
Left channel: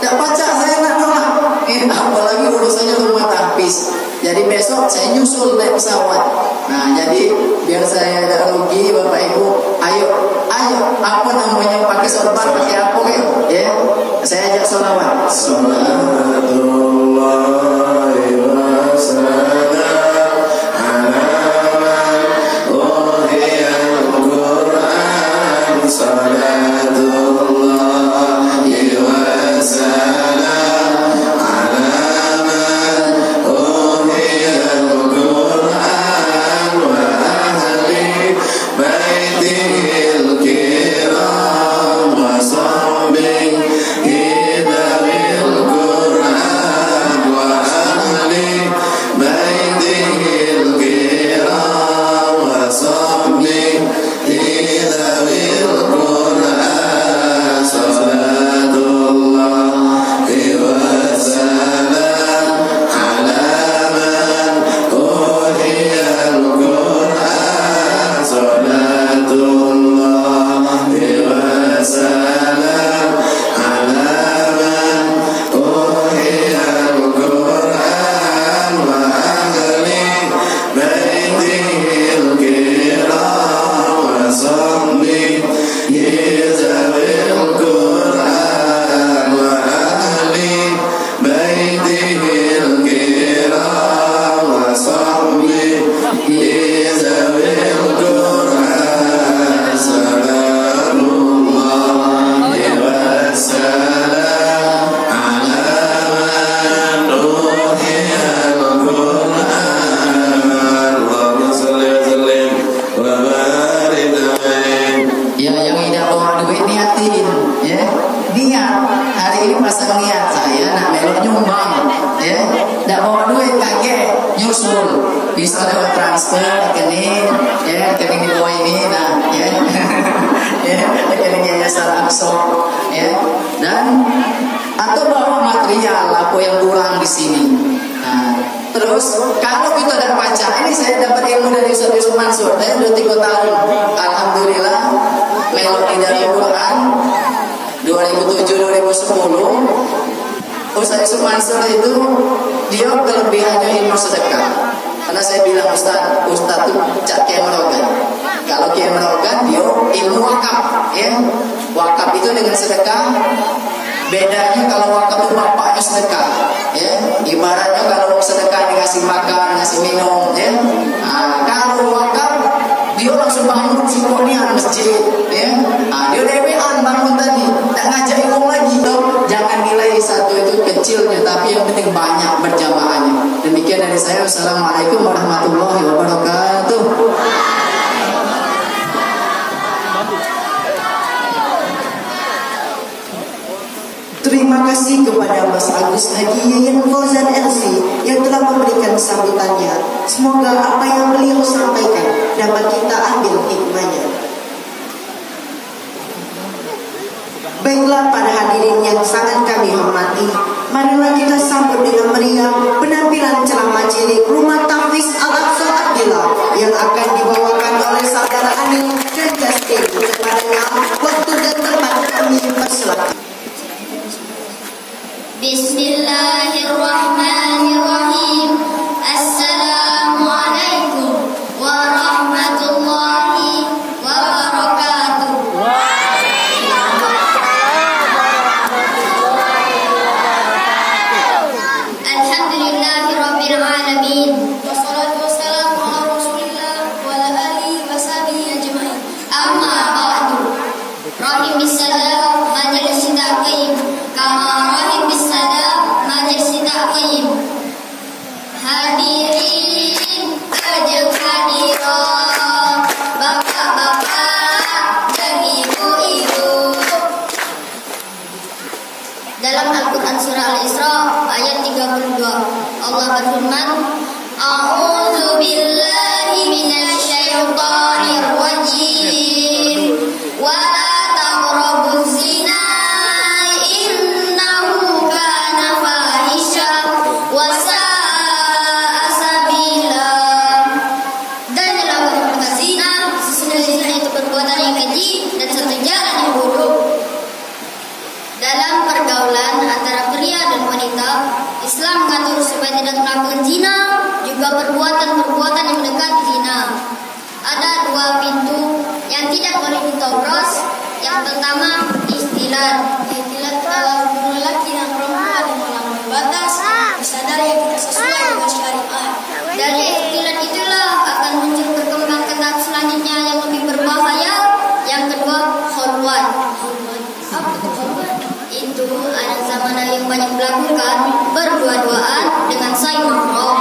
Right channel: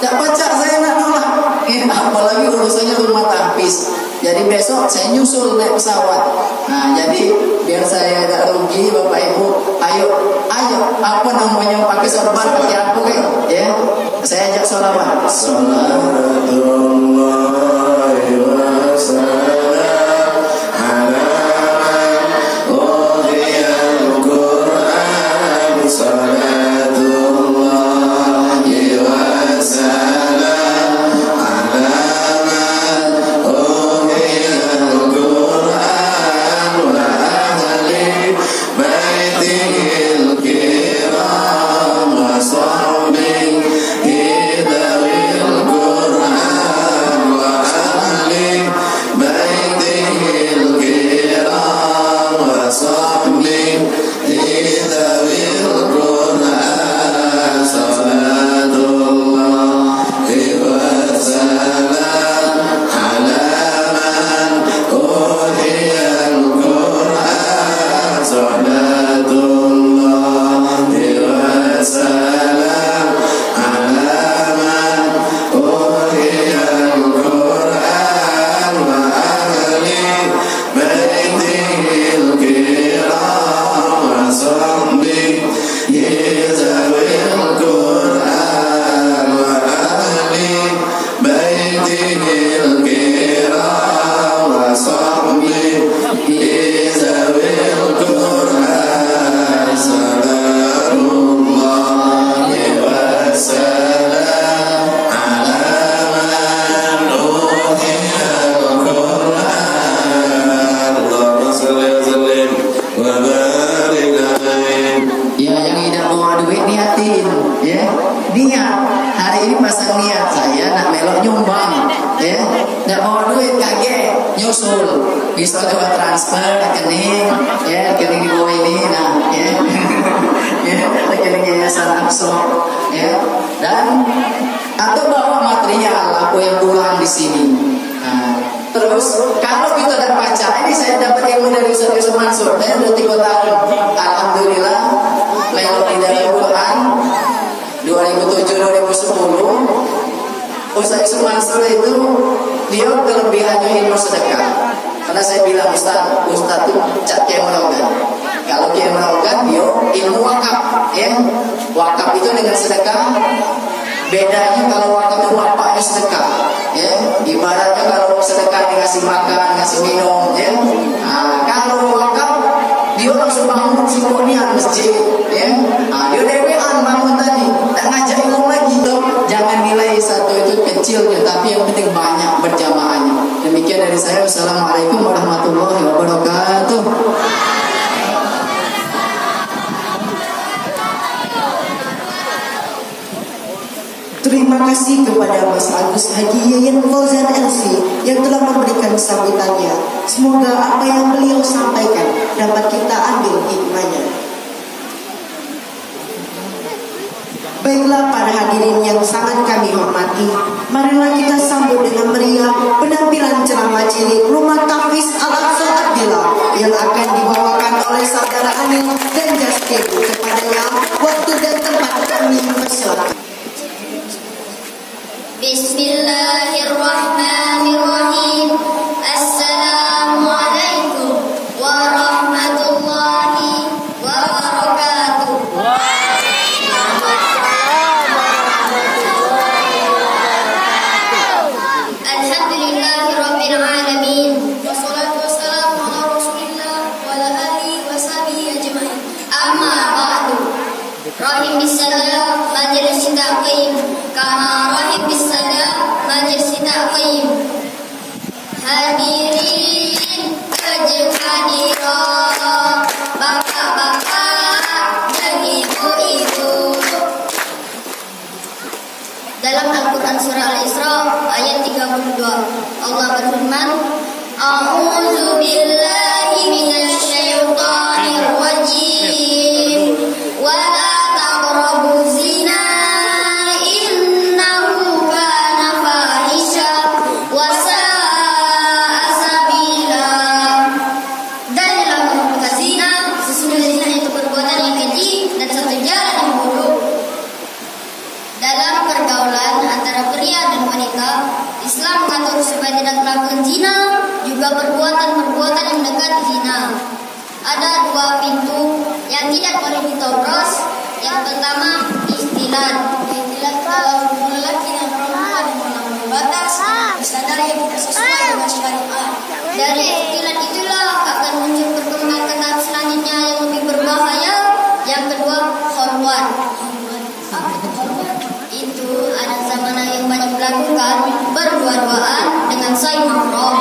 tak baca saya nak nolak. Apalagi urusannya rumah tahfiz. Jadi besok saya nyusul naik pesawat. Nah, jadi biar saya tidak rugi bapak ibu, ayo apa namanya pakai sorban pakai apa kan? Ya, saya ajak sholawat. Sallallahu wasallam. Bisa lewat transfer rekening, ya rekening di bawah ini, nah, ya, ya rekening Yayasan Aqsa, ya, dan atau bawa material apa yang kurang di sini. Nah, terus kalau kita ada baca, ini saya dapat ilmu dari Ustaz Mansur, saya udah 3 tahun, alhamdulillah, melodi dari Quran 2007-2010. Ustaz Mansur itu dia kelebihannya ilmu sedekah. Karena saya bilang Ustaz itu cak kemerogan. Kalau kemerogan dia ilmu wakaf, ya. Wakaf itu dengan sedekah. Bedanya kalau wakaf itu bapaknya sedekah, ya. Ibaratnya kalau sedekah dikasih makan, ngasih minum, ya. Nah, kalau wakaf dia langsung bangun simfonian masjid, ya. Nah, dia dewean bangun tadi, tak ngajak ilmu lagi. Jangan nilai satu itu kecilnya, tapi yang penting banyak berjamaahnya. Demikian dari saya. Wassalamualaikum warahmatullahi wabarakatuh. Terima kasih kepada Mas Agus Haji Yayan Fauzan LC yang telah memberikan sambutannya. Semoga apa yang beliau sampaikan dapat kita ambil hikmahnya. Baiklah para hadirin yang sangat kami hormati, marilah kita sambut disambut dengan meriah penampilan ceramah cilik Rumah Tahfiz Al-Aqsa Abdillah yang akan dibawakan oleh saudara Anil dan Justin. Kepadanya waktu dan tempat kami persilakan. Bismillahirrahmanirrahim. Assalamualaikum warahmatullahi wabarakatuh. Alhamdulillahirabbil alamin. Wassalatu wassalamu ala Rasulillah wa ala alihi washabihi ajmain. Amma ba'du. Rahim bisalam majelis ta'qim kama rahim bisalam majelis ta'qim. Hadirin ajeng hadirat, bapak-bapak dan ibu-ibu. Dalam Al-Quran surah Al-Isra ayat 32 Allah berfirman, A'udzu billahi minasy syaithanir rajim. Wa la taqrabuz zina innahu kana fahisha wa sa'a sabila. Dan dalam perbuatan zina, sesungguhnya zina itu perbuatan yang keji dan satu jalan yang buruk. Dalam pergaulan antara pria dan wanita, Islam mengatur supaya tidak melakukan zina, juga perbuatan-perbuatan yang mendekati zina. Ada dua pintu yang tidak boleh diterobos. Yang pertama, istilah dalam hubungan laki dan perempuan yang melampaui batas, disadari yang tidak sesuai dengan syariat. Dari istilah itulah akan muncul berkembang ke tahap selanjutnya yang lebih berbahaya. Yang kedua, khulwat. Apa itu khulwat? Itu ada zaman yang banyak dilakukan berdua-duaan dengan saling mahram.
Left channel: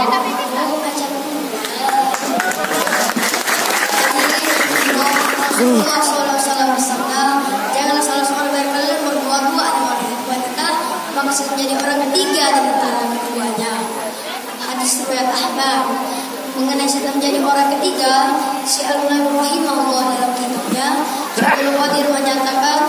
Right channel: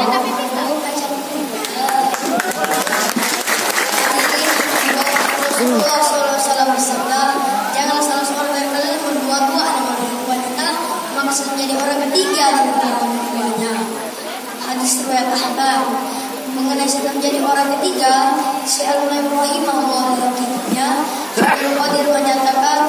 Rasulullah SAW, janganlah salah seorang dari kalian berdua-dua dengan wanita, maka masih menjadi orang ketiga di antara ketiganya. Hadis riwayat Ahmad. Mengenai sudah menjadi orang ketiga, Syekh Al-Munawi Allah dalam kitabnya Ibnu Qadir menyatakan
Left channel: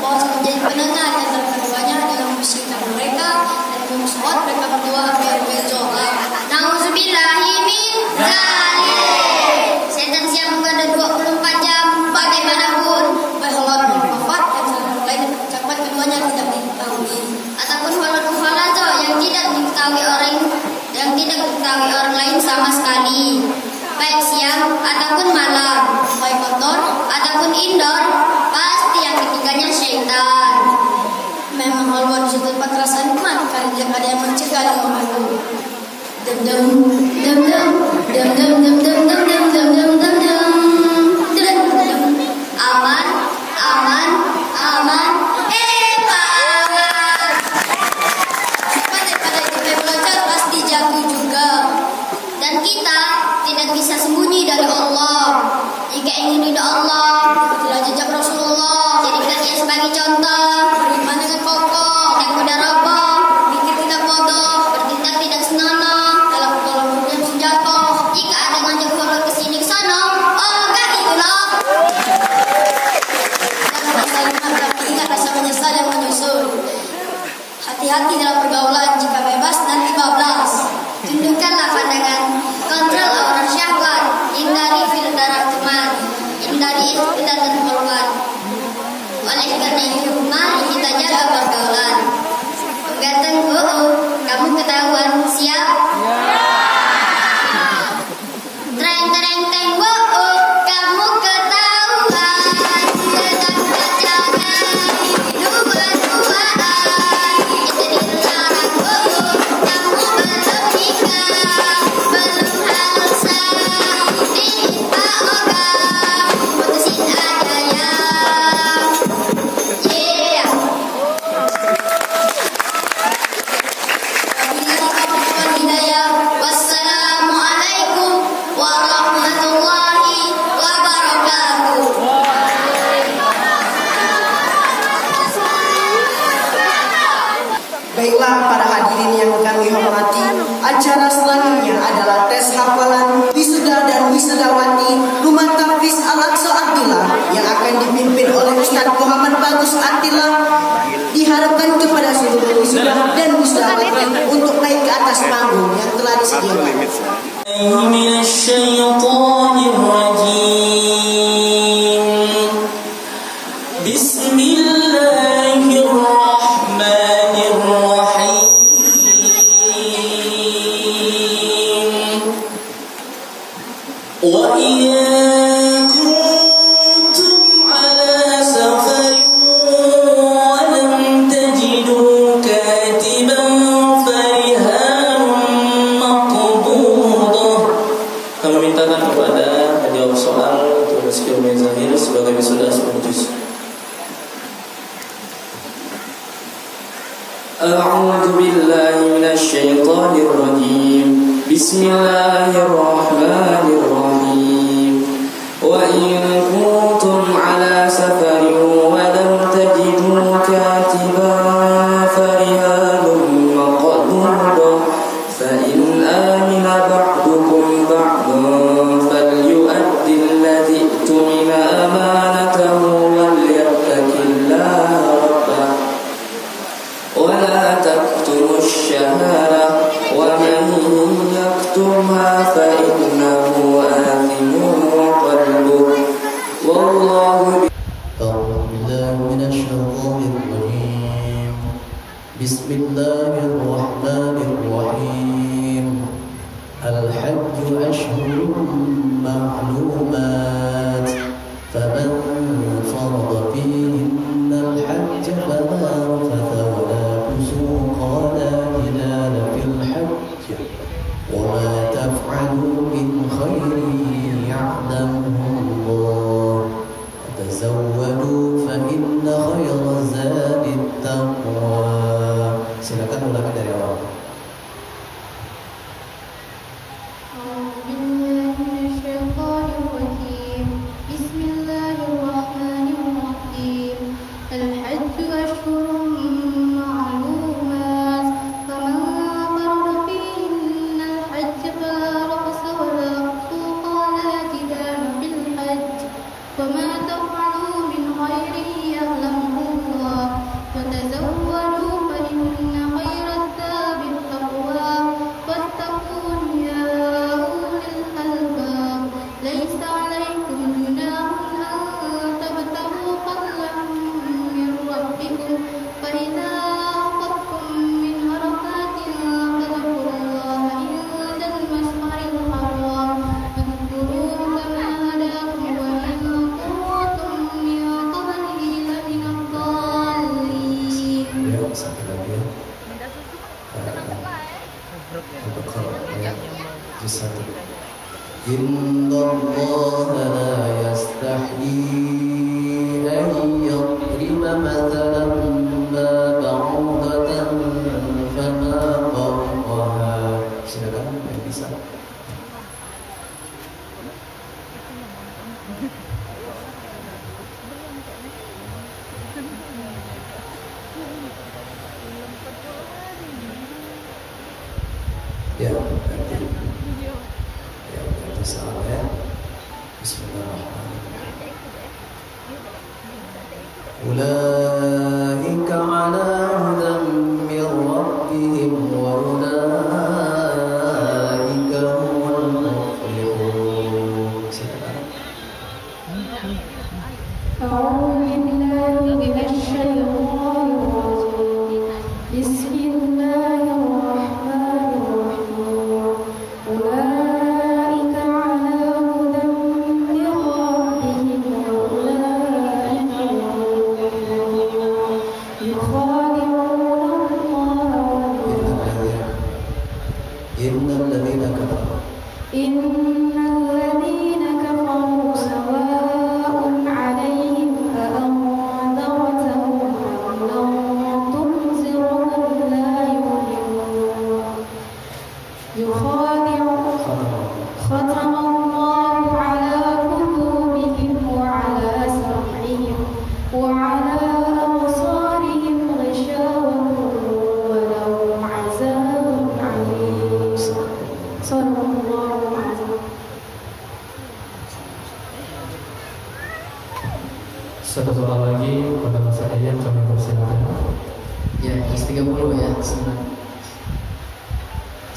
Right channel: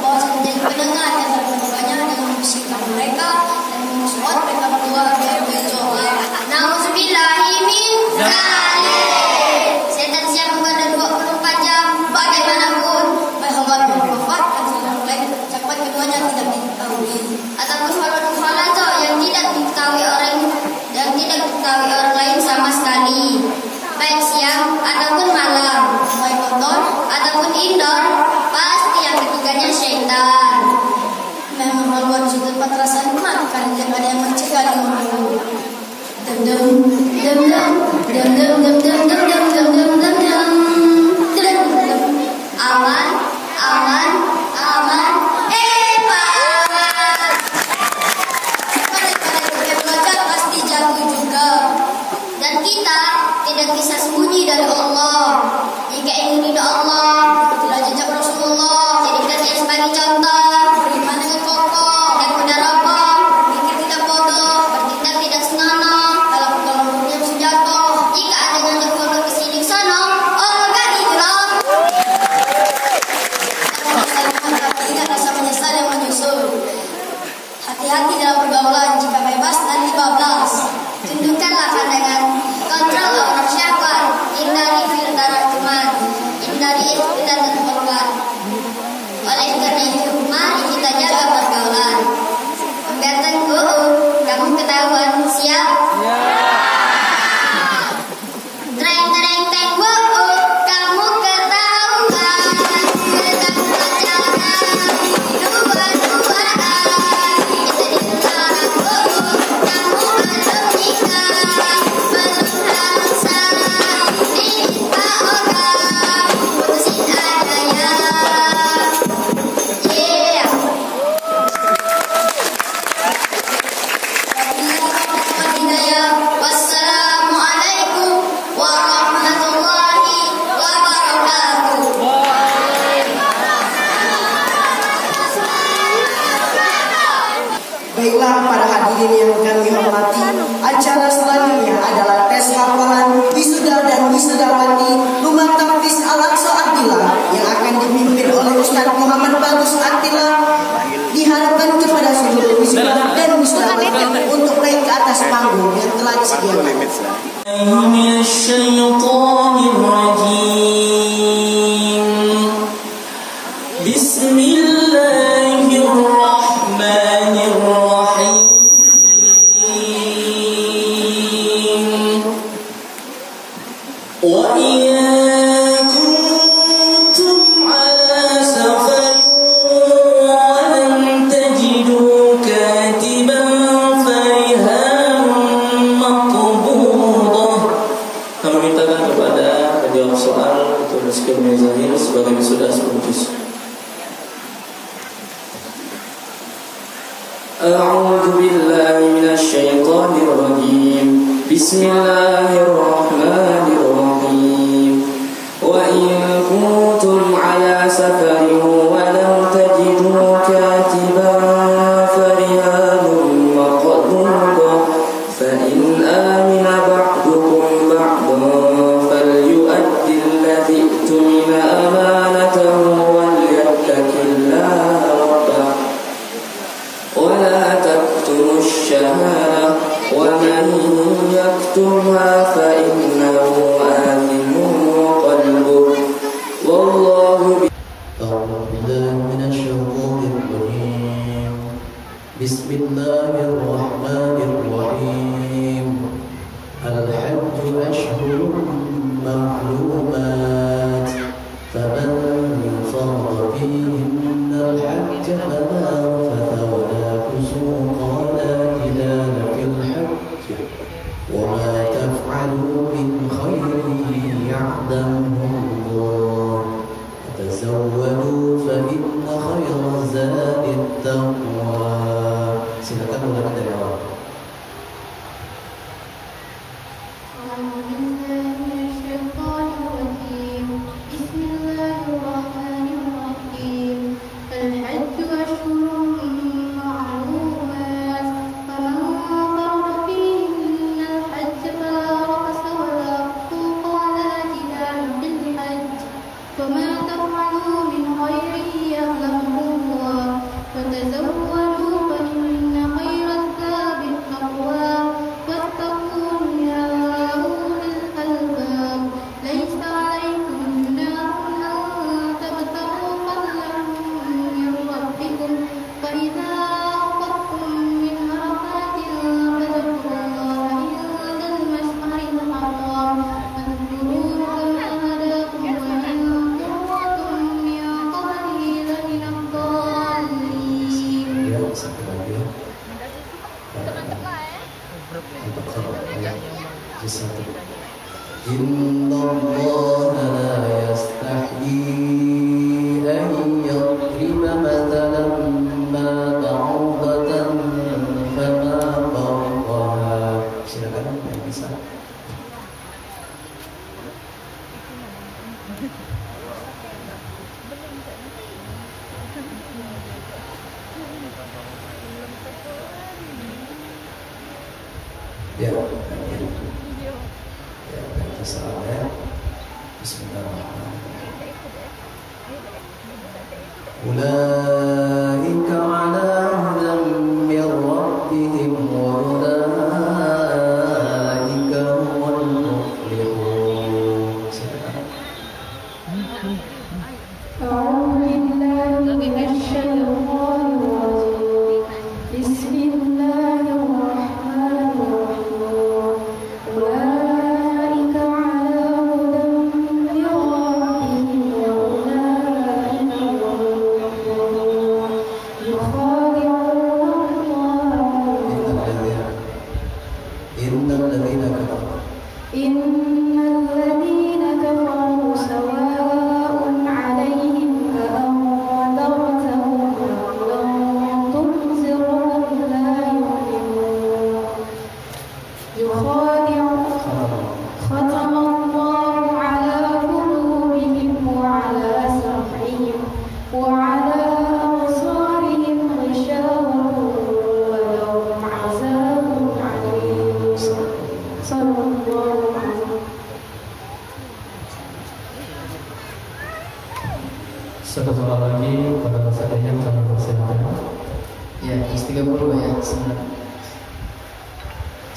bahwa menjadi pendengar yang terkeduanya dengan membersihkan mereka dan memusuhat mereka berdua biar berdoa. Nauzubillahi min dzalik. Setan siap menggoda 24 jam bagaimanapun, berkhulwat berwafat dan salah lain ucapan keduanya tidak diketahui, ataupun falat yang tidak diketahui orang lain sama sekali, baik siang ataupun malam, baik outdoor ataupun indoor, pasti yang ketiganya syaitan. Memang khulwat sudut perasaan emak karena tidak ada yang mencegah dan membantu. Aman, aman, aman, aman. Supaya kalau kita belajar pasti jatuh juga. Dan kita tidak bisa sembunyi dari Allah. Jika ingin ridha Allah, itulah jejak Rasulullah. Jadikan dia sebagai contoh. Beriman dengan pokok dan mudarabah, mikir tidak bodoh, bertindak tidak senonoh, dalam pergaulan yang sejatuh. Jika ada ngajak bodoh ke sini sono, oh gak gitu loh. Tidak bisa menyesal yang menyusul. Hati-hati dalam pergaulan, jika bebas nanti bablas. Tundukkanlah pandangan, kontrol aura syahwat, hindari filter teman, hindari filter dan korban. Oleh karena itu, mari kita jaga pergaulan. Ganteng kamu ketahuan siap? Treng treng treng kamu ketahuan. Sedang berjalan dua-duaan, kita dilarang kamu berpindah, belum halusan timpa orang, putusin adanya. Wassalamualaikum warahmatullahi wabarakatuh. Baiklah para hadirin yang kami hormati, acara selanjutnya adalah tes hafalan wisuda dan wisudawati Rumah Tahfiz Al-Aqsa Abdillah yang akan dipimpin oleh Ustaz Muhammad Bagus Abdillah. Diharapkan kepada seluruh wisuda dan wisudawati untuk naik atas panggung yang telah disediakan.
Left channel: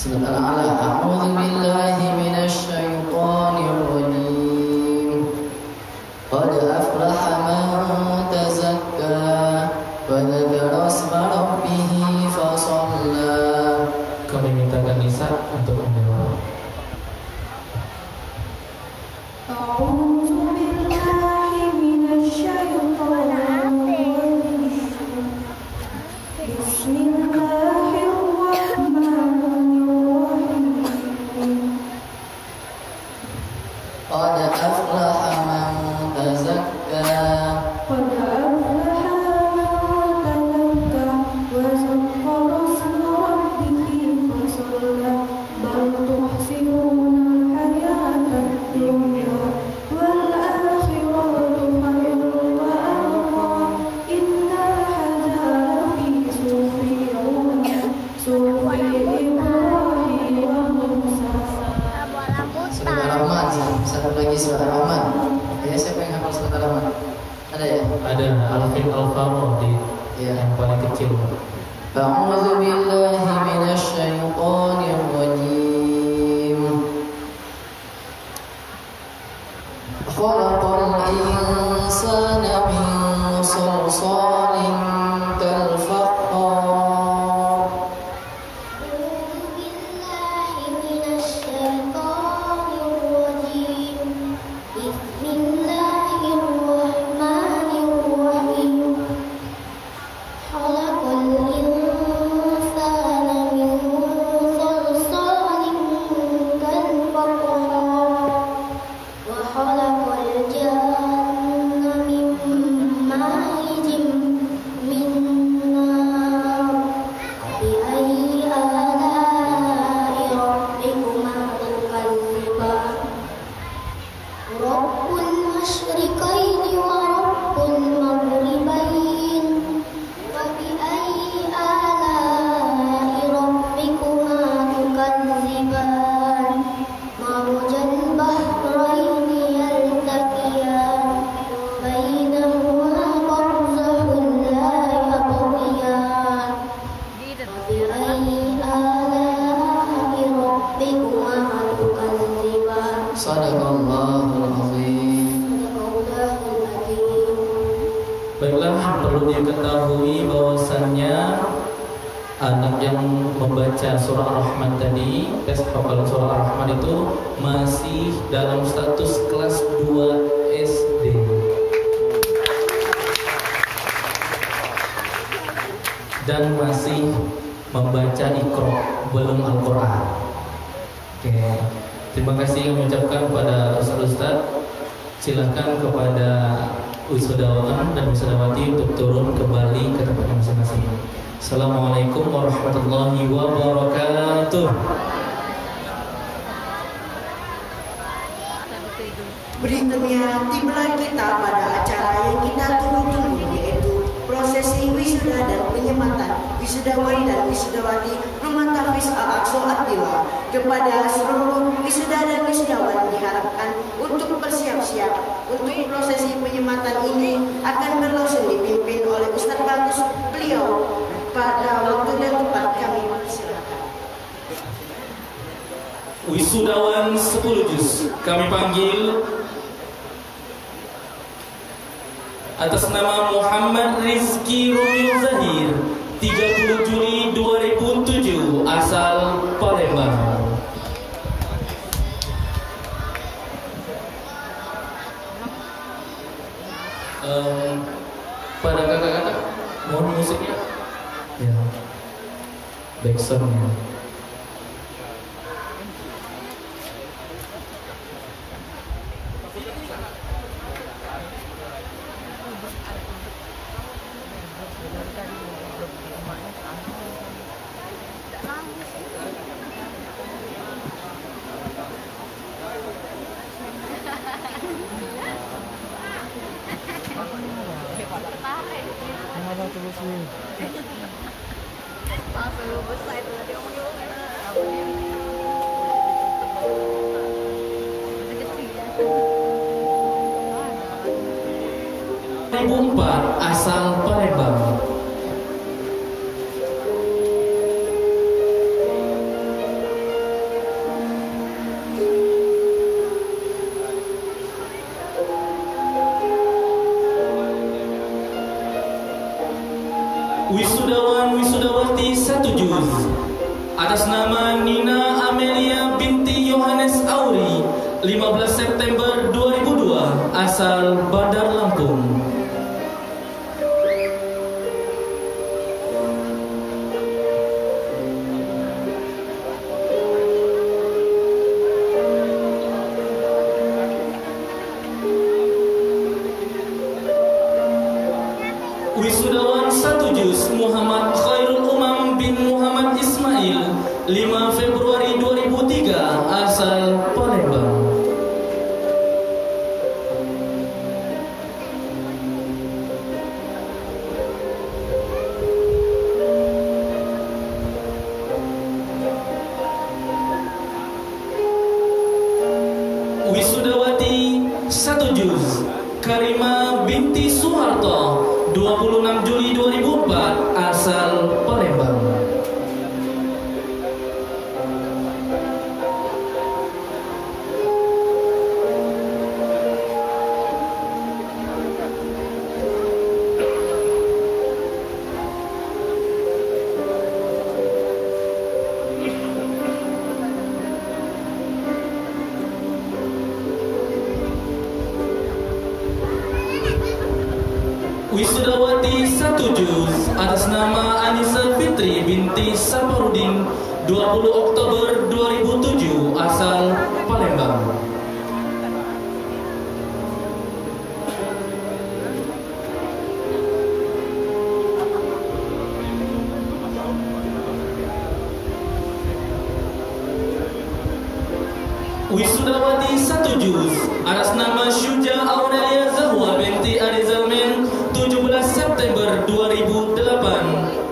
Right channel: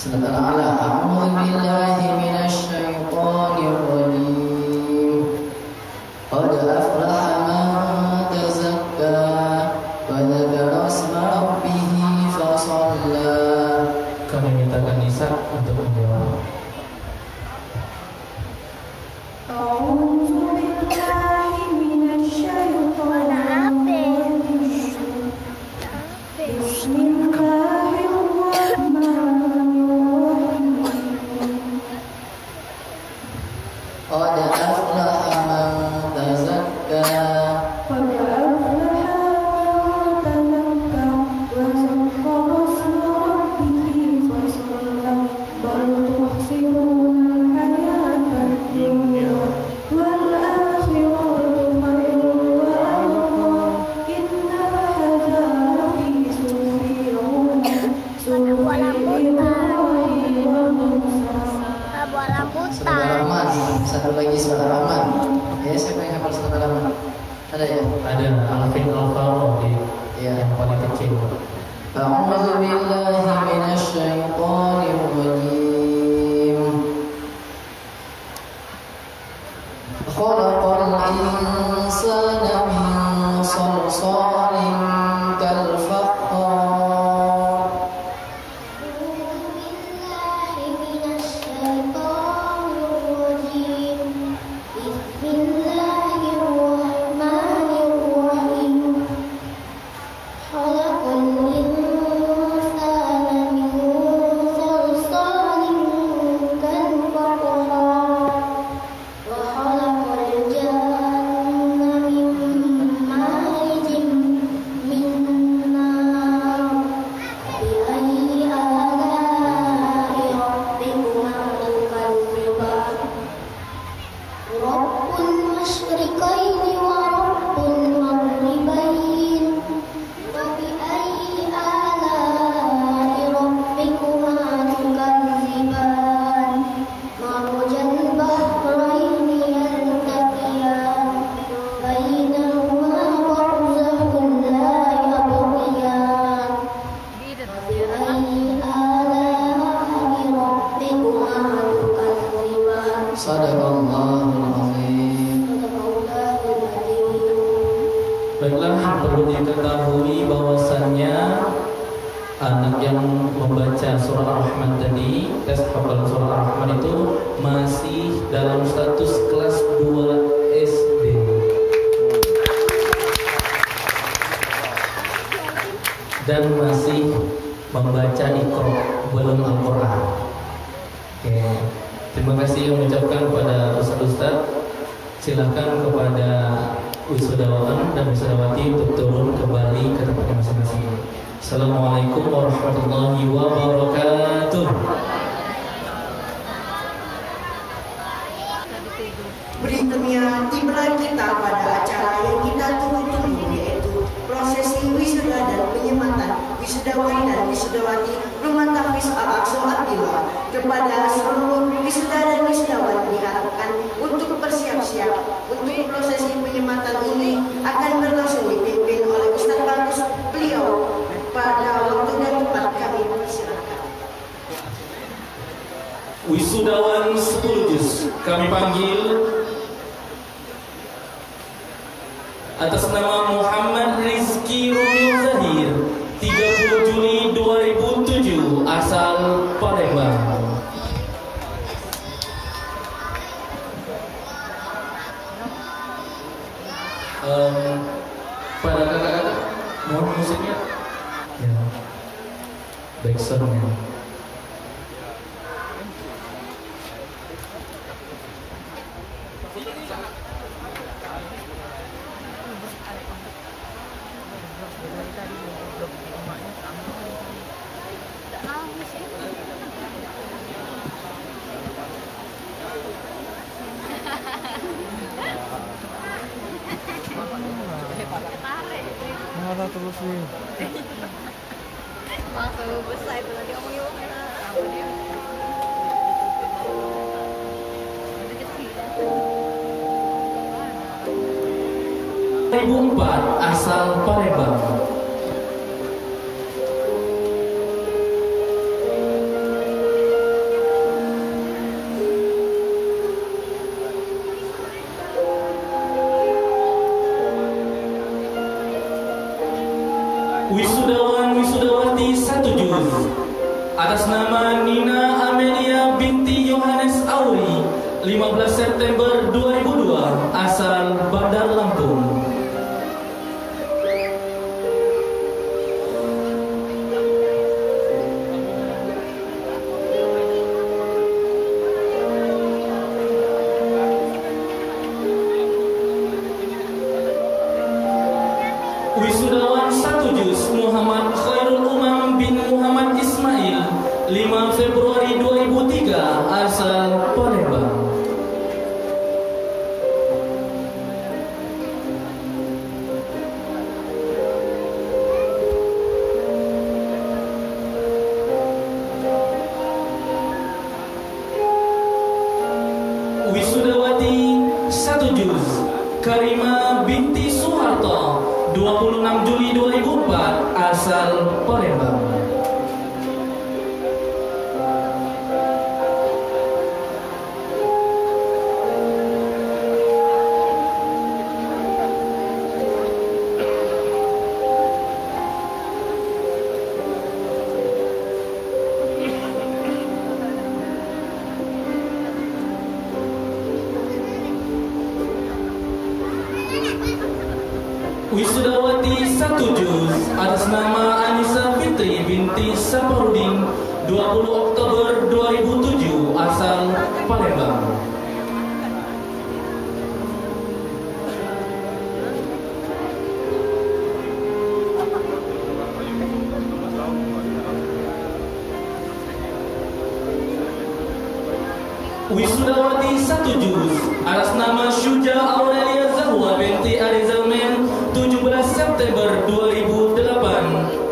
Silakan ala. A'udzu billahi minasy syaithanir rajim. Qad aflaha man tazakka wa dzakara isma rabbih fa shalla. Kami mintakan Nisa untuk menjawab. Baiklah, perlu diketahui bahwasannya anak yang membaca surah Ar-Rahman tadi, tes hafalan surah Ar-Rahman itu masih dalam status kelas 2 SD. Dan masih membaca Iqra, belum Al-Quran. Oke, terima kasih yang mengucapkan kepada Ustaz. Silakan kepada wisudawan dan wisudawati untuk turun kembali ke tempat masing-masing. Assalamualaikum warahmatullahi wabarakatuh. Berikutnya tiba kita pada acara yang kita tunggu-tunggu, yaitu prosesi wisuda dan penyematan wisudawan dan wisudawati Rumah Tahfiz Al-Aqsa At-Tilawah. Kepada seluruh wisuda dan wisudawan diharapkan untuk bersiap-siap untuk prosesi penyematan ini akan berlangsung dipimpin oleh Ustaz Bagus. Beliau pada waktu dan tempat kami persilakan. Wisudawan 10 juz kami panggil atas nama Muhammad Rizky Rumi Zahir, 30 Juli 2007, asal Palembang. Pada kakak-kakak mohon musiknya ya, backsoundnya. Asal Palembang. atas nama Nina Amelia binti Yohanes Auri, 15 September 2002, asal Bandar Lampung. Wisudawan 1 juz Muhammad Khairul Umam bin Muhammad Ismail, 5 Februari 2003, asal Palembang. Wisudawati 1 juz Karima binti Soeharto, 26 Juli 2004, asal Palembang. Wisudawati 1 juz atas nama Anissa Fitri binti Saparudin, 20 Oktober 2007, asal Palembang. Wisudawati 1 juz atas nama Syuja Aurelia Zahwa binti Arizamen, 17 September 2008,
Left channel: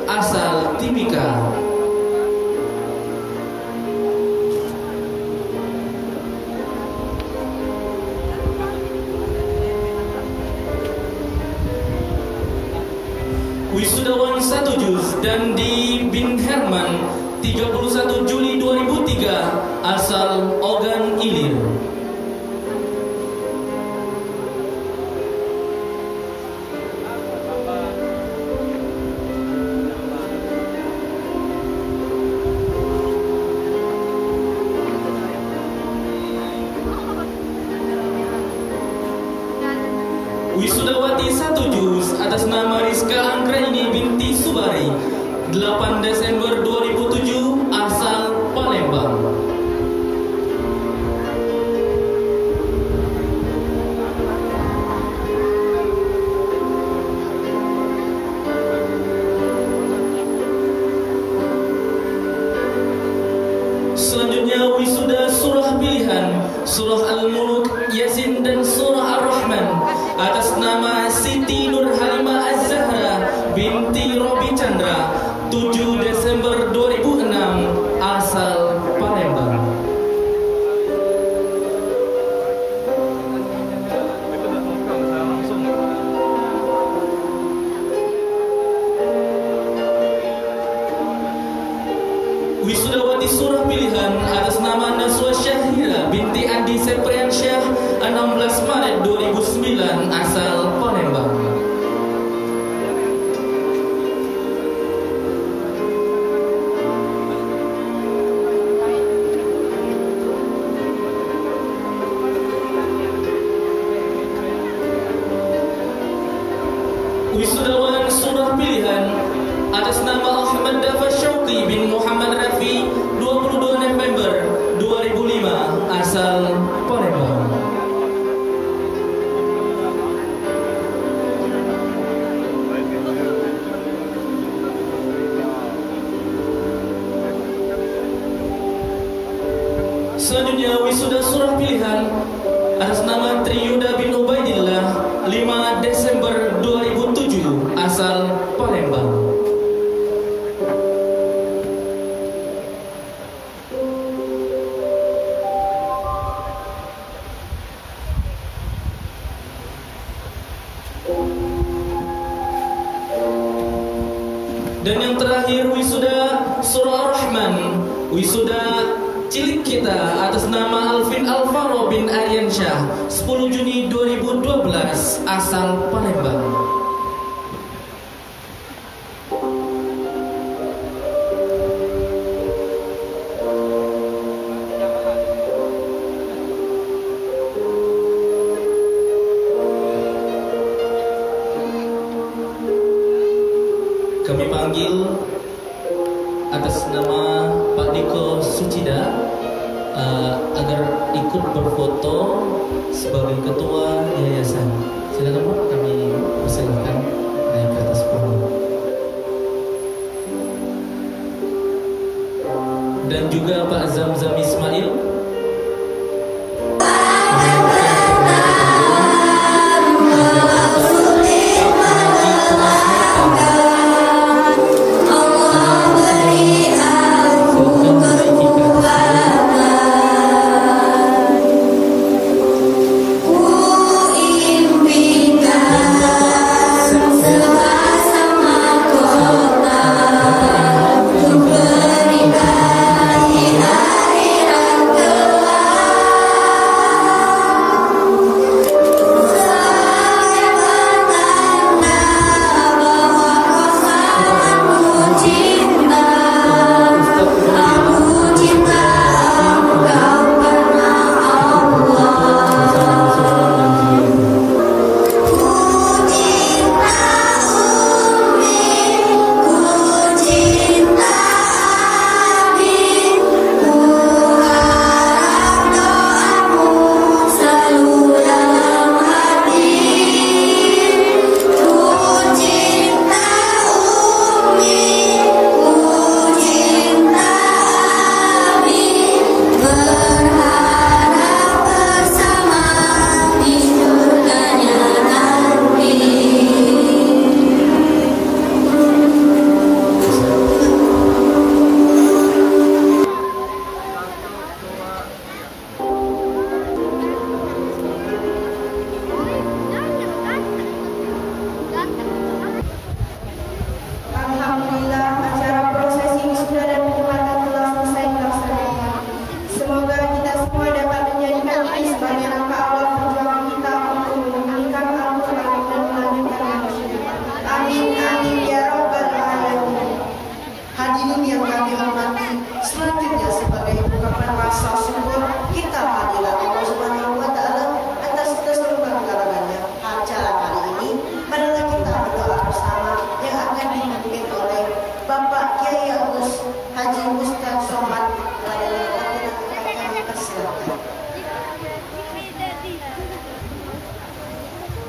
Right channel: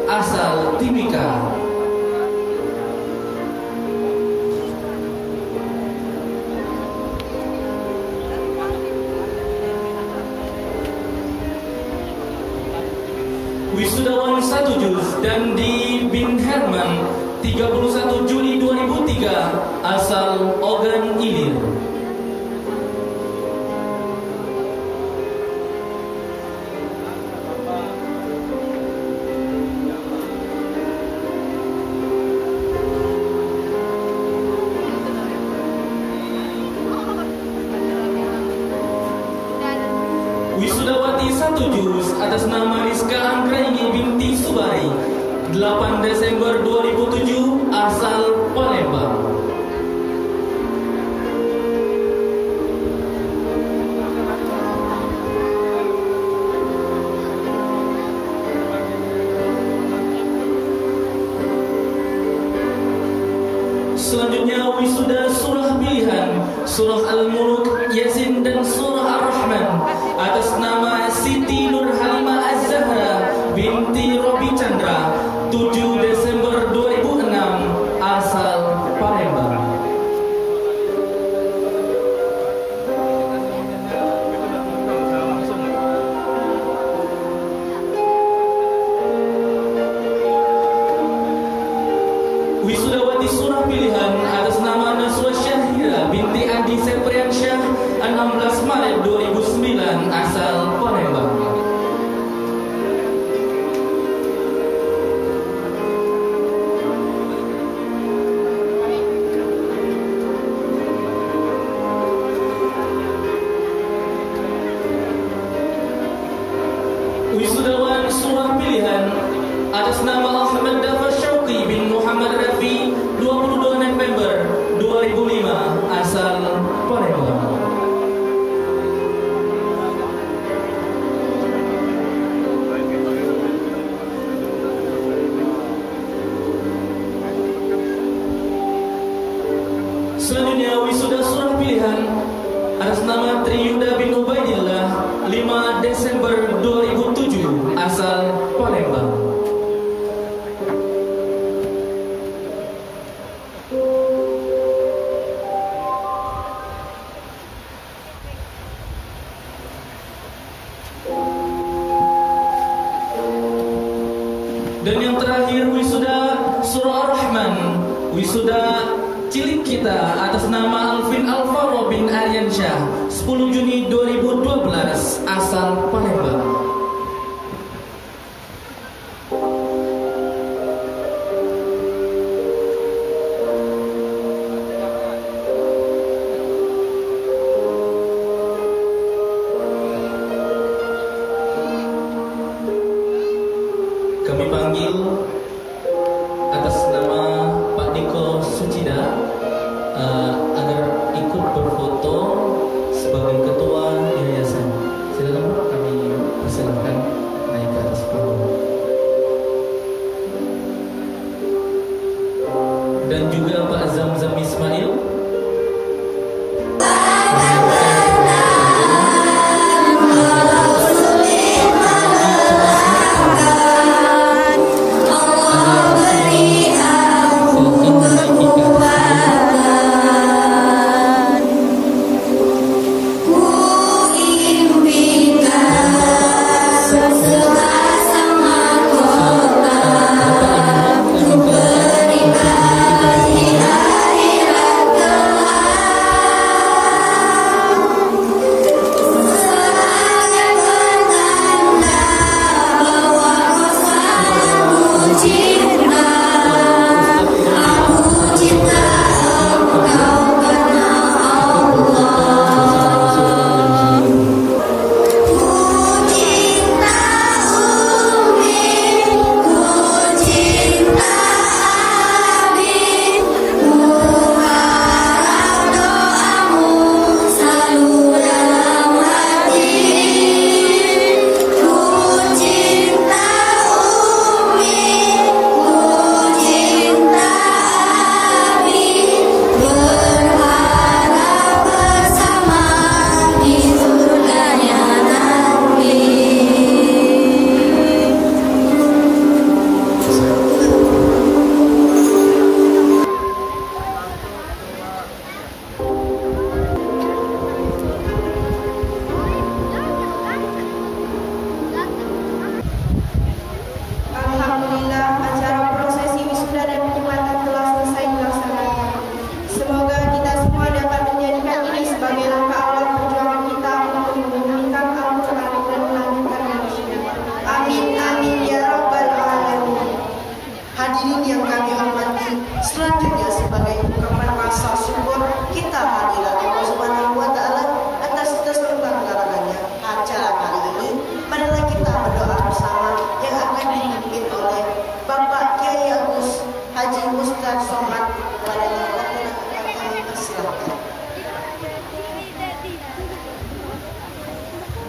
asal Timika. Wisudawan 1 juz Dandi bin Herman, 31 Juli 2003, asal Ogan Ilir. Wisudawati 1 juz atas nama Rizka Anggraini binti Subari, 8 Desember 2007, asal Palembang. Selanjutnya wisuda surah pilihan, surah Al-Muluk, Yasin, dan surah Ar-Rahman atas nama Siti Nur Halimah Az-Zahra binti Robi Chandra, 7 Desember 2006, asal Palembang. Wisudawati surah pilihan atas nama Naswa Syahira binti Andi Sepriansyah, 16 Maret 2009, asal Palembang. Wisudawan surah pilihan atas nama Ahmad Dafa Syauqi bin Muhammad Rafi, 22 November 2005, asal Palembang. Selanjutnya wisuda surah pilihan atas nama Triyuda bin Ubaidillah, 5 Desember 2007, asal Palembang. Dan yang terakhir wisuda surah Ar-Rahman, wisuda cilik kita atas nama Alvin Alvaro bin Aryansyah, 10 Juni 2012, asal Palembang. Sucida agar ikut berfoto sebagai ketua yayasan. Silakan Pak, kami persilahkan naik ke atas panggung. Dan juga Pak Zamzam Ismail.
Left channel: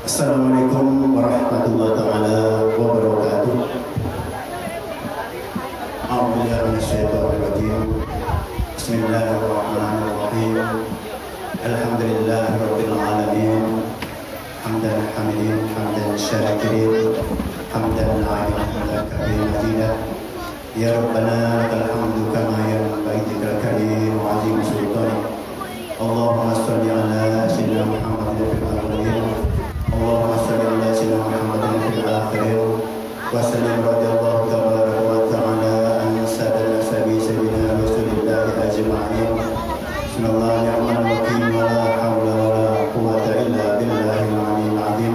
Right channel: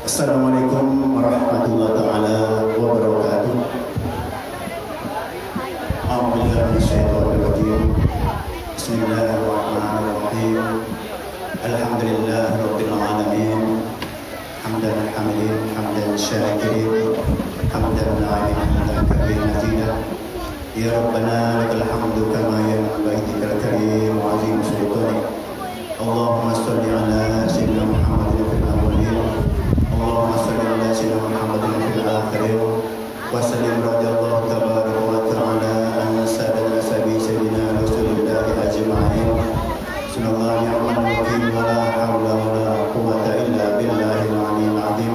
Assalamualaikum warahmatullahi taala wabarakatuh. Bismillahirrahmanirrahim. Alhamdulillahirabbil alamin. Hamdan hamidin, hamdan syakirin, hamdan hamdan katsiran. Ya Rabbana lakal hamdu kama yanbaghi li karim wa 'azim sultanik. Allahumma shalli ala sayyidina Muhammadin fil awwalin. Allahumma shalli ala sayyidina Muhammadin fil akhirin. Wa sallim radhiyallahu tabaraka wa ta'ala an sayyidina sayyidina Rasulillah ajma'in. Bismillahirrahmanirrahim. La haula wa la quwwata illa billahil 'aliyyil 'azim.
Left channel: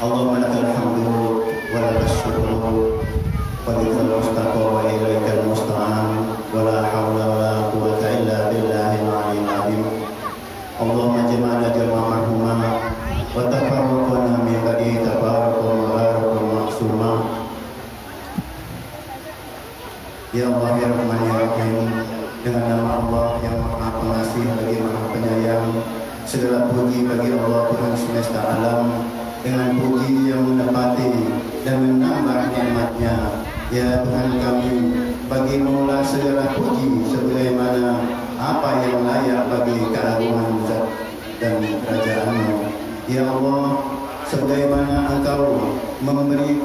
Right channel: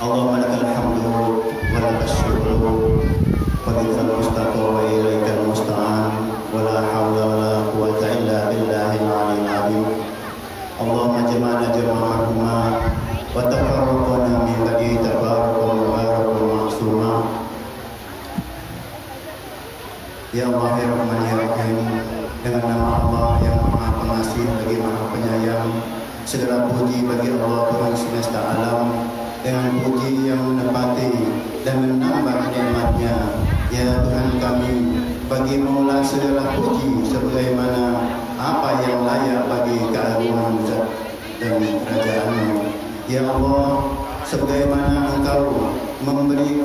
Allahumma lakal hamdu wa lakal syukru wa bikal mustaqim wa ilaikal musta'an. Wa la haula wa la quwwata illa billahil 'aliyyil 'azim. Allahumma jama'na jama'ahuma wa tafarraqna min ba'di tafarruqan mubarakan maksuma. Ya Allah ya Rahman ya Rahim, dengan nama Allah yang Maha Pengasih lagi Maha Penyayang, segala puji bagi Allah Tuhan semesta alam, dengan puji yang mendapati dan menambah nikmat-Nya. Ya Tuhan kami, bagi Maula segala puji sebagaimana apa yang layak bagi keagungan zat dan kerajaan-Mu. Ya Allah, sebagaimana Engkau memberi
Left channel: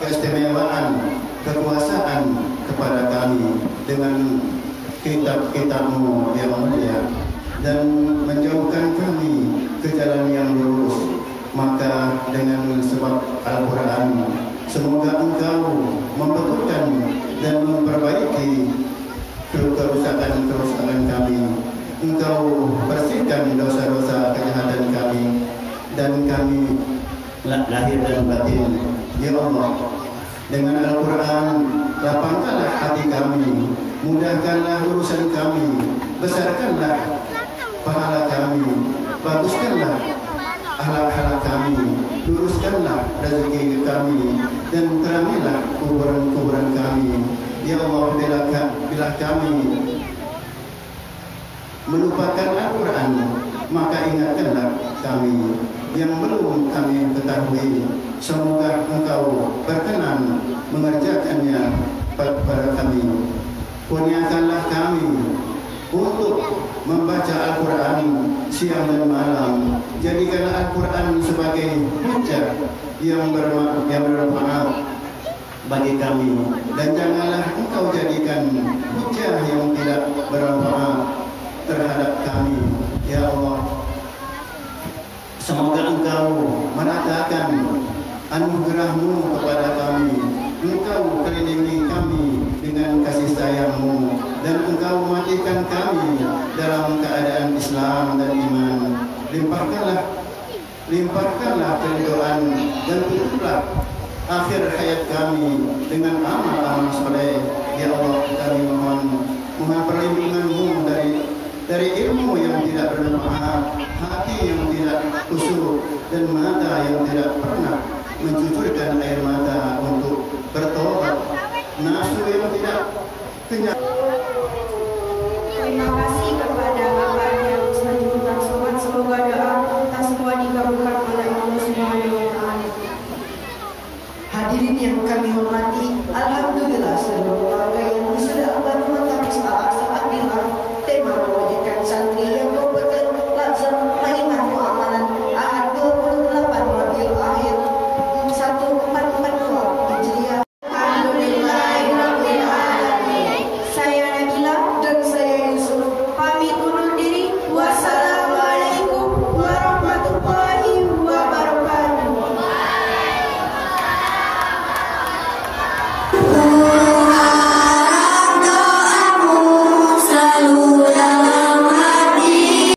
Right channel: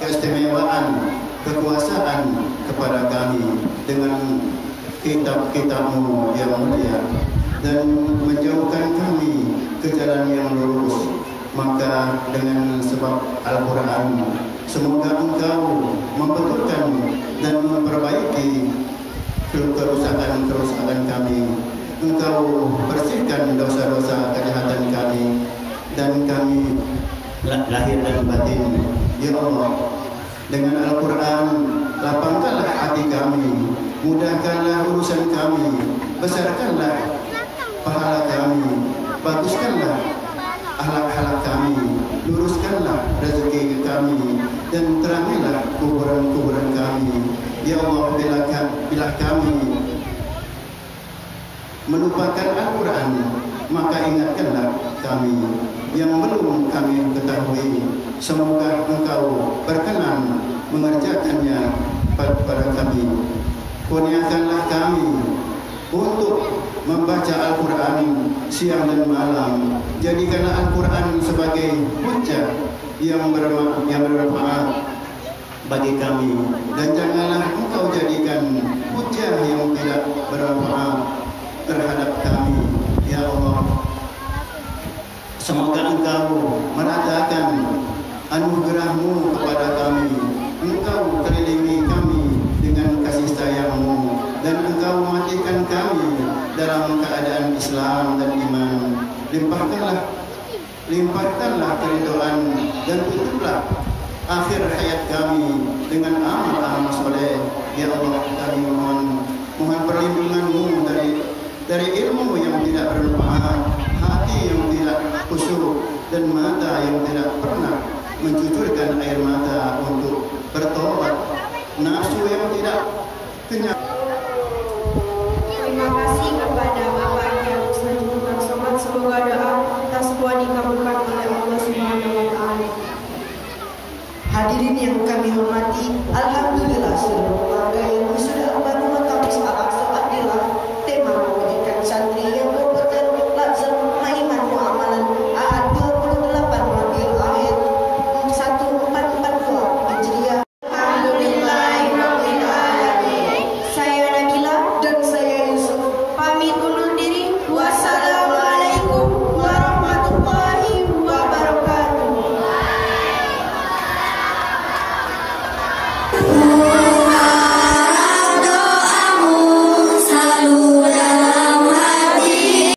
keistimewaan kekuasaan kepada kami dengan kitab-kitab-Mu yang mulia dan menjauhkan kami ke jalan yang lurus, maka dengan sebab Al-Quran semoga Engkau membetulkan dan memperbaiki kerusakan-kerusakan kami. Engkau bersihkan dosa-dosa kejahatan kami dan kami lahir dan batin. Ya Allah, dengan Al-Quran lapangkanlah hati kami, mudahkanlah urusan kami, besarkanlah pahala kami, baguskanlah akhlak kami, luruskanlah rezeki kami, dan terangilah kuburan-kuburan kami. Ya Allah, bila kami melupakan Al-Quran, maka ingatkanlah kami yang belum kami ketahui. Semoga Engkau berkenan mengerjakannya pada kami. Kurniakanlah kami untuk membaca Al-Quran siang dan malam. Jadikanlah Al-Quran sebagai hujah yang bermanfaat bagi kami, dan janganlah Engkau jadikan hujah yang tidak bermanfaat terhadap kami. Ya Allah, semoga Engkau meratakan anugerah-Mu kepada kami. Engkau kelilingi kami dengan kasih sayang-Mu, dan Engkau matikan kami dalam keadaan Islam dan iman. Limpahkanlah keridhaan dan tutuplah akhir hayat kami dengan amal-amal soleh. Ya Allah, kami mohon perlindungan-Mu dari ilmu yang tidak bermanfaat, hati yang tidak khusyuk, dan mata yang tidak pernah mencucurkan air mata untuk bertobat, nafsu yang tidak kenyang.